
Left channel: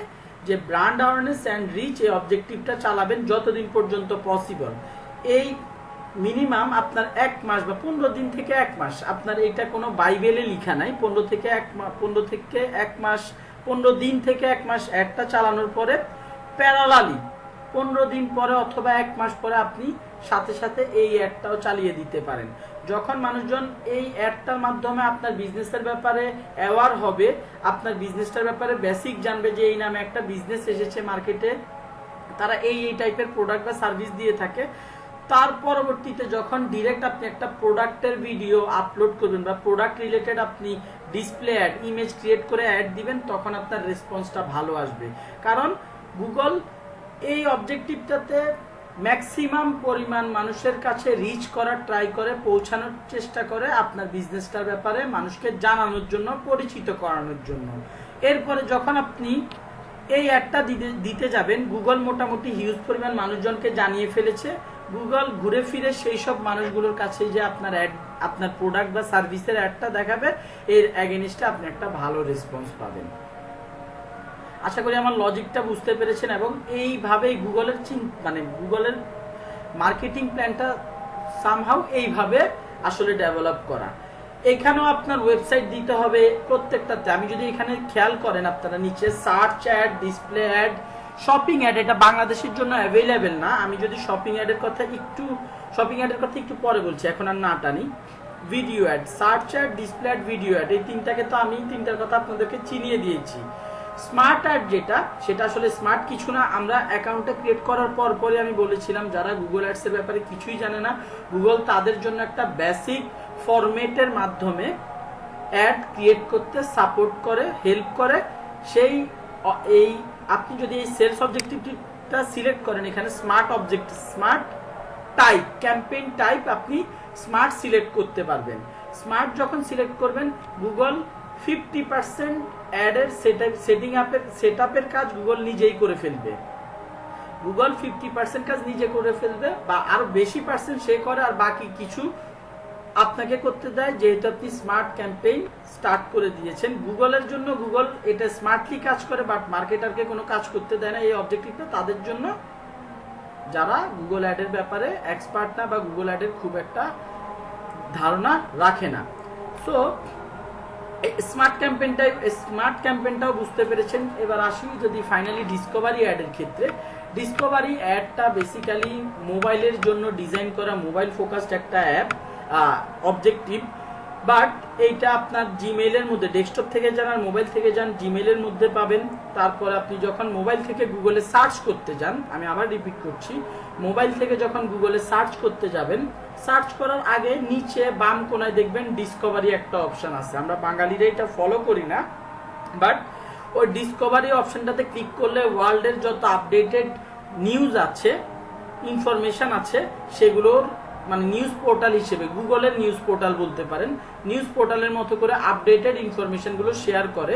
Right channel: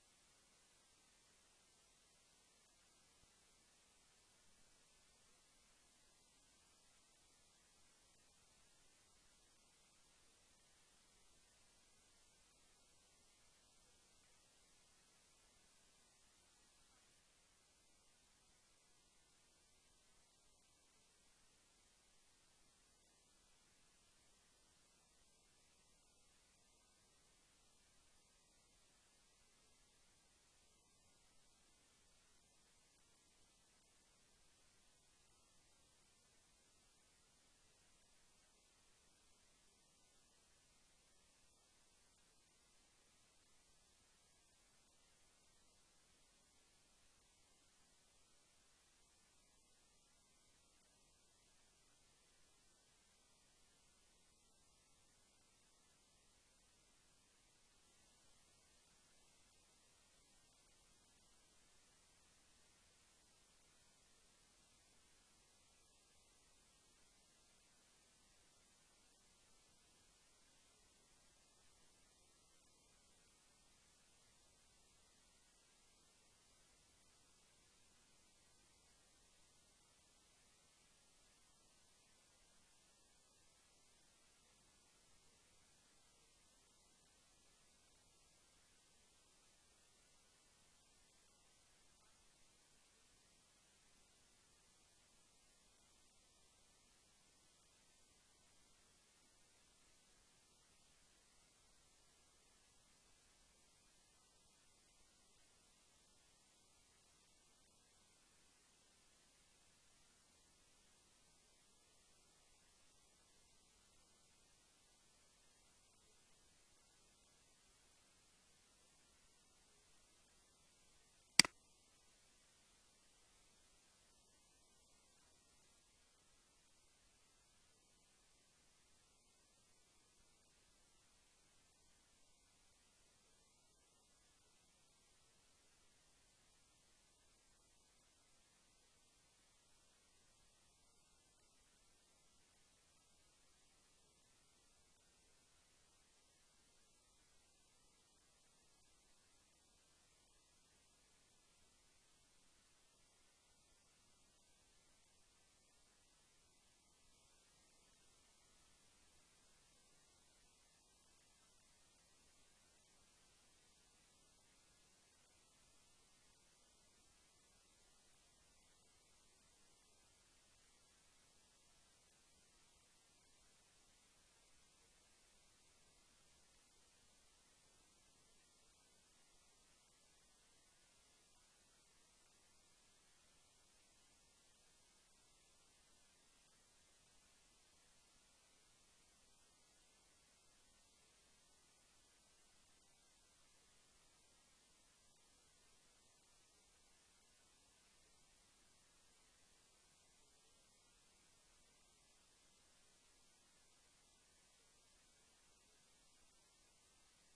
যে ব্র্যান্ড অ্যাওয়ারনেস অ্যান্ড রিচ এই অবজেক্টিভটা চালাবেন যতদিন পর্যন্ত পসিবল। এই মিনিমাম আপনার 1 মাস বা 15 দিন থেকে 1 মাস, আপনার এটা কোনো বাইবেলে লেখা নাই, 15 থেকে 1 মাস 15 দিন থেকে 1 মাস অ্যাডটা চালানোর পরে প্যারালালি 15 দিন পরে অথবা 1 মাস পরে আপনি সাথে সাথে এই অ্যাডটাও চালিয়ে দিতে পারেন। যখন মানুষজন এই অ্যাডটার মাধ্যমে আপনার বিজনেসের ব্যাপারে অ্যাওয়ার হবে, আপনার বিজনেসটার ব্যাপারে বেসিক জানবে যে এই নামে একটা বিজনেস এসেছে মার্কেটে, তারা এই টাইপের প্রোডাক্ট বা সার্ভিস দিয়ে থাকে, তার পরবর্তীতে যখন ডিরেক্ট আপনি একটা প্রোডাক্টের ভিডিও আপলোড করবেন বা প্রোডাক্ট রিলেটেড আপনি ডিসপ্লে অ্যাড, ইমেজ ক্রিয়েট করে অ্যাড দিবেন, তখন আপনার রেসপন্সটা ভালো আসবে। কারণ গুগল এই অবজেক্টিভটাতে ম্যাক্সিমাম পরিমাণ মানুষের কাছে রিচ করার ট্রাই করে, পৌঁছানোর চেষ্টা করে আপনার বিজনেসটার ব্যাপারে মানুষকে জানানোর জন্য, পরিচিত করানোর জন্য। এরপরে যখন আপনি এই অ্যাডটা দিতে যাবেন, গুগল মোটামুটি হিউজ পরিমাণ মানুষজনকে জানিয়ে ফেলেছে। গুগল ঘুরে ফিরে সেই সব মানুষগুলোর কাছে যে আপনার অ্যাড, আপনার প্রোডাক্ট বা সার্ভিসের অ্যাডটা দেখাবে, এর অ্যাগেনিস্টে আপনি একটা ভালো রেসপন্স পাবেন। আশা করি আমার লজিকটা বুঝতে পেরেছেন এবং এইভাবেই গুগলের গুগলের মার্কেটিং প্ল্যানটা সামহাউ এইভাবে আসলে ডেভেলপ করা। এখানেও আপনার ওয়েবসাইট দিতে হবে প্রত্যেকটাতে। আমি যদি এখানে খেয়াল করেন আপনারা নিচে search ad, display ad, shopping ad, এটা বাংলাদেশের জন্য অ্যাভেলেবেল না। আমি যদি শপিং অ্যাডের কথা একটু পরে বলছি, এখন আর না টানি। Video ad, search ad, display ad, video ad, এই তিনটাকে তো আমি তিনটার কথা আপনাদেরকে চিনিয়ে দিয়েছি। স্মার্ট অ্যাড যেটা, সেটা আসলে স্মার্ট কিছু না। আমরা অ্যাকাউন্টটা ক্রিয়েট করার পরই আমি বলেছিলাম যারা গুগল অ্যাডসের ব্যাপারে কিছুই জানে না, গুগল তাদের জন্য একটা বেসিক ফরম্যাটের মাধ্যমে অ্যাড ক্রিয়েট করতে সাপোর্ট করে, হেল্প করে। এই আপনি যদি এই সেলস অবজেক্টিভটা সিলেক্ট করেন, এখানে স্মার্ট টাইপ, ক্যাম্পেইন টাইপ আপনি স্মার্ট সিলেক্ট করতে পারবেন। স্মার্ট যখন সিলেক্ট করবেন, গুগল 50% অ্যাডের সেটআপের কাজ গুগল নিজেই করে ফেলবে। গুগল 50% কাজ নিজে করে ফেলবে বা আরো বেশি পার্সেন্ট সে করে, আর বাকি কিছু আপনাকে করতে দেয়, যেহেতু আপনি স্মার্ট ক্যাম্পেইন স্টার্ট করে দিয়েছেন। গুগলের জন্য গুগল এটা স্মার্টলি কাজ করে, বাট মার্কেটারকে কোনো কাজ করতে দেয় না। এই অবজেক্টিভটা তাদের জন্য যারা গুগল অ্যাডের ব্যাপারে এক্সপার্ট না বা গুগল অ্যাডের খুব একটা ধারণা রাখে না। সো স্মার্ট ক্যাম্পেইনটাও বুঝতে পেরেছেন। এবার আসি যদি ফাইনালি ডিসকভারি অ্যাডের ক্ষেত্রে, ডিসকভারি অ্যাডটা বেসিক্যালি মোবাইলের জন্য ডিজাইন করা, মোবাইল ফোকাসড একটা অ্যাপ অবজেক্টিভ। বাট এইটা আপনার জিমেইলের মধ্যে, ডেস্কটপ থেকে যান আর মোবাইল থেকে যান, জিমেইলের মধ্যে পাবেন। তারপর আপনি যখন মোবাইল থেকে গুগলে সার্চ করতে যান, আমি আবার রিপিট করছি, মোবাইল থেকে যখন গুগলে সার্চ করতে যাবেন, সার্চ করার আগে নিচে বাম কোনায় দেখবেন ডিসকভারি একটা অপশন আছে। আমরা বাঙালিরা এটা ফলো করি না, বাট ওই ডিসকভারি অপশনটাতে ক্লিক করলে ওয়ার্ল্ডের যত আপডেটেড নিউজ আছে, ইনফরমেশন আছে, সেগুলোর মানে নিউজ পোর্টাল হিসেবে, গুগলের নিউজ পোর্টাল বলতে পারেন, নিউজ পোর্টালের মতো করে আপডেটেড ইনফরমেশনগুলো শেয়ার করে।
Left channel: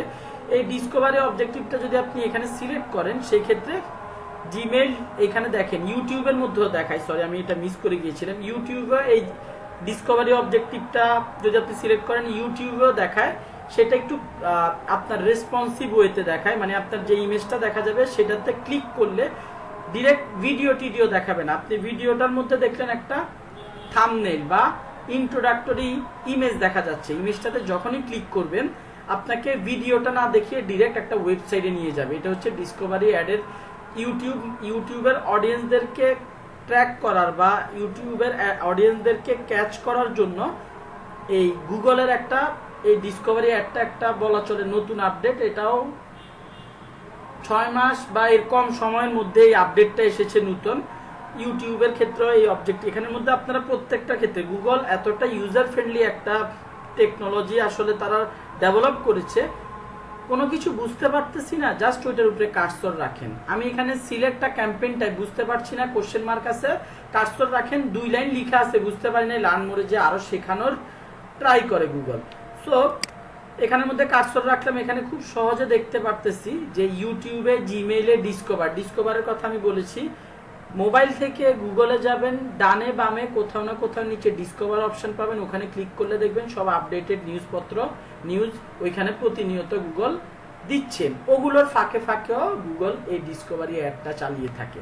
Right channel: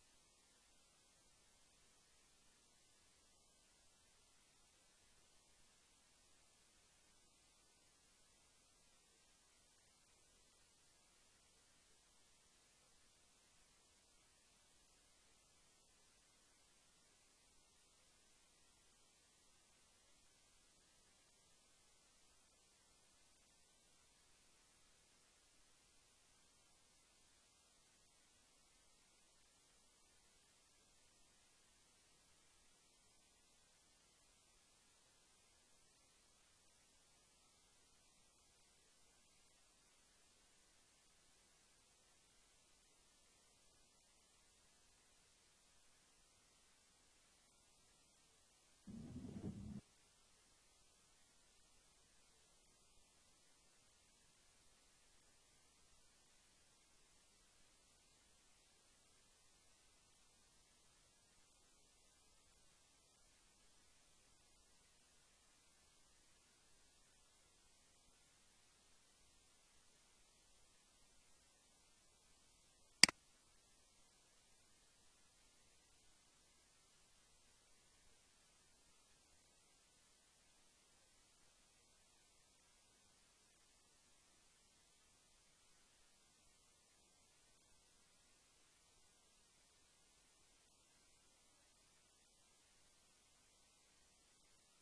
এই ডিসকভারি অবজেক্টিভটা যদি আপনি এখানে সিলেক্ট করেন, সেই ক্ষেত্রে জিমেইল এখানে দেখেন, ইউটিউবের মধ্যেও দেখায়, সরি আমি এটা মিস করে গিয়েছিলাম, ইউটিউবে এই ডিসকভারি অবজেক্টিভটা যদি আপনি সিলেক্ট করেন, ইউটিউবেও দেখায়। সেটা একটু আপনার রেসপন্সিভ ওয়েতে দেখায়, মানে আপনার যে ইমেজটা দেখা যাবে সেটাতে ক্লিক করলে ডিরেক্ট ভিডিও দেখাবে না। আপনি ভিডিওটার মধ্যে দেখলেন একটা থাম্বনেইল বা ইন্ট্রোডাক্টরি ইমেজ দেখা যাচ্ছে, ইমেজটাতে যখনই ক্লিক করবেন আপনাকে ভিডিওটা না দেখিয়ে ডিরেক্ট একটা ওয়েবসাইটে নিয়ে যাবে। এটা হচ্ছে ডিসকভারি অ্যাডের ইউটিউবের অডিয়েন্সদেরকে ট্র্যাক করার বা ইউটিউবের অডিয়েন্সদেরকে ক্যাচ করার জন্য এই গুগলের একটা, এই ডিসকভারি অ্যাডটা একটা বলা চলে নতুন আপডেট। এটাও 6 মাস বা এর কম সময়ের মধ্যে এই আপডেটটা এসেছে নতুন। ইউটিউবের ক্ষেত্রে এই অবজেক্ট, এখানের মধ্যে আপনারা প্রত্যেকটা ক্ষেত্রে গুগল এতটা ইউজার ফ্রেন্ডলি একটা টেকনোলজি আসলে তারা ডেভেলপ করেছে, কোনো কিছু বুঝতে পারতেছি না, জাস্ট ওইটার উপরে কার্সর রাখেন। আমি এখানে সিলেক্ট আ ক্যাম্পেইন টাইপ, বুঝতে পারছি না, কোশ্চেন মার্ক আছে, কার্সর রাখেন, 2 লাইন লেখা আছে, বুঝতে পারি না, লার্ন মোরে যে আরো শেখানোর ট্রাই করে গুগল। সো এখানের মধ্যে কার্সর রাখলাম, এখানে খুব সহজে দেখতে পারতেছি যে ইউটিউবে, জিমেইলে ডিসকভারের কথা আমি বলেছি। মোবাইল থেকে গুগলে যাবেন, ডানে বামে কোথাও না কোথাও নিচে ডিসকভার অপশন পাবেন, ওখানে ক্লিক করলে দেখবেন সব আপডেটেড নিউজ ওইখানে প্রতিনিয়ত গুগল দিচ্ছেন। ওগুলোর ফাঁকে ফাঁকেও গুগল এই ডিসকভারি অ্যাডটা চালিয়ে থাকে।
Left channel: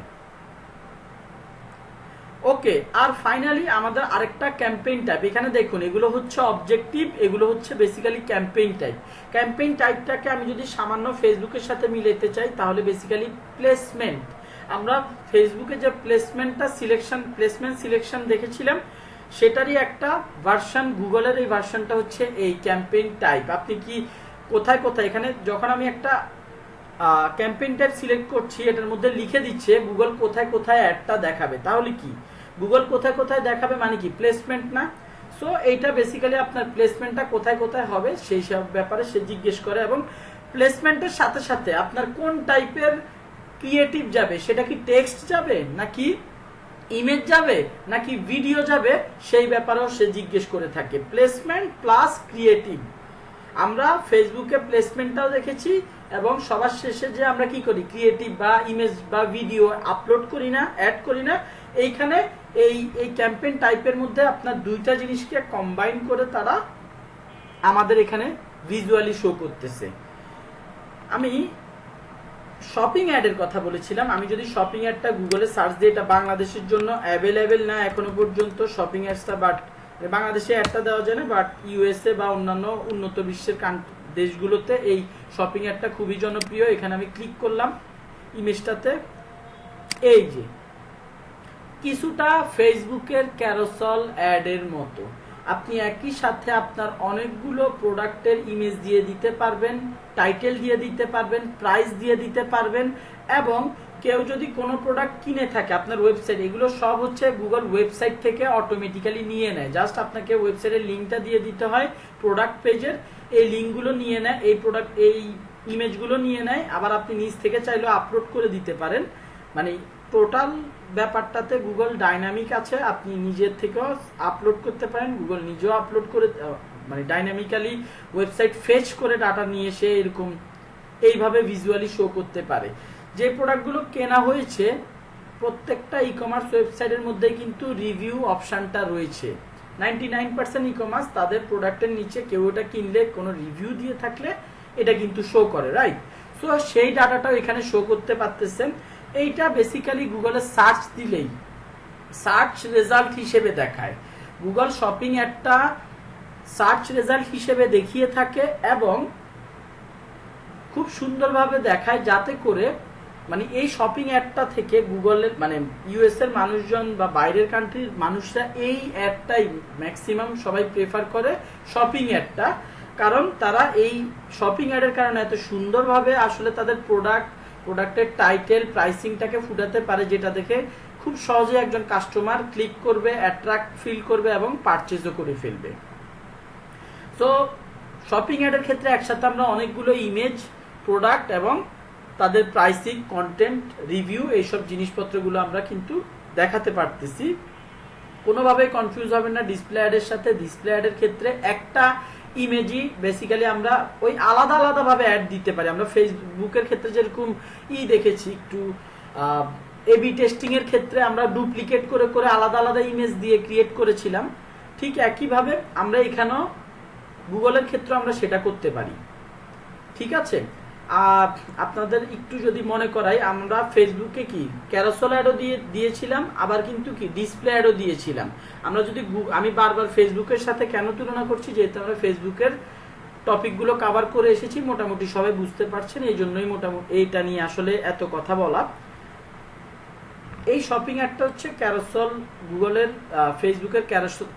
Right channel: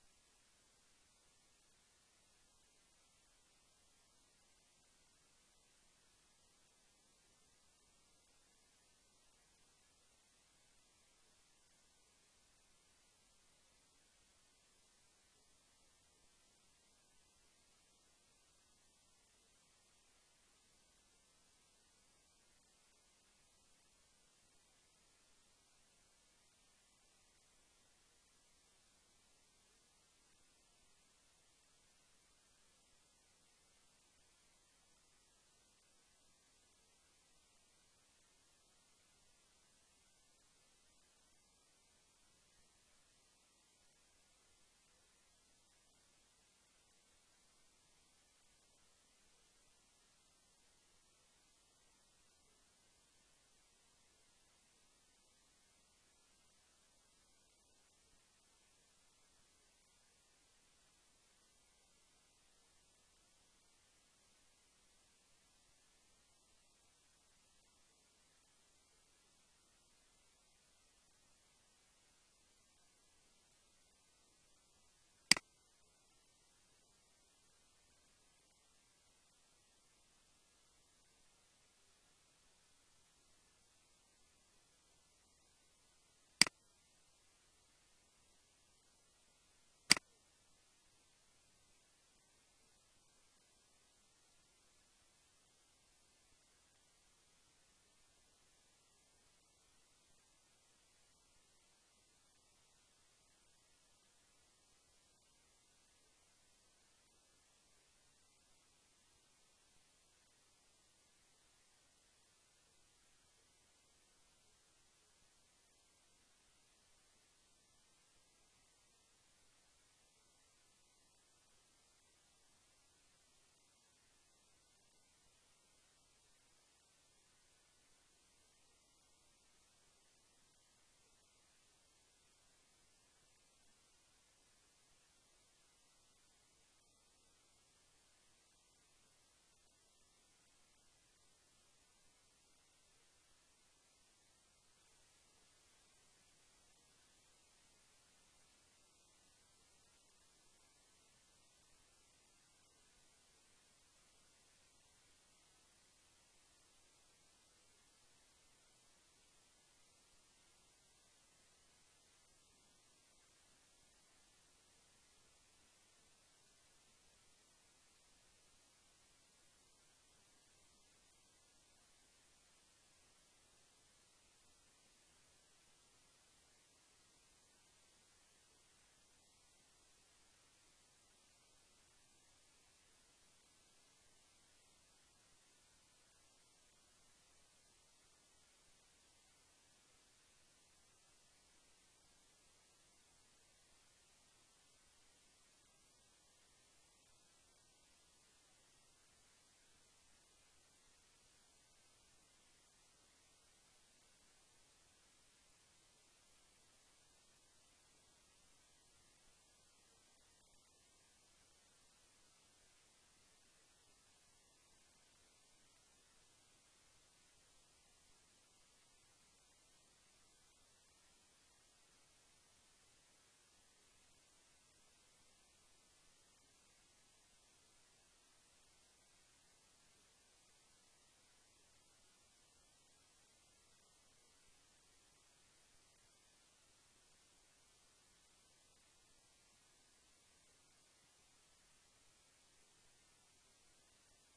ওকে, আর ফাইনালি আমাদের আরেকটা ক্যাম্পেইন টাইপ। এখানে দেখুন এগুলো হচ্ছে অবজেক্টিভ, এগুলো হচ্ছে বেসিক্যালি ক্যাম্পেইন টাইপ। ক্যাম্পেইন টাইপটাকে আমি যদি সামান্য ফেসবুকের সাথে মিলাতে চাই তাহলে বেসিক্যালি প্লেসমেন্ট। আমরা ফেসবুকে যে প্লেসমেন্ট সিলেকশন দেখেছিলাম সেটারই একটা ভার্সন, গুগলের এই ভার্সনটা হচ্ছে এই ক্যাম্পেইন টাইপ। আপনি কি কোথায় কোথায়, এখানে যখন আমি একটা ক্যাম্পেইন টাইপ সিলেক্ট করছি এটার মধ্যে লিখে দিচ্ছে গুগল কোথায় কোথায় অ্যাডটা দেখাবে। তাহলে কি গুগল কোথায় কোথায় দেখাবে মানে কি প্লেসমেন্ট না? সো এইটা বেসিক্যালি আপনার প্লেসমেন্টটা কোথায় কোথায় হবে সেই সব ব্যাপারে সে জিজ্ঞেস করে, এবং প্লেসমেন্টের সাথে সাথে আপনার কোন টাইপের ক্রিয়েটিভ যাবে, সেটা কি টেক্সট যাবে নাকি ইমেজ যাবে নাকি ভিডিও যাবে, সেই ব্যাপারেও সে জিজ্ঞেস করে থাকে। Placement plus creative. আমরা ফেসবুকে প্লেসমেন্টটাও দেখেছি এবং সবার শেষে যে আমরা কি করি ক্রিয়েটিভ বা ইমেজ বা ভিডিও আপলোড করি না, অ্যাড করি না, এইখানে এই ক্যাম্পেইন টাইপের মধ্যে আপনার দুইটা জিনিসকে কম্বাইন করে তারা আমাদের এখানে ভিজুয়ালি শো করতেছে। আমি শপিং অ্যাডের কথা বলেছিলাম। আমি যদি শপিং অ্যাডটা গুগলে সার্চ দিই, এটা বাংলাদেশের জন্য অ্যাভেলেবেল না এখনো পর্যন্ত শপিং অ্যাডসটা, বাট বাংলাদেশে অ্যাডটা দেওয়া যায় না, বাট ইউএসএ বা অন্যান্য উন্নত বিশ্বের দেশগুলোতে এই শপিং অ্যাডটা খুবই জনপ্রিয়। এখানে আমি ক্লিক করলাম ইমেজটাতে, এই যে কিছুটা ফেসবুকের ক্যারোসেল অ্যাডের মতো আপনি একই সাথে আপনার অনেকগুলো প্রোডাক্টের ইমেজ দিয়ে দিতে পারবেন, টাইটেল দিয়ে দিতে পারবেন, প্রাইস দিয়ে দিতে পারবেন, এবং কেউ যদি কোনো প্রোডাক্ট কিনে থাকে আপনার ওয়েবসাইট, এগুলো সব হচ্ছে গুগল ওয়েবসাইট থেকে অটোমেটিক্যালি নিয়ে নেয়। জাস্ট আপনাকে ওয়েবসাইটের লিঙ্কটা দিয়ে দিতে হয় প্রোডাক্ট পেজের, এই লিঙ্কগুলো নিয়ে নেয়, এই ইমেজগুলো নিয়ে নেয়, আবার আপনি নিজ থেকে চাইলেও আপলোড করে দিতে পারেন। মানে টোটাল ব্যাপারটাতে গুগল ডাইনামিক আছে, আপনি নিজের থেকেও আপলোড করতে পারেন, গুগল নিজেও আপলোড করে মানে ডাইনামিক্যালি ওয়েবসাইট ফেচ করে ডাটা নিয়ে এসে এরকম এইভাবে ভিজুয়ালি শো করতে পারে। যে প্রোডাক্টগুলো কেনা হয়েছে প্রত্যেকটা ই কমার্স ওয়েবসাইটের মধ্যে কিন্তু রিভিউ অপশানটা রয়েছে। 99% ই কমার্স তাদের প্রোডাক্টের নিচে কেউ এটা কিনলে কোনো রিভিউ দিয়ে থাকলে এটা কিন্তু শো করে, রাইট? সো সেই ডাটাটাও এখানে শো করতে পারতেছেন। এইটা বেসিক্যালি গুগলে সার্চ দিলেই সার্চ রেজাল্ট হিসেবে দেখায়। গুগল শপিং একটা সার্চ রেজাল্ট হিসেবে দেখিয়ে থাকে এবং খুব সুন্দরভাবে দেখায়, যাতে করে মানে এই শপিং অ্যাডটা থেকে গুগলের মানে ইউএস এর মানুষজন বা বাইরের কান্ট্রির মানুষরা এই অ্যাডটাই ম্যাক্সিমাম সবাই প্রেফার করে শপিং অ্যাডটা, কারণ তারা এই শপিং অ্যাডের কারণে এত সুন্দরভাবে আসলে তাদের প্রোডাক্টের টাইটেল প্রাইসিংটাকে ফুটাতে পারে, যেটা দেখে খুব সহজে একজন কাস্টমার ক্লিক করবে, অ্যাট্রাক্ট ফিল করবে এবং পারচেজও করে ফেলবে। সো শপিং অ্যাডের ক্ষেত্রে একসাথে আমরা অনেকগুলো ইমেজ, প্রোডাক্ট এবং তাদের প্রাইসিং, কন্টেন্ট, রিভিউ এইসব জিনিসপত্রগুলো আমরা কিন্তু দেখাতে পারতেছি। কোনোভাবে কনফিউজ হবেন না ডিসপ্লে অ্যাডের সাথে। ডিসপ্লে অ্যাডের ক্ষেত্রে একটা ইমেজই বেসিক্যালি আমরা ওই আলাদা আলাদাভাবে অ্যাড দিতে পারি। আমরা ফেসবুকের ক্ষেত্রে যেরকম দেখেছি একটু এবি টেস্টিং এর ক্ষেত্রে আমরা ডুপ্লিকেট করে করে আলাদা আলাদা ইমেজ দিয়ে ক্রিয়েট করেছিলাম, ঠিক একইভাবে আমরা এখানেও গুগলের ক্ষেত্রে আমরা সেটা করতে পারি। ঠিক আছে, আর আপনাদের একটু যদি মনে করাই, আমরা ফেসবুকে কি ক্যারোসেল অ্যাডও দিয়েছিলাম, আবার কিন্তু কি ডিসপ্লে অ্যাডও দিয়েছিলাম। আমরা যদি আমি বারবার ফেসবুকের সাথে কেন তুলনা করছি, যেহেতু আমরা ফেসবুকের টপিকগুলো কভার করে এসেছি, মোটামুটি সবাই বুঝতে পারছেন, এই জন্যই মোটামুটি এইটা নিয়ে আসলে এত কথা বলা। এই শপিং অ্যাডটা হচ্ছে ক্যারোসেল, গুগলের ফেসবুকের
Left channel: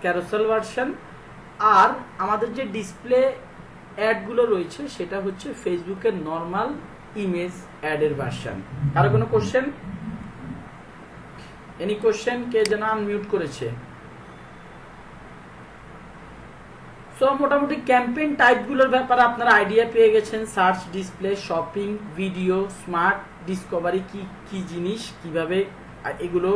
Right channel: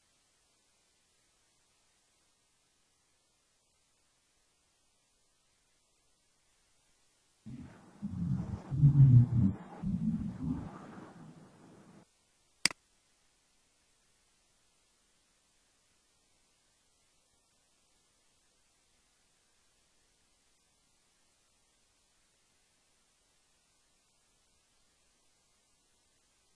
ক্যারোসেল ভার্সন, আর আমাদের যে ডিসপ্লে অ্যাডগুলো রয়েছে সেটা হচ্ছে ফেসবুকের নর্মাল ইমেজ অ্যাডের ভার্সন। কারো কোনো কোশ্চেন? Any question? কে যেন আনমিউট করেছে? সো মোটামুটি ক্যাম্পেইন টাইপগুলোর ব্যাপারে আপনারা আইডিয়া পেয়ে গেছেন। Search, display, shopping, video, smart, Discovery কি কি জিনিস, কিভাবে এগুলো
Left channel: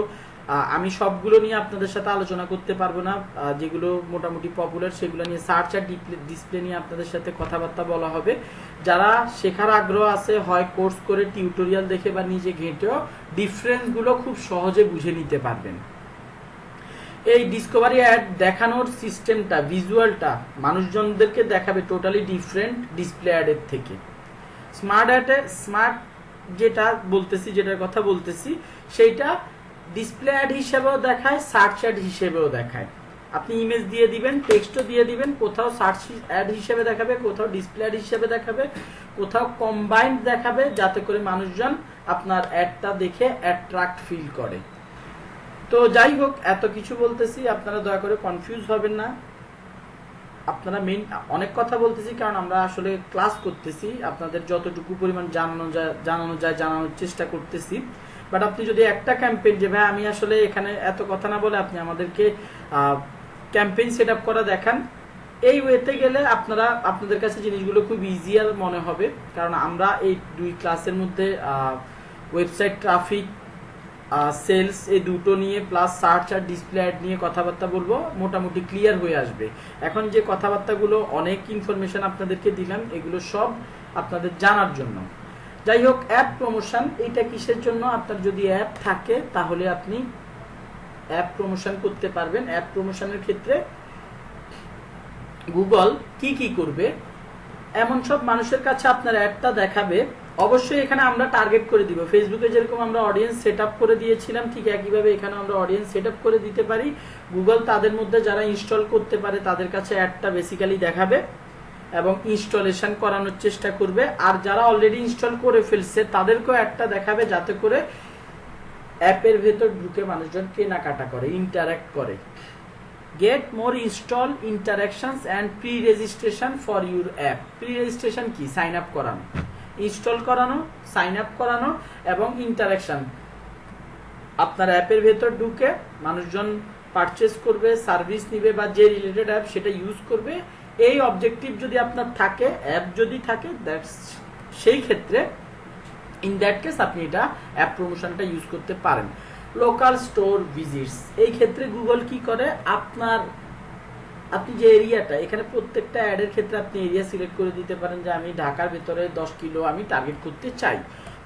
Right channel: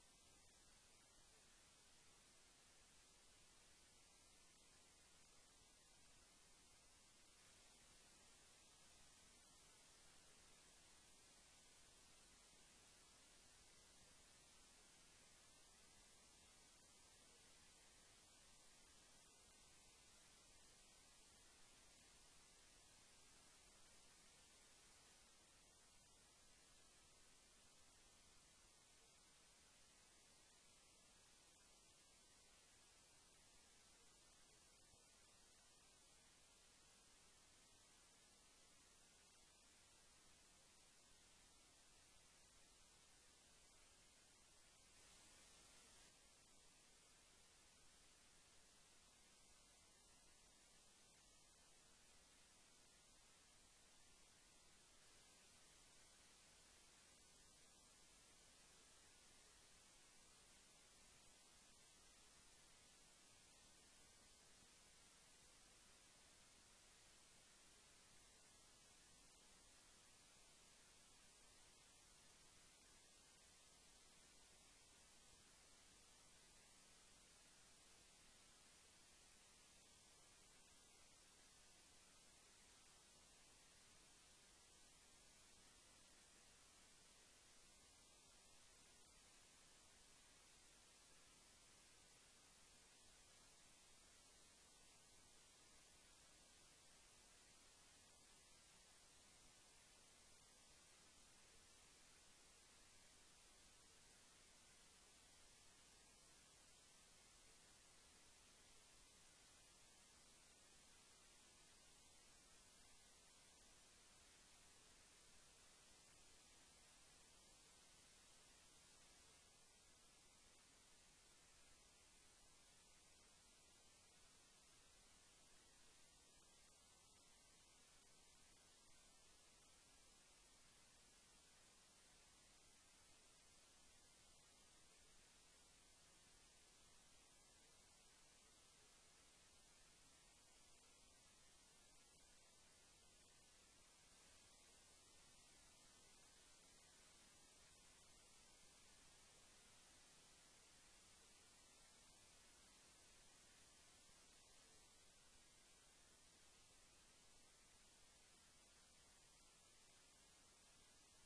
আমি সবগুলো নিয়ে আপনাদের সাথে আলোচনা করতে পারবো না, যেগুলো মোটামুটি পপুলার সেগুলো নিয়ে সার্চ আর ডিসপ্লে নিয়ে আপনাদের সাথে কথাবার্তা বলা হবে। যারা শেখার আগ্রহ আছে, হয় কোর্স করে টিউটোরিয়াল দেখে বা নিজে ঘেঁটেও ডিফারেন্সগুলো খুব সহজে বুঝে নিতে পারবেন। এই ডিসকভারি অ্যাড দেখানোর সিস্টেমটা, ভিজুয়ালটা মানুষজনদেরকে দেখাবে টোটালি ডিফারেন্ট ডিসপ্লে অ্যাডের থেকে। স্মার্ট যেটা বলতেছি, যেটার কথা বলতেছি, সেইটা ডিসপ্লে অ্যাড হিসেবেও দেখায়, সার্চ অ্যাড হিসেবেও দেখায়। আপনি ইমেজ দিয়ে দিবেন, টেক্সটও দিয়ে দিবেন, কোথাও সার্চ অ্যাড হিসেবে দেখাবে, কোথাও ডিসপ্লে অ্যাড হিসেবে দেখাবে, কোথাও কম্বাইন্ড দেখাবে, যাতে করে মানুষজন আপনার অ্যাডটা দেখে অ্যাট্রাক্ট ফিল করে। তো যাই হোক, এত কিছু বলতেছি, আপনারা দয়া করে কনফিউজ হবেন না। আপনারা অনেক কথা বলতেছি কারণ আমরা আসলে ক্লাস করতেছি, আপনাদের যতটুকু পরিমাণ জানানো যায় জানানোর চেষ্টা করতেছি। বাট আপনি যদি একটা ক্যাম্পেইন, যে ভাই আমি আসলে এখানে এত কথা না বলে আপনি আমাদেরকে ক্যাম্পেইন সেট আপ করা দেখান, এই ওয়েতে গেলে আপনাদের কাছে জিনিসগুলো খুব ইজিয়ার মনে হবে। কারণ আমরা এই 2 ক্লাসের মধ্যে ওয়েবসাইট ট্রাফিক, সেলস, এই দুটো নিয়ে প্লাস সার্চ আর ডিসপ্লে অ্যাড নিয়ে কথাবার্তা বলবো, মোটামুটি ক্লিয়ার হয়ে আসবে। এখন যে কথাবার্তাগুলো, অনেক ইনফরমেশন আপনাদেরকে দিলাম, এগুলো সব আপনাদের জানার জন্য। যাই হোক, অ্যাপ প্রমোশন, এটা কিসের জন্য? আপনার যদি অ্যাপ থাকে তাহলে আপনি অ্যাপ প্রমোশন করতে পারবেন। অ্যাপ প্রমোশনের ক্ষেত্রে গুগল কি করবে, এমন সব মানুষের কাছে আপনার অ্যাডটা দেখাবে। অবশ্যই এখানে আমরা টার্গেট করে দিব। ফেসবুকে যেরকম আমরা অডিয়েন্স সেট আপ করে দিয়েছিলাম, ঠিক একইভাবে এখানে আমরা অডিয়েন্স সেট আপ করে দিতে পারি। গুগল তাদের মধ্যে যারা ইনস্টল করতে পারে তাদের কাছে অ্যাডটা বেসিক্যালি দেখাবে এবং ইনস্টলেশন করানোর চেষ্টা করবে। আর যারা অলরেডি ইনস্টল করে ফেলছে তাদেরকেও অ্যাডটা দেখাবে, যাতে করে অ্যাপের ভেতর ঢুকে মানুষজন কেনাকাটা করে, ইন্টারঅ্যাক্ট করে। Get more install interactions and pre registration for your app. Pre registration কি? সাইন আপ করানো, ইনস্টল করানো, সাইন আপ করানো এবং ইন্টারাকশন। আপনার অ্যাপের ভেতর ঢুকে মানুষজন পারচেস করবে, সার্ভিস নিবে বা যে রিলেটেড অ্যাপ সেটা ইউজ করবে। এই অবজেক্টিভ যদি আপনার থাকে, অ্যাপ যদি থাকে, সেই ক্ষেত্রে ইন দ্যাট কেস আপনি এটা অ্যাপ প্রমোশনটা ইউজ করতে পারেন। লোকাল স্টোর ভিজিটস, এই ক্ষেত্রে গুগল কি করে, আপনি যে এরিয়াটা, এখানে প্রত্যেকটা অ্যাডের ক্ষেত্রে আপনি এরিয়া সিলেক্ট করে দিতে পারেন যে আমি ঢাকার ভেতরে 10 কিলো আমি টার্গেট করতে চাই।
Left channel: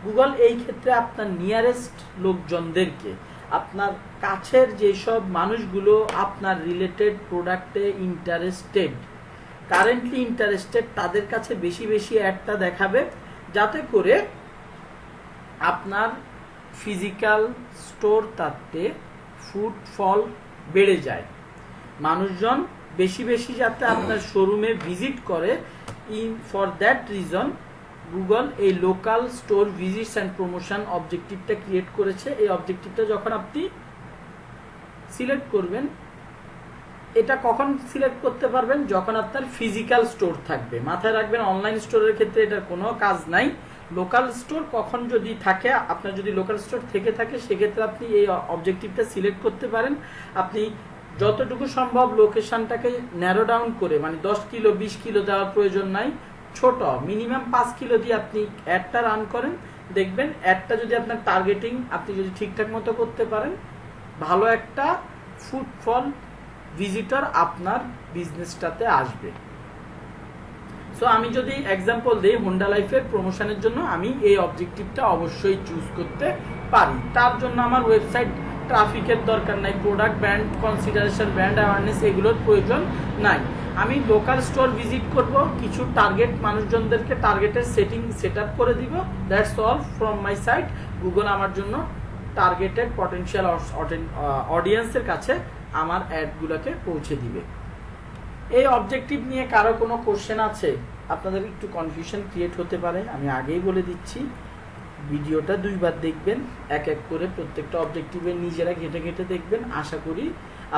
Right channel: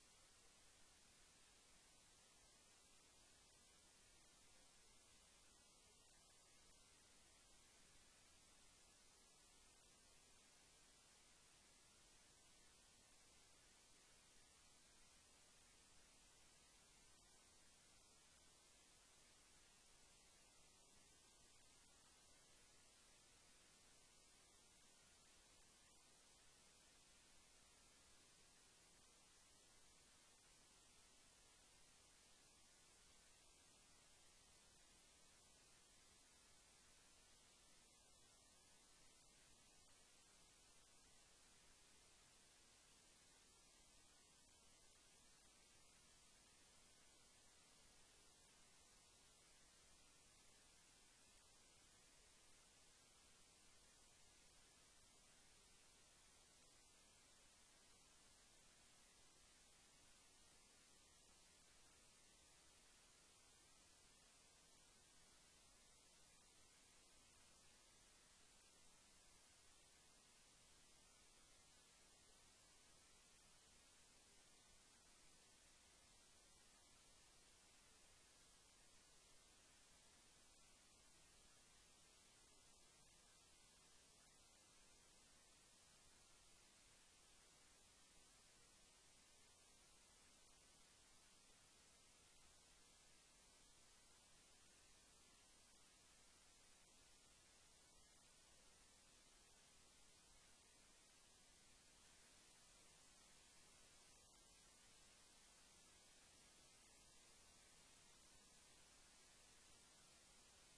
গুগল এই ক্ষেত্রে আপনার নিয়ারেস্ট লোকজনদেরকে, আপনার কাছের যেসব মানুষগুলো আপনার রিলেটেড প্রোডাক্টে কারেন্টলি ইন্টারেস্টেড, তাদের কাছে বেশি অ্যাডটা দেখাবে, যাতে করে আপনার ফিজিক্যাল স্টোর তাতে ফুটফল বেড়ে যায়, মানুষজন বেশি যাতে আপনার শোরুমে ভিজিট করে। ফর দ্যাট রিজন গুগল এই local store visits and promotion অবজেক্টিভটা ক্রিয়েট করেছে। এই অবজেক্টিভটা যখন আপনি সিলেক্ট করবেন, এটা কখন সিলেক্ট করতে পারবেন? যখন আপনার ফিজিক্যাল স্টোর থাকবে। মাথায় রাখবেন, অনলাইন স্টোরের ক্ষেত্রে এটার কোনো কাজ নাই। লোকাল স্টোর কখন যদি থাকে, আপনার যদি লোকাল স্টোর থেকে থাকে, সেক্ষেত্রে আপনি এই অবজেক্টিভটা সিলেক্ট করতে পারেন। আপনি যতটুকু সম্ভব লোকেশনটাকে ন্যারো ডাউন করে, মানে 10 কিলো 20 কিলো দেওয়ার প্রয়োজন নাই, ছোট মিনিমাম 5 কিলো দিয়ে আপনি অ্যাডটা রান করেন। দেখবেন অ্যাডটা যদি আপনার টার্গেটিং আপনি যদি ঠিকঠাক মতো করতে পারেন, ভালো একটা ফুটফল ভিজিটর আপনার বিজনেসটাতে আসবে। সো আমি যদি এক্সাম্পল দিই, হোন্ডা লাইফের প্রমোশনের জন্য আমি এই অবজেক্টিভটা অবশ্যই চুজ করতে পারি। তার জন্য আমার ওয়েবসাইট ট্রাফিকের দরকার নাই, product brand consideration, brand awareness এগুলোর প্রয়োজন নাই। আমি লোকাল স্টোর ভিজিট করব, কিছু টার্গেট মানুষজনদেরকে টার্গেটের সেট আপ করে দিব। That's all from my side. Google আমার জন্য টার্গেটেড পটেনশিয়াল অডিয়েন্সের কাছে আমার অ্যাডগুলোকে পৌঁছে দিবে। এই অবজেক্টিভ নিয়ে কারো কোনো কোশ্চেন আছে? আপনাদের একটু কনফিউশন ক্রিয়েট হতে পারে, আমি আগেই বলে দিচ্ছি। ভিডিওটা 2 বার দেখবেন, এক করে প্রত্যেকটা অবজেক্টিভের নিজেরা ঘেটে দেখবেন। আশা করি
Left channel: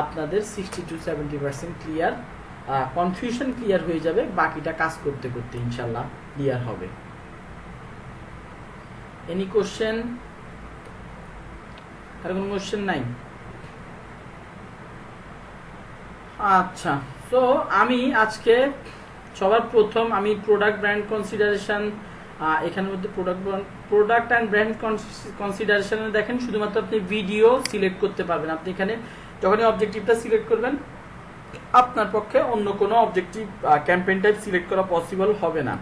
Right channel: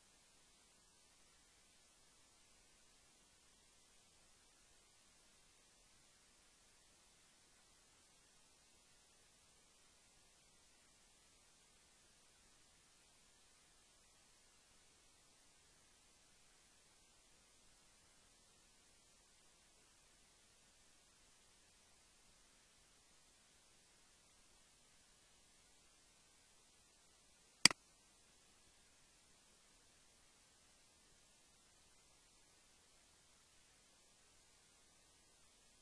আপনাদের 60 to 70% ক্লিয়ার, কনফিউশন ক্লিয়ার হয়ে যাবে। বাকিটা কাজ করতে করতে ইনশাল্লাহ ক্লিয়ার হবে। Any question? আর কোনো কোশ্চেন নাই? আচ্ছা, তো আমি আজকে সবার প্রথম আমি প্রোডাক্ট ব্র্যান্ড কনসিডারেশন, এখানের মধ্যে প্রোডাক্ট অ্যান্ড ব্র্যান্ড কনসিডারেশনে দেখেন শুধুমাত্র আপনি ভিডিও সিলেক্ট করতে পারবেন। আপনি এখানে যখনই অবজেক্টিভটা সিলেক্ট করবেন, আপনার পক্ষে অন্য কোনো অবজেক্টিভ ক্যাম্পেইন টাইপ সিলেক্ট করা পসিবল হবে না।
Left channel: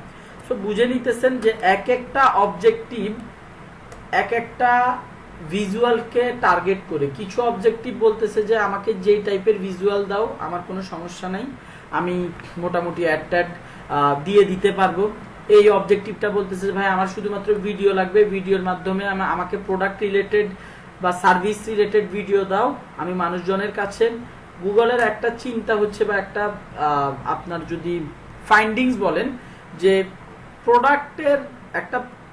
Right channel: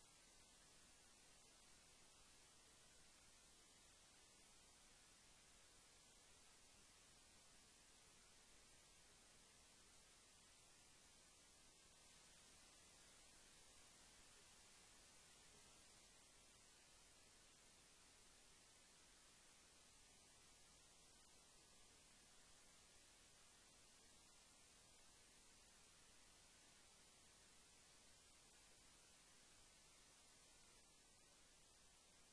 সো বুঝে নিতেছেন যে এক একটা অবজেক্টিভ এক একটা ভিজুয়ালকে টার্গেট করে। কিছু অবজেক্টিভ বলতেছে যে আমাকে যেই টাইপের ভিজুয়াল দাও, আমার কোনো সমস্যা নাই, আমি মোটামুটি অ্যাড দিয়ে দিতে পারবো। এই অবজেক্টিভটা বলতেছে ভাই আমার শুধুমাত্র ভিডিও লাগবে, ভিডিওর মাধ্যমে আমাকে প্রোডাক্ট রিলেটেড বা সার্ভিস রিলেটেড ভিডিও দাও, আমি মানুষজনের কাছে গুগলের একটা চিন্তা হচ্ছে বা একটা আপনার যদি ফাইন্ডিংস বলেন যে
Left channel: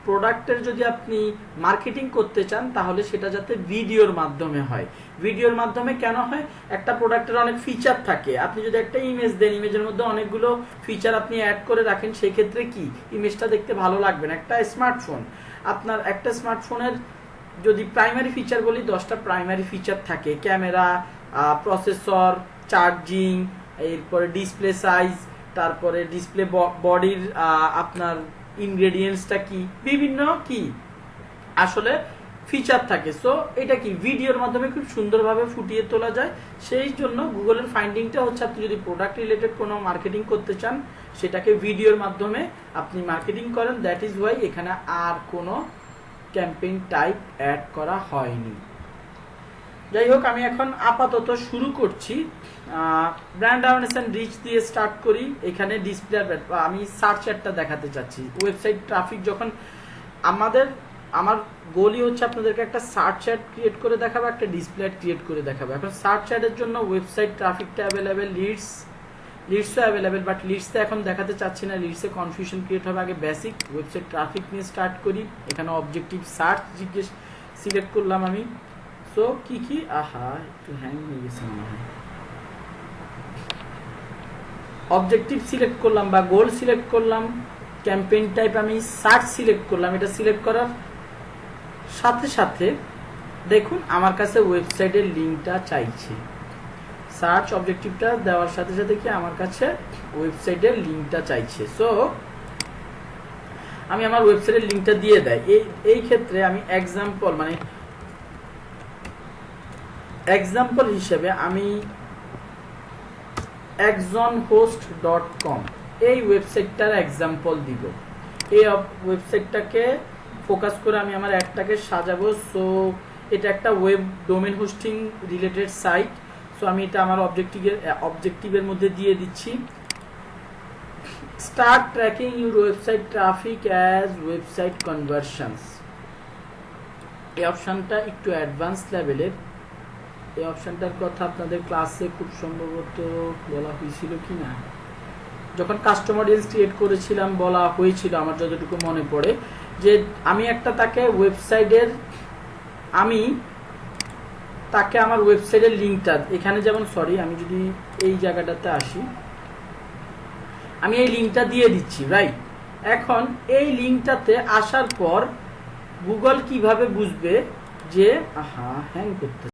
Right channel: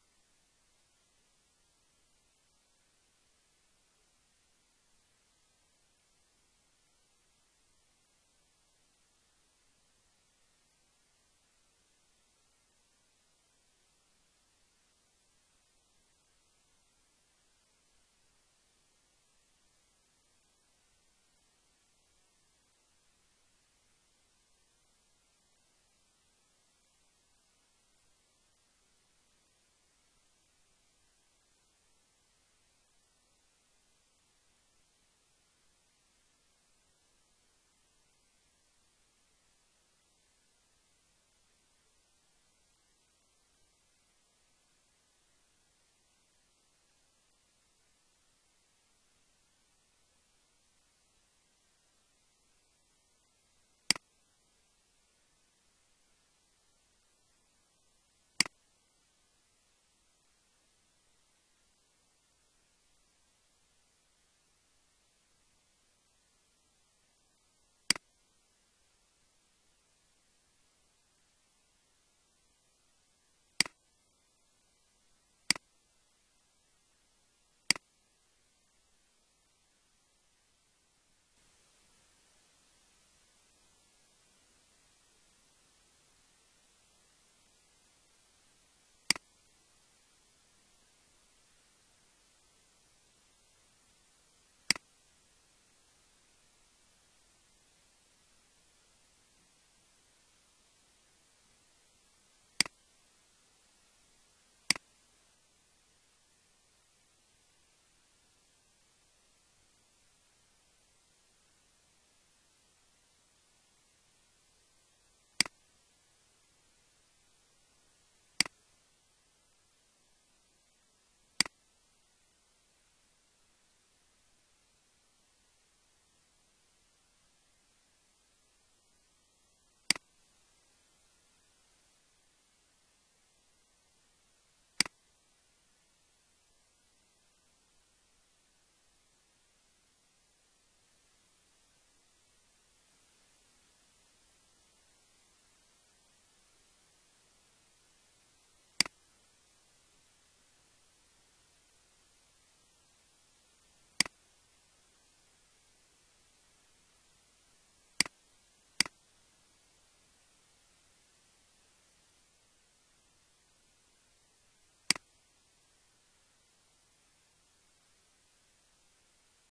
প্রোডাক্টের যদি আপনি মার্কেটিং করতে চান তাহলে সেটা যাতে ভিডিওর মাধ্যমে হয়। ভিডিওর মাধ্যমে কেন হয়? একটা প্রোডাক্টের অনেক ফিচার থাকে, আপনি যদি একটা ইমেজ দেন, ইমেজের মধ্যে অনেকগুলো ফিচার আপনি অ্যাড করে রাখেন, সেই ক্ষেত্রে কি ইমেজটা দেখতে ভালো লাগবে না। একটা স্মার্টফোন, আপনার একটা স্মার্টফোনের যদি প্রাইমারি ফিচার বলি 10টা প্রাইমারি ফিচার থাকে, ক্যামেরা, প্রসেসর, চার্জিং, এরপরে ডিসপ্লে সাইজ, তারপরে ডিসপ্লে বডির আপনার ইনগ্রেডিয়েন্টসটা কি, বিভিন্ন কি আসলে ফিচার থাকে। সো এটা কি ভিডিওর মাধ্যমে খুব সুন্দরভাবে ফুটিয়ে তোলা যায়। সেই জন্য গুগলের ফাইন্ডিংটা হচ্ছে আপনি যদি প্রোডাক্ট রিলেটেড কোনো মার্কেটিং করতে চান সেটাকে ভিডিওর মাধ্যমে আপনি মার্কেটিং করেন। দ্যাট ইজ ওয়াই এখানে আর কোনো ক্যাম্পেইন টাইপ অ্যাড করা হয়নি। যাই হোক, আমি এখন আপাতত শুরু করছি। ব্র্যান্ড অ্যাওয়ারনেস এন্ড রিচ দিয়ে স্টার্ট করি। এখানে ডিসপ্লে আমি সার্চ অ্যাডটা দেখাতে চাচ্ছি। ওয়েবসাইট ট্রাফিক যখন আমার গোলই হচ্ছে আপনাদেরকে একটা সার্চ অ্যাড ক্রিয়েট করে দেখাবো, একটা ডিসপ্লে অ্যাড ক্রিয়েট করে দেখাবো। এখন সার্চ অ্যাডের জন্য ওয়েবসাইট ট্রাফিকটা অ্যাভেলেবেল, লিডসও অ্যাভেলেবেল, বাট লিডসে এখন দেখাতে চাচ্ছি না, লিডসে কনফিউশন ক্রিয়েট হবে। আগে বেসিক ওয়েবসাইট ট্রাফিক নিয়ে স্টার্ট করি। এখানে অবজেক্টিভ সার্চ সিলেক্ট করলাম আমি। সো কি একটু হ্যাং হয়ে গেছে মনে হয়। অবজেক্টিভ সিলেক্ট করলাম বা গোল সিলেক্ট করলাম, ক্যাম্পেইন টাইপ আমি সার্চ সিলেক্ট করলাম। এটা সিলেক্ট করার সাথে সাথে দেখুন আমার কাছে ওয়েবসাইটের লিঙ্কটা চাইছে। সার্চ অবজেক্টিভটা দেওয়ার সাথে সাথে কি আমার কাছে ওয়েবসাইটের লিঙ্কটা চাইছে। সো আমি আমার ওয়েবসাইটের লিঙ্কটা দিয়ে দেয়। এই ক্ষেত্রে আমি এক্সাম্পল হিসেবে আমি exonhost.com এই ওয়েবসাইটটার এক্সাম্পল দিব। এই ওয়েবসাইটটাকে ফোকাস করে আমি আমার অ্যাডটাকে সাজাবো। সো এটা একটা web domain hosting related site. So আমি এটা আমার অবজেক্টিভের মধ্যে দিয়ে দিচ্ছি। Start tracking your website traffic as website conversions. এই অপশনটা একটু অ্যাডভান্স লেভেলের। এই অপশনটার কথা আপনাদের ক্লাসে খুব সম্ভবত বলা হয়েছিল কি না, যখন কাস্টম অডিয়েন্স ক্রিয়েট করেছিলাম বলা হয়েছিল আমার যতটুকু মনে পড়ে, যে আমি তাকে আমার ওয়েবসাইটের লিঙ্কটা এখানে যেমন আমি যদি এই জায়গাটাতে আসি, আমি এই লিঙ্কটা দিয়ে দিচ্ছি, রাইট? এখন এই লিঙ্কটাতে আসার পর গুগল কিভাবে বুঝবে যে হ্যাং করতে